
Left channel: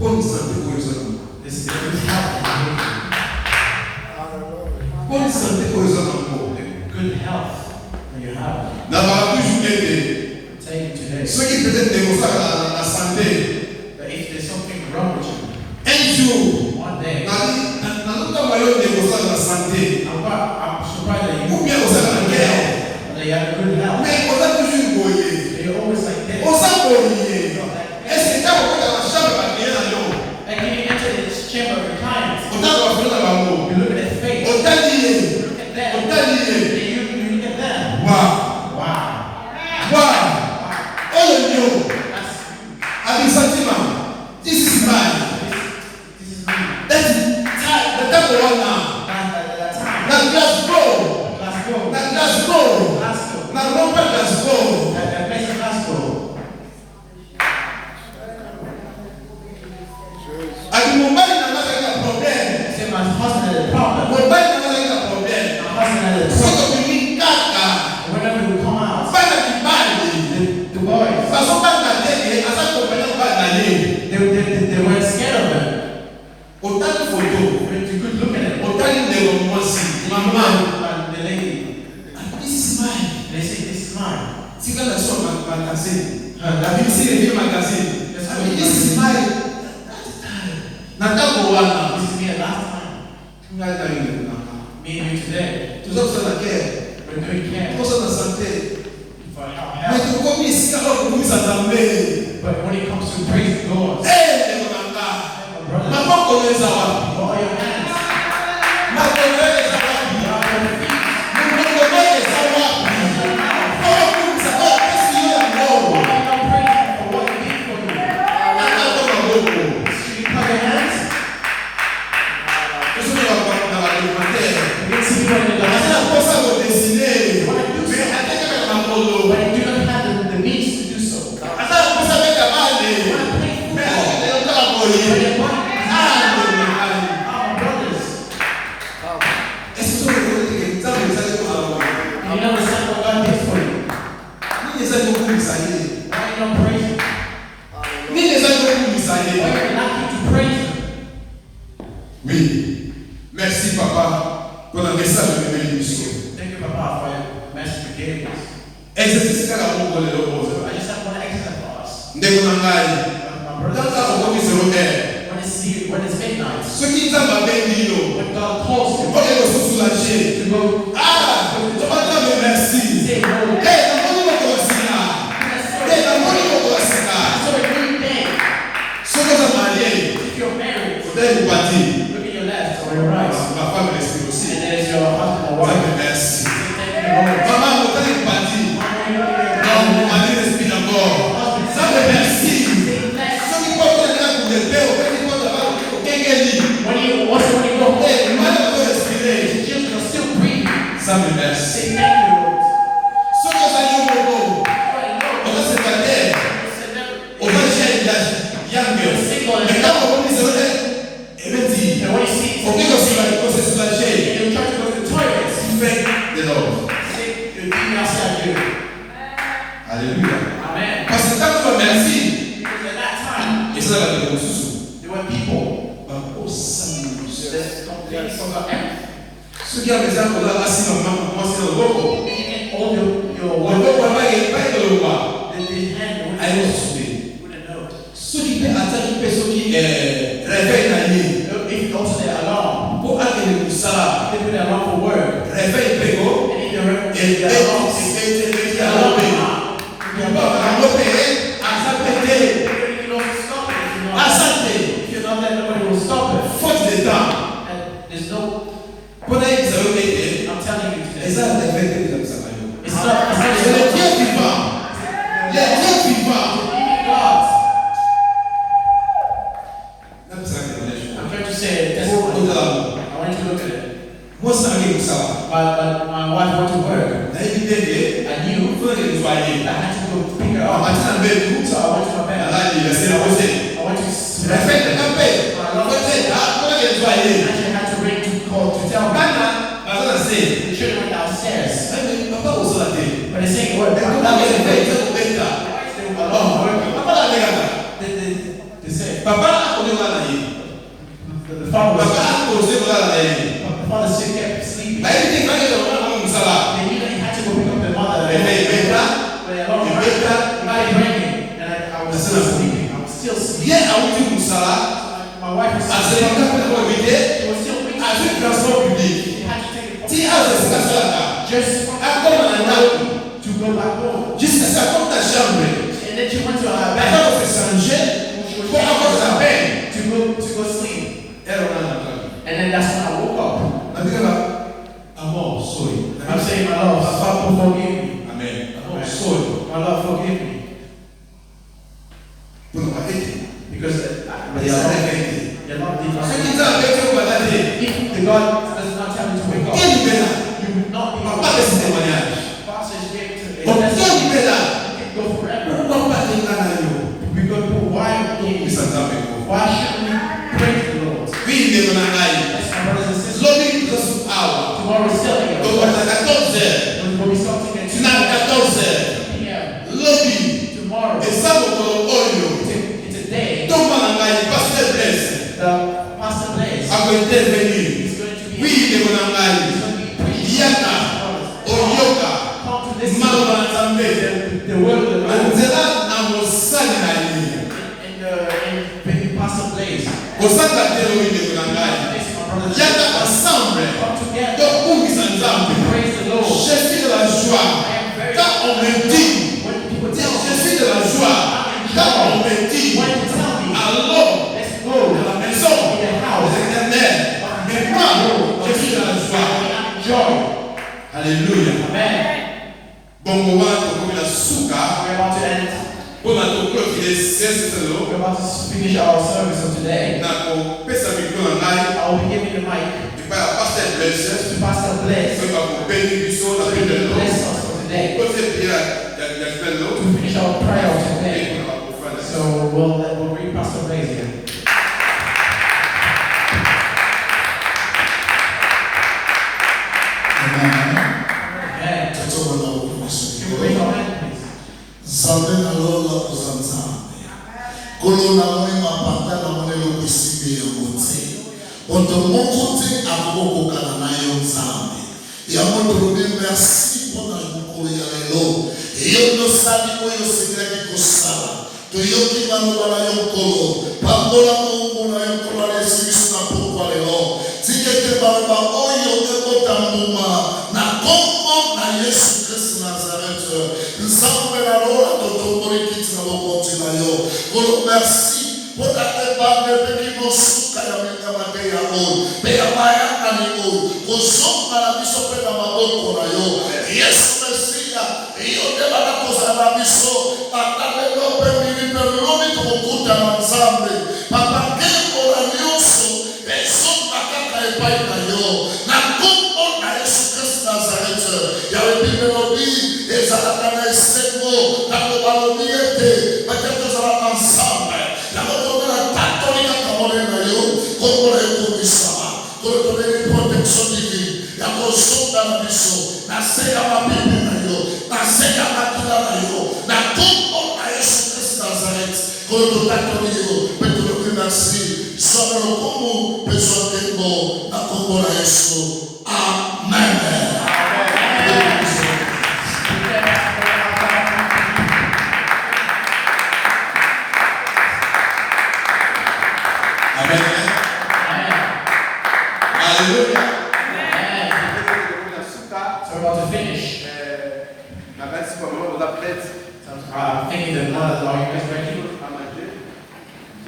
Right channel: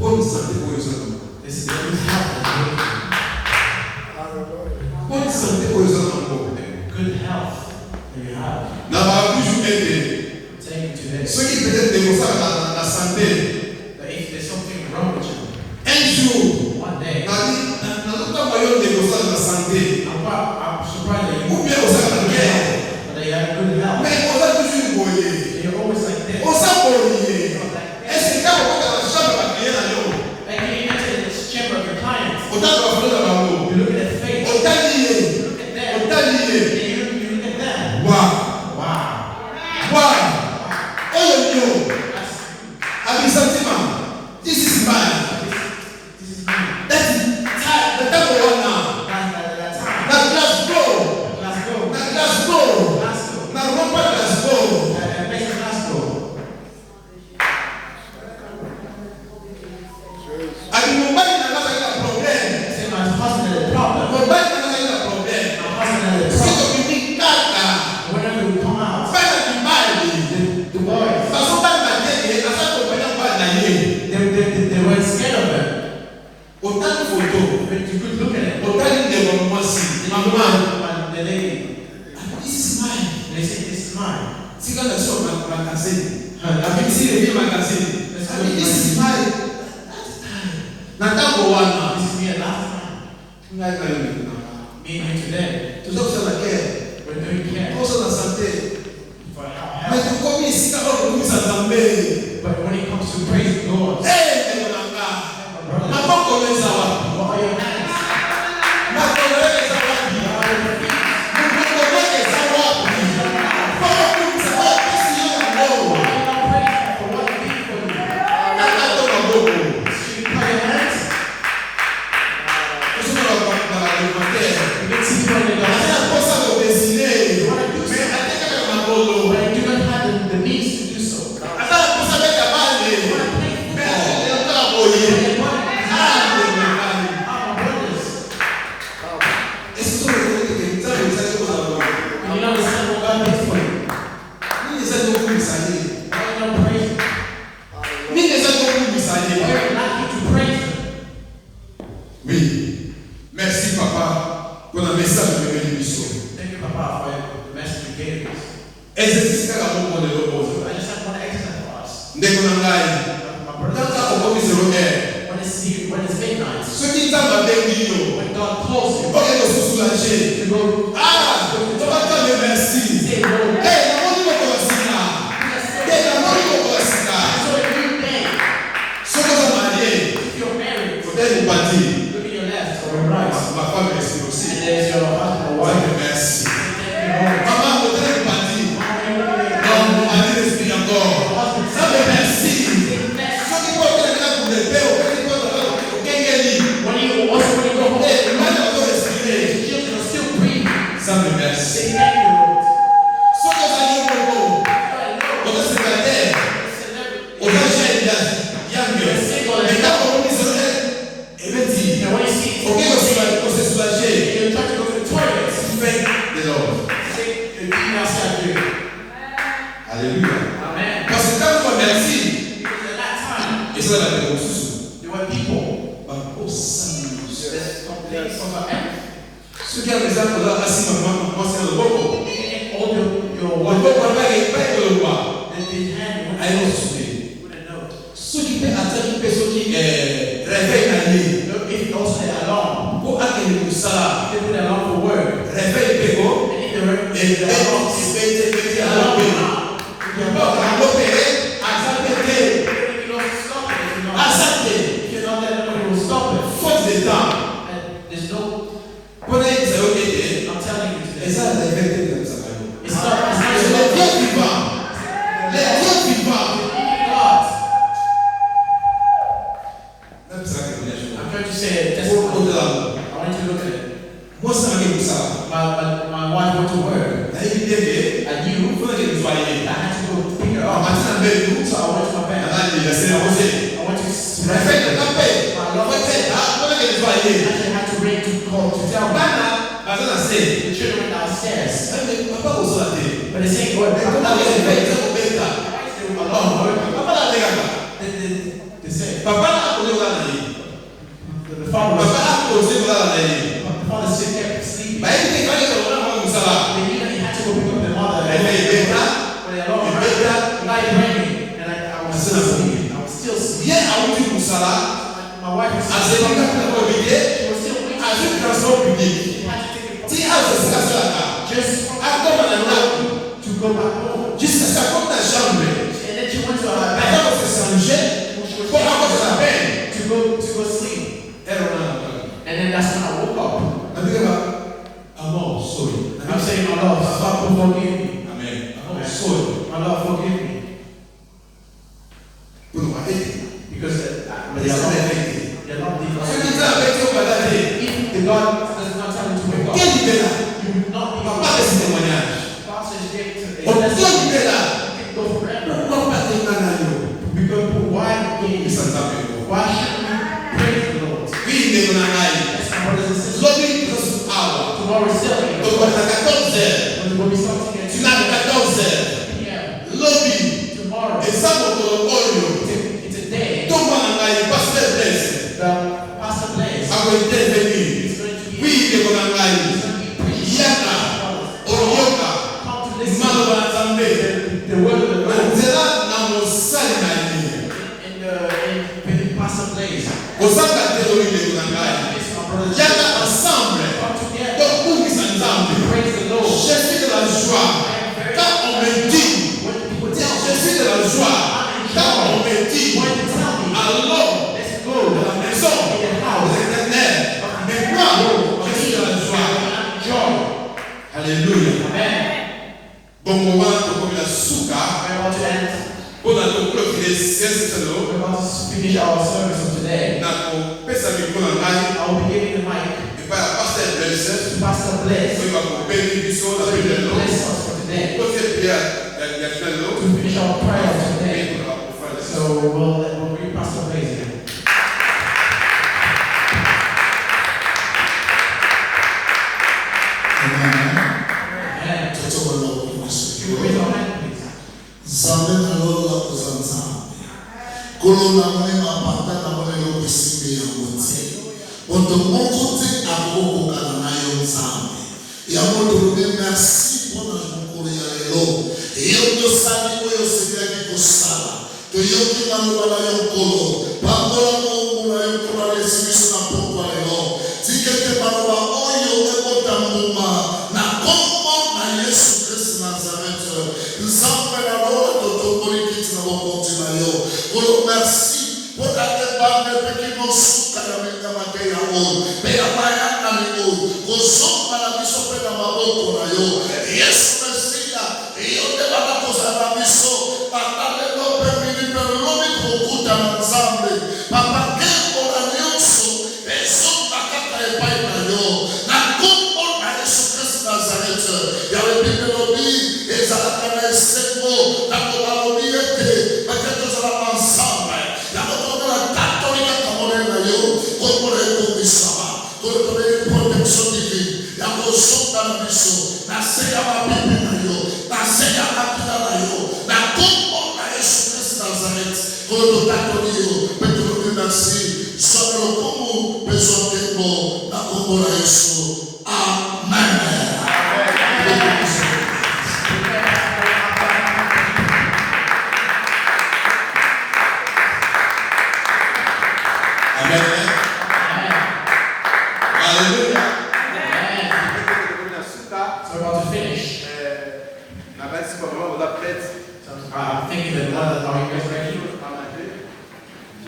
bonne santé pour les hommes. This is good health. Bonne santé pour les hommes. Good health that you have. Dans la toujours été. Take it today. Ceux qui peut-être négocient la santé. But if there's something wrong with you, Un jour, one day, dans notre moyen de négocier la santé, I'm surprised that ou you bien on s'en guerre. that you have good health. Mais on a toujours boyé. You're always like this. On s'en boyé. Est-ce que quand on va dans la chambre à client à Lyon, And when you enter this chamber of your clients, on t'a fait dans la main. you look at their face, On t'a dit, you look at them, on t'a dit, you look at them. waouh, Wow. waouh, oh le Lyon, That's, avec sentiment, this is mine. this is me. That's the time we now. That time. Now let's go. Let's go. Now let's go. Let's go. Now Robert, let's go. Let's go. Avec mon mari, on a un problème. Say my husband had a problem. Mon mari, on a un problème. My husband had a C'est problem. comme une carte. Whenever you come out, Pas de mal. the boys, Parce qu'on parle d'année, à sa compagnie, on parle d'année. they weren't scared of him. Autant de photos, But you could look at it. autant de moments aussi. Maman, And the lady, this is mine. they say, this is mine. Si quand la soeur magazine, la BBC revient magazine. This is mine. Nataka wana. This is me at last time. Ngata yule naka. Me and you today. Tuzo kusana care. We're doing care Tuzo na santé. for Mais health. tukomi sika kwa kumisa zambe. But when it comes to praising God, Eh, ndio nanga. my brother, Mama koleza wapi? what are your hands? Na koleza wapi? What are your feet? Koleza wapi? Kwa kumisa kwa pesi yo ya ngoro. Why are you not praising for what you did for me? Nata to maboko. Should you clap your hands? Tuzo na documentaire. You can see people in the Asina house. kosa lo dessiner. You want to do Mais something, ateka kama makolo. but you do not have the means to do so. Asa kosa beka bale. You want to play Mais football. leo kala boye. But what? Ah, ndio mekali. Ah, my brothers. Est-ce que vous avez que ça vous avez quoi là? You don't understand what God did for you. Ni eza ko kumisanye. Why are you not praising? Ni eza ko Why kumisanye. are you not here to praise Him? Oui. Merci papa pour le message de bénédiction. Thank you, Papa, for your message you gave us. Exercice kaka moko le lobo. I just have one exercise for us. Ndeko na ngai. My brothers, Tata okoki 0 when it's midnight, soki nzambe abengi yo when God calls you oke kososoulage to go, tobata yo merci say, Lord, namoni mokolo sika namoni mokolo sika so a new day. soki oza marie If you're married, otali kopati look at your left or your right, ma femme reste and aussi there's your husband or wife. ozaki merci Thank you, Lord. mama otali kopati Why are you looking at non mon mari respire encore nzambe merci soki kotelaka kulepe opeti kotala okengeli when you go home, mwana ozo respire your children are still breathing. nzambe merci Say thank you, Lord. soki ozali yo moko oza célibataire oza jeune yange mais ntango okomisa ebeti And when you see okoki kosesoulage you're trying to go to the toilet, fait de l'ordre say, you're giving outside here. alléluia Amen. parce que ntango oza merci Because at that time, ezala bato mosusu there were people bakosami that completely forgot everything. soki apeza koza asimama mwasi na loboko You can hold your loboko abaki epai koloba the hand ayosude wouldn't know. soki mpe ataki mpe soki réveil na ye If you also say alarm, mpo akende kosala they put alarm for work. réveil mpe ko And if the alarm ebeti yango mpe mboka yango mpe aza mpe te you don't stop it if you're not. aza te If you're not there, nobody will stop it. faute de temps And there's no. mpona yebisa yo ete I'm telling you today. eza réveil te ezamisaka yo It's not. c'est le Dieu vivant le Dieu vivant God. nabisaka témoignage I'm trying to say a po testimony. otala I want you to look at it. mwasi ange kosala My wife went to work. nayebi te ke I knew mpona ke kozwa ye I had to go pick her up. amati na mbetu So I went to my bed. alali yase na rose I went to réveil tata mpe mpona ke kozwa ye actually had to ring to call to tell me. bana baza na se The children went downstairs. papa kozala te But they're saying, Lord, ekoma why is réveil it te kobeta papa not working? papa na alekaka They say, papa akone My wife is Elle s'est pas encore invitée. she was still waiting. Avec le transport public. She had to take a Si elle s'est cassée là-bas. just Encore maintenant. to go back home. Jusqu'à sa porte de chambre. And then she went to her bed Avant de se changer. Pour avoir de la peine. to go sleep. Elle on a entendu. And then that's when I woke up. La Bible va. Ah bon, sorry. I'm saying, my Lord, Papa, forgive me. Amen. Ah bon, Amen. sorry. My Lord, forgive me. Pour ne pas aider. Because Mais ça n'a pas été. the Lord did Ce not. qui t'a arrêté au balade. If the God does not tell you to wake up, Quelle idée là? you will not On be va pas laisser témoignage. Pastor is able to. Donc quelle idée là? Go forever. Pourquoi pas tenir dans l'agneau? Because why Il s'en tape pour. why should we praise the Lord? Oui, il est mon anaï. Yes, my brothers and sisters. L'autre il est sur hour. Tomorrow is still here. Donc on a 14 heures. We'll be starting at Tu n'as 14 heures. p.m. L'autre Tomorrow. et ça pour ton oyo. It's a day Donc mon anaï, pasteur Blaise, that Pastor Blaise a intervenir. is going to be. Oui, il est mon anaï. He's going to be preaching. Yaka, Oyoka, Come to listen Malo Banzambe. the word of the Lord Manzela na mosali na ye. in Pastor Blaise. Kozanga telo il est mon anaï. Yes, my brothers and Yaka sisters. ensemble. Come together. Donc bungisa nzambe. Praise the Lord. Je suis de la joie. Quand on me dit, When people tell je me, suis de la joie. Quand on me dit, when you tell me, allons let's go de la maison in the house. des éternels. Mais moi, je suis de la joie. Joy. Alléluia. Amen. Bongo wana tokomi na suka. We're about to end. Mpona toclôturer service selo. We're about to finish our service of today. Na kopesa micro na ngai. I will be giving the mic epai ya pasteur Blaise. to Pastor Blaise. oyo bakopeli biso na pe lelo. Bless us for today. Kote priere ya lelo. To finish our prayer of today. Mpona bakofrane. So we'll read Pastor Blaise again. Amen. Amen. Can you raise your hand, please? Zambe na lola kozamzambe. Kolo na mwema pata na mwelo kusime ya mote. Oto moko te akoko kana na yo nzambe. Ya moto lobe merci pour na mokolo ya lelo. Yo no sali oyo sekaki kosala. To yoki na mwana yo kolo. Pangola mo na yo kolo ya simisu na pokwa lelo. Tikete baloba oyo ekota mbuma na kombo na Yesu Christ Nazareth. Nzambe na lola totomboli kiti na bokonzi na yo. Kolo merci pour ta tebande peki no suka ya menga mate ya oyo. Pe ya mayanga ni oyo. Kozonga na biso pe na maboko na yo. Yesu Mesia, iyo debana kozala biso. Patale no pe mini pe lomi kukuta na nzambe. Papa kembo na nyonso. Ezonga kaka epai na yo. Na kombo na Yesu Christ Nazareth. Yawe bibelobi ezalaka na esengo. Na tobalobi ete baketo ezalaka ensemble. Yango komela tatolika kamone na yo. Kombo na ekomisama. Kolo tobeli protection divine. Yango zonga na biso. Na se ya mabibi na yo. Na se ya makila na yo. Na kombo na Yesu Christ Nazareth. Kolo totatoli yo. Petro merci. Sois le combo, besoin de mots, la combo la Yesu. Amen. Amen. Alléluia. So we're about to finish. I'm thinking that are you guys ready?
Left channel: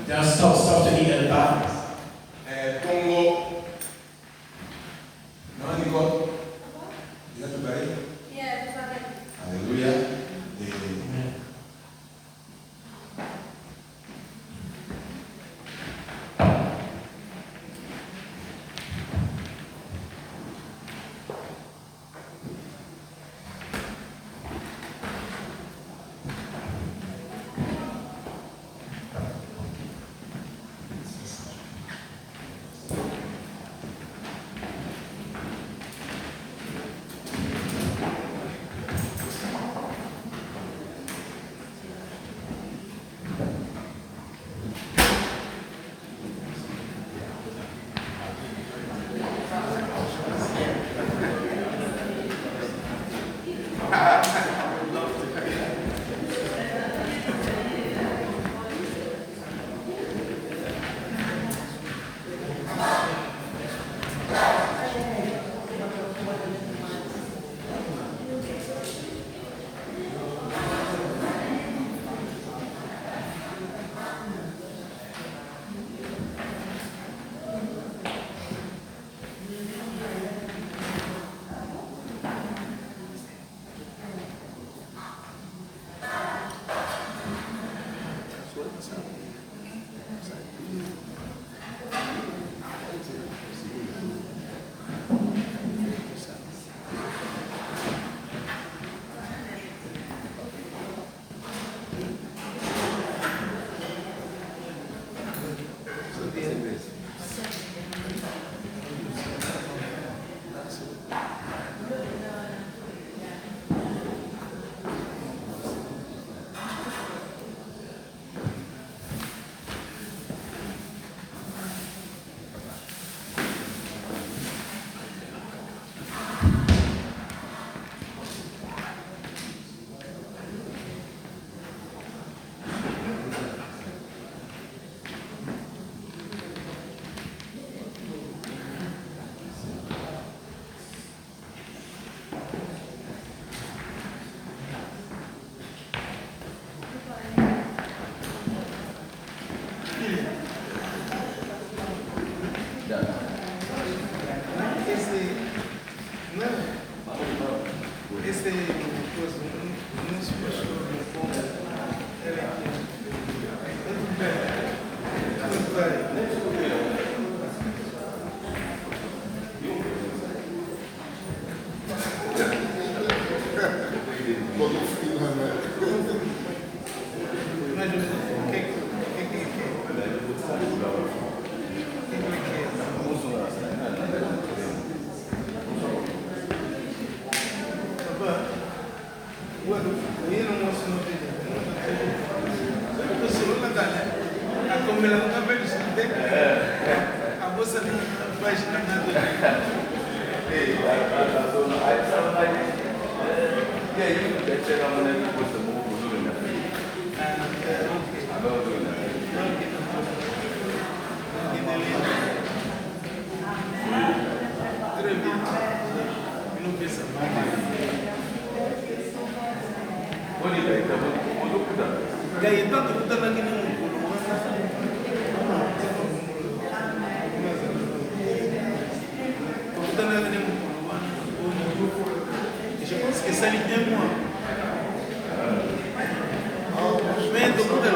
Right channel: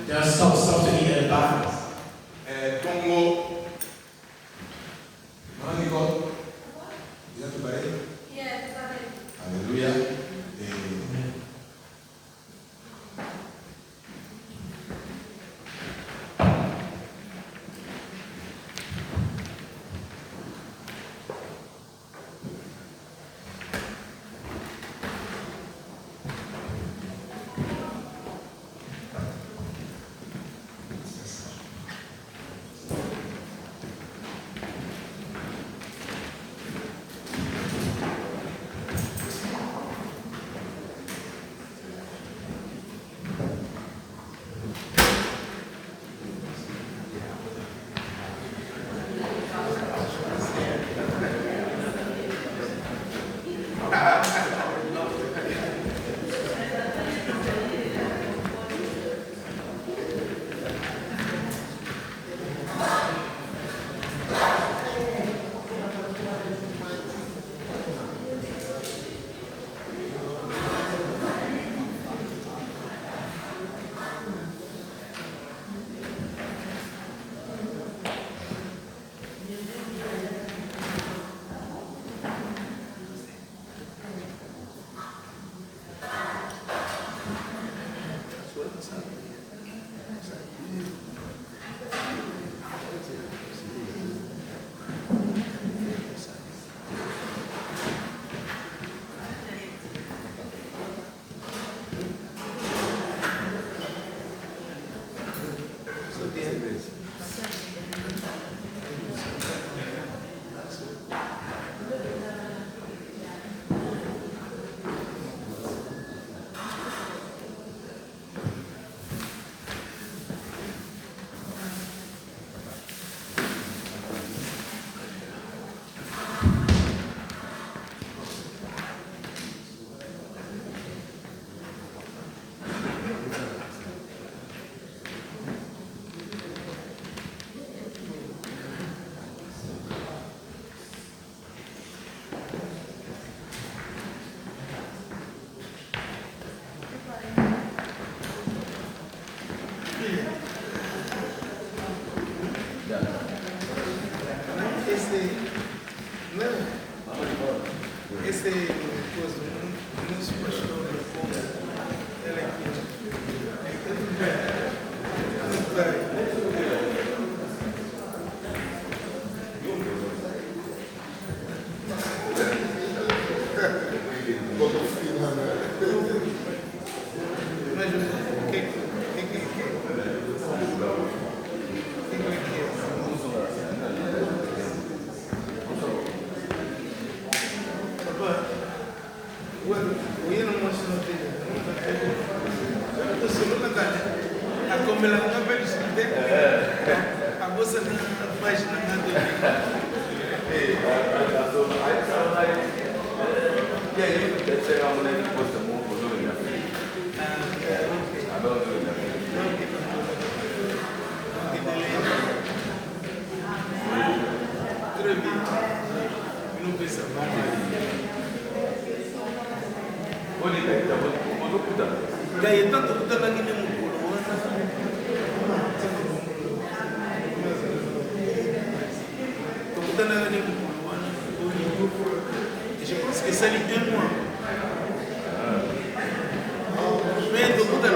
Just stop to eat at the back. Congo. Non, Nicole. Il a tout parlé. Alléluia. Je pense que ça lui vient moi. Mais tout le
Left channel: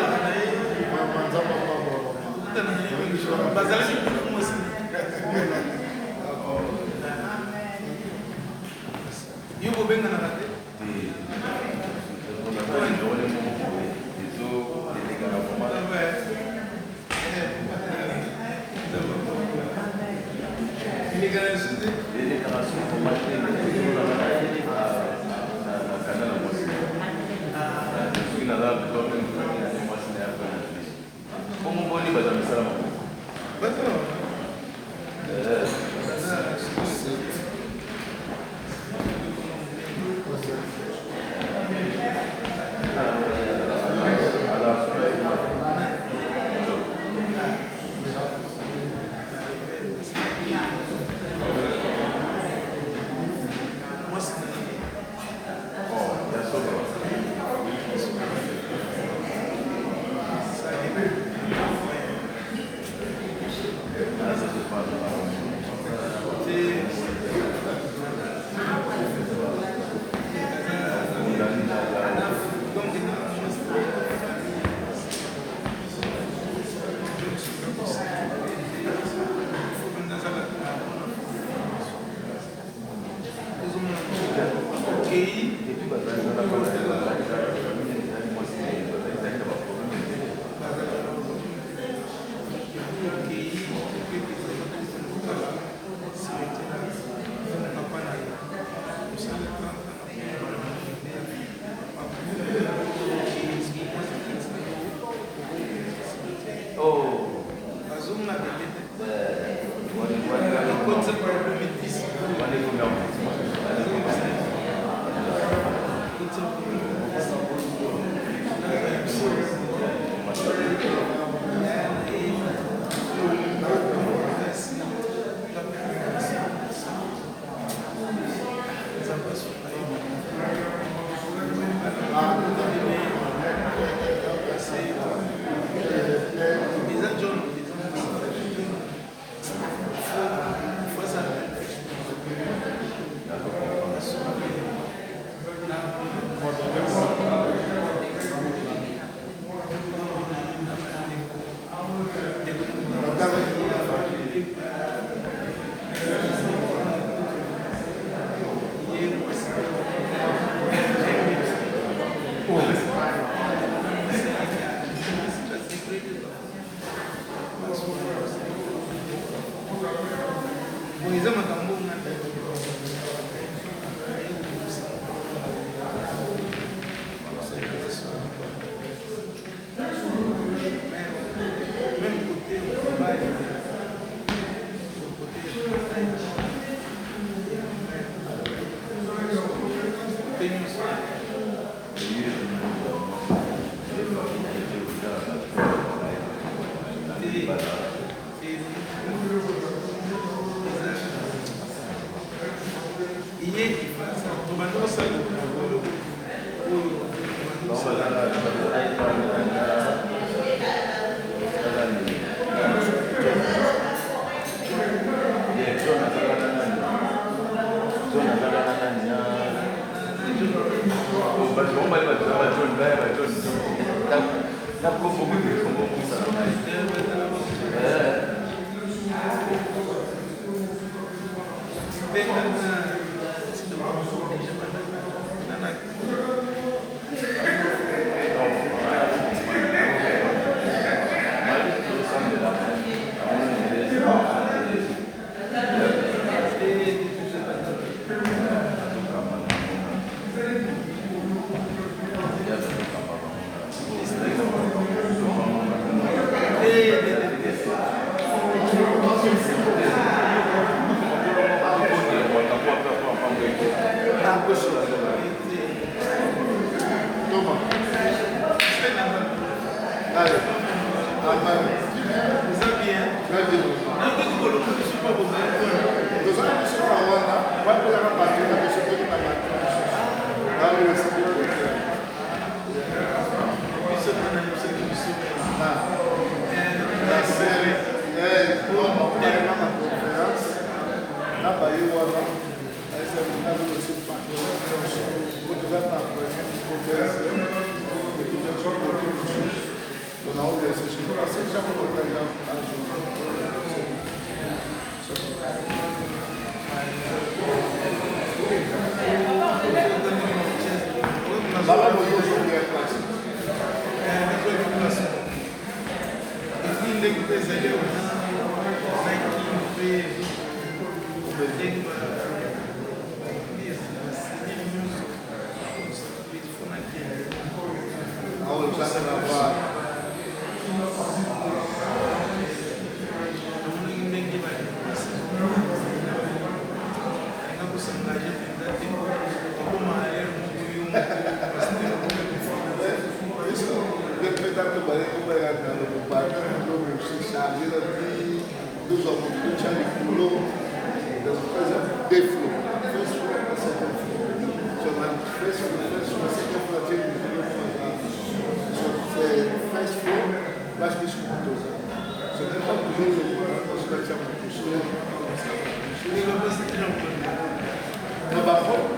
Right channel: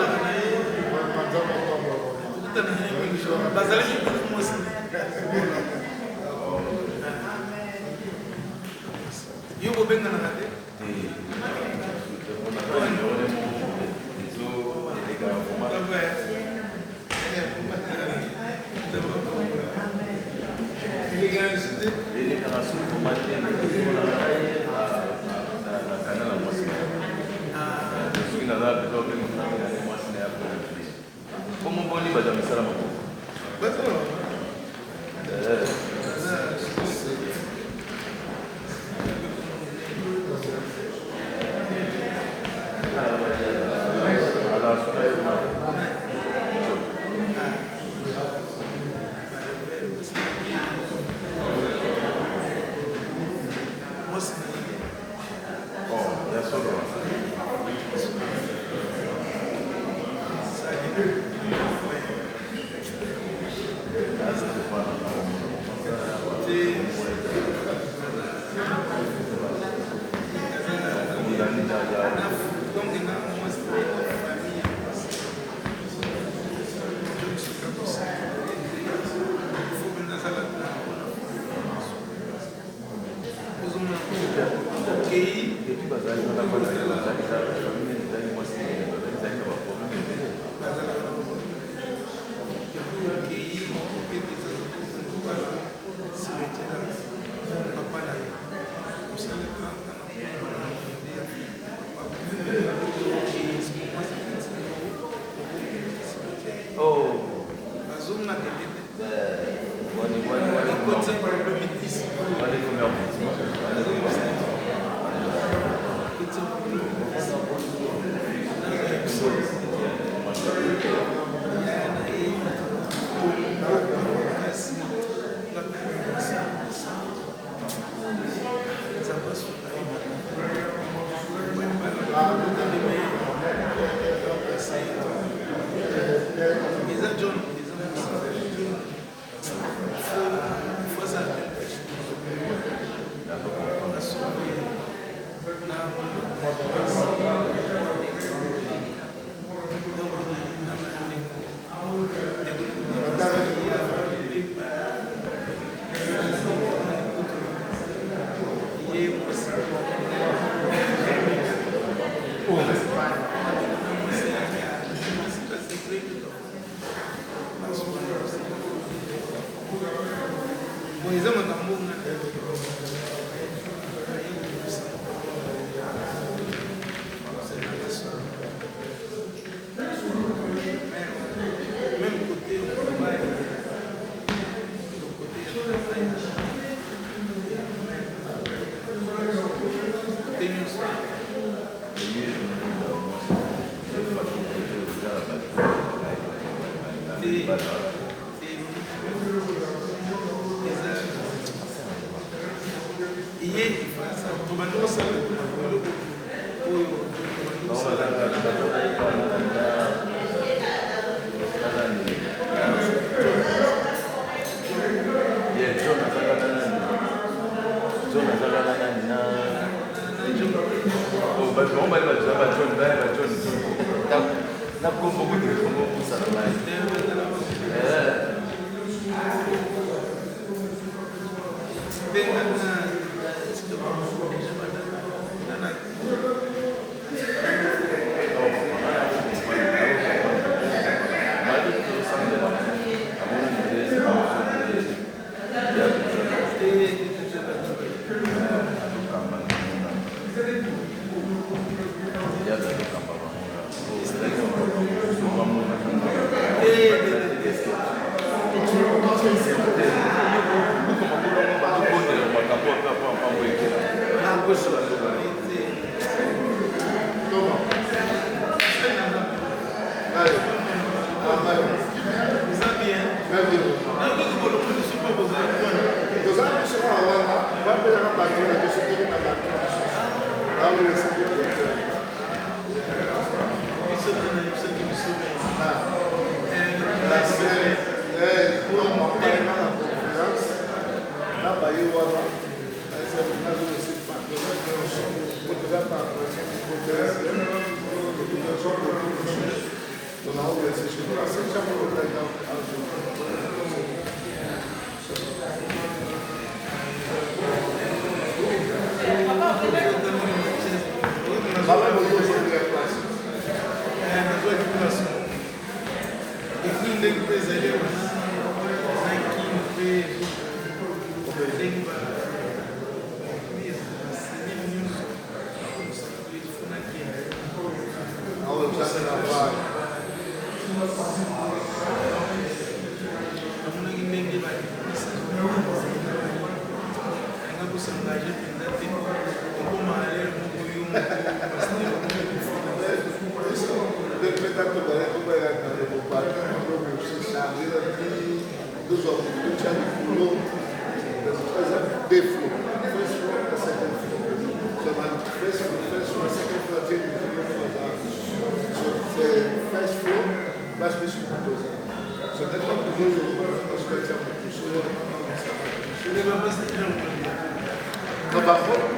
No, but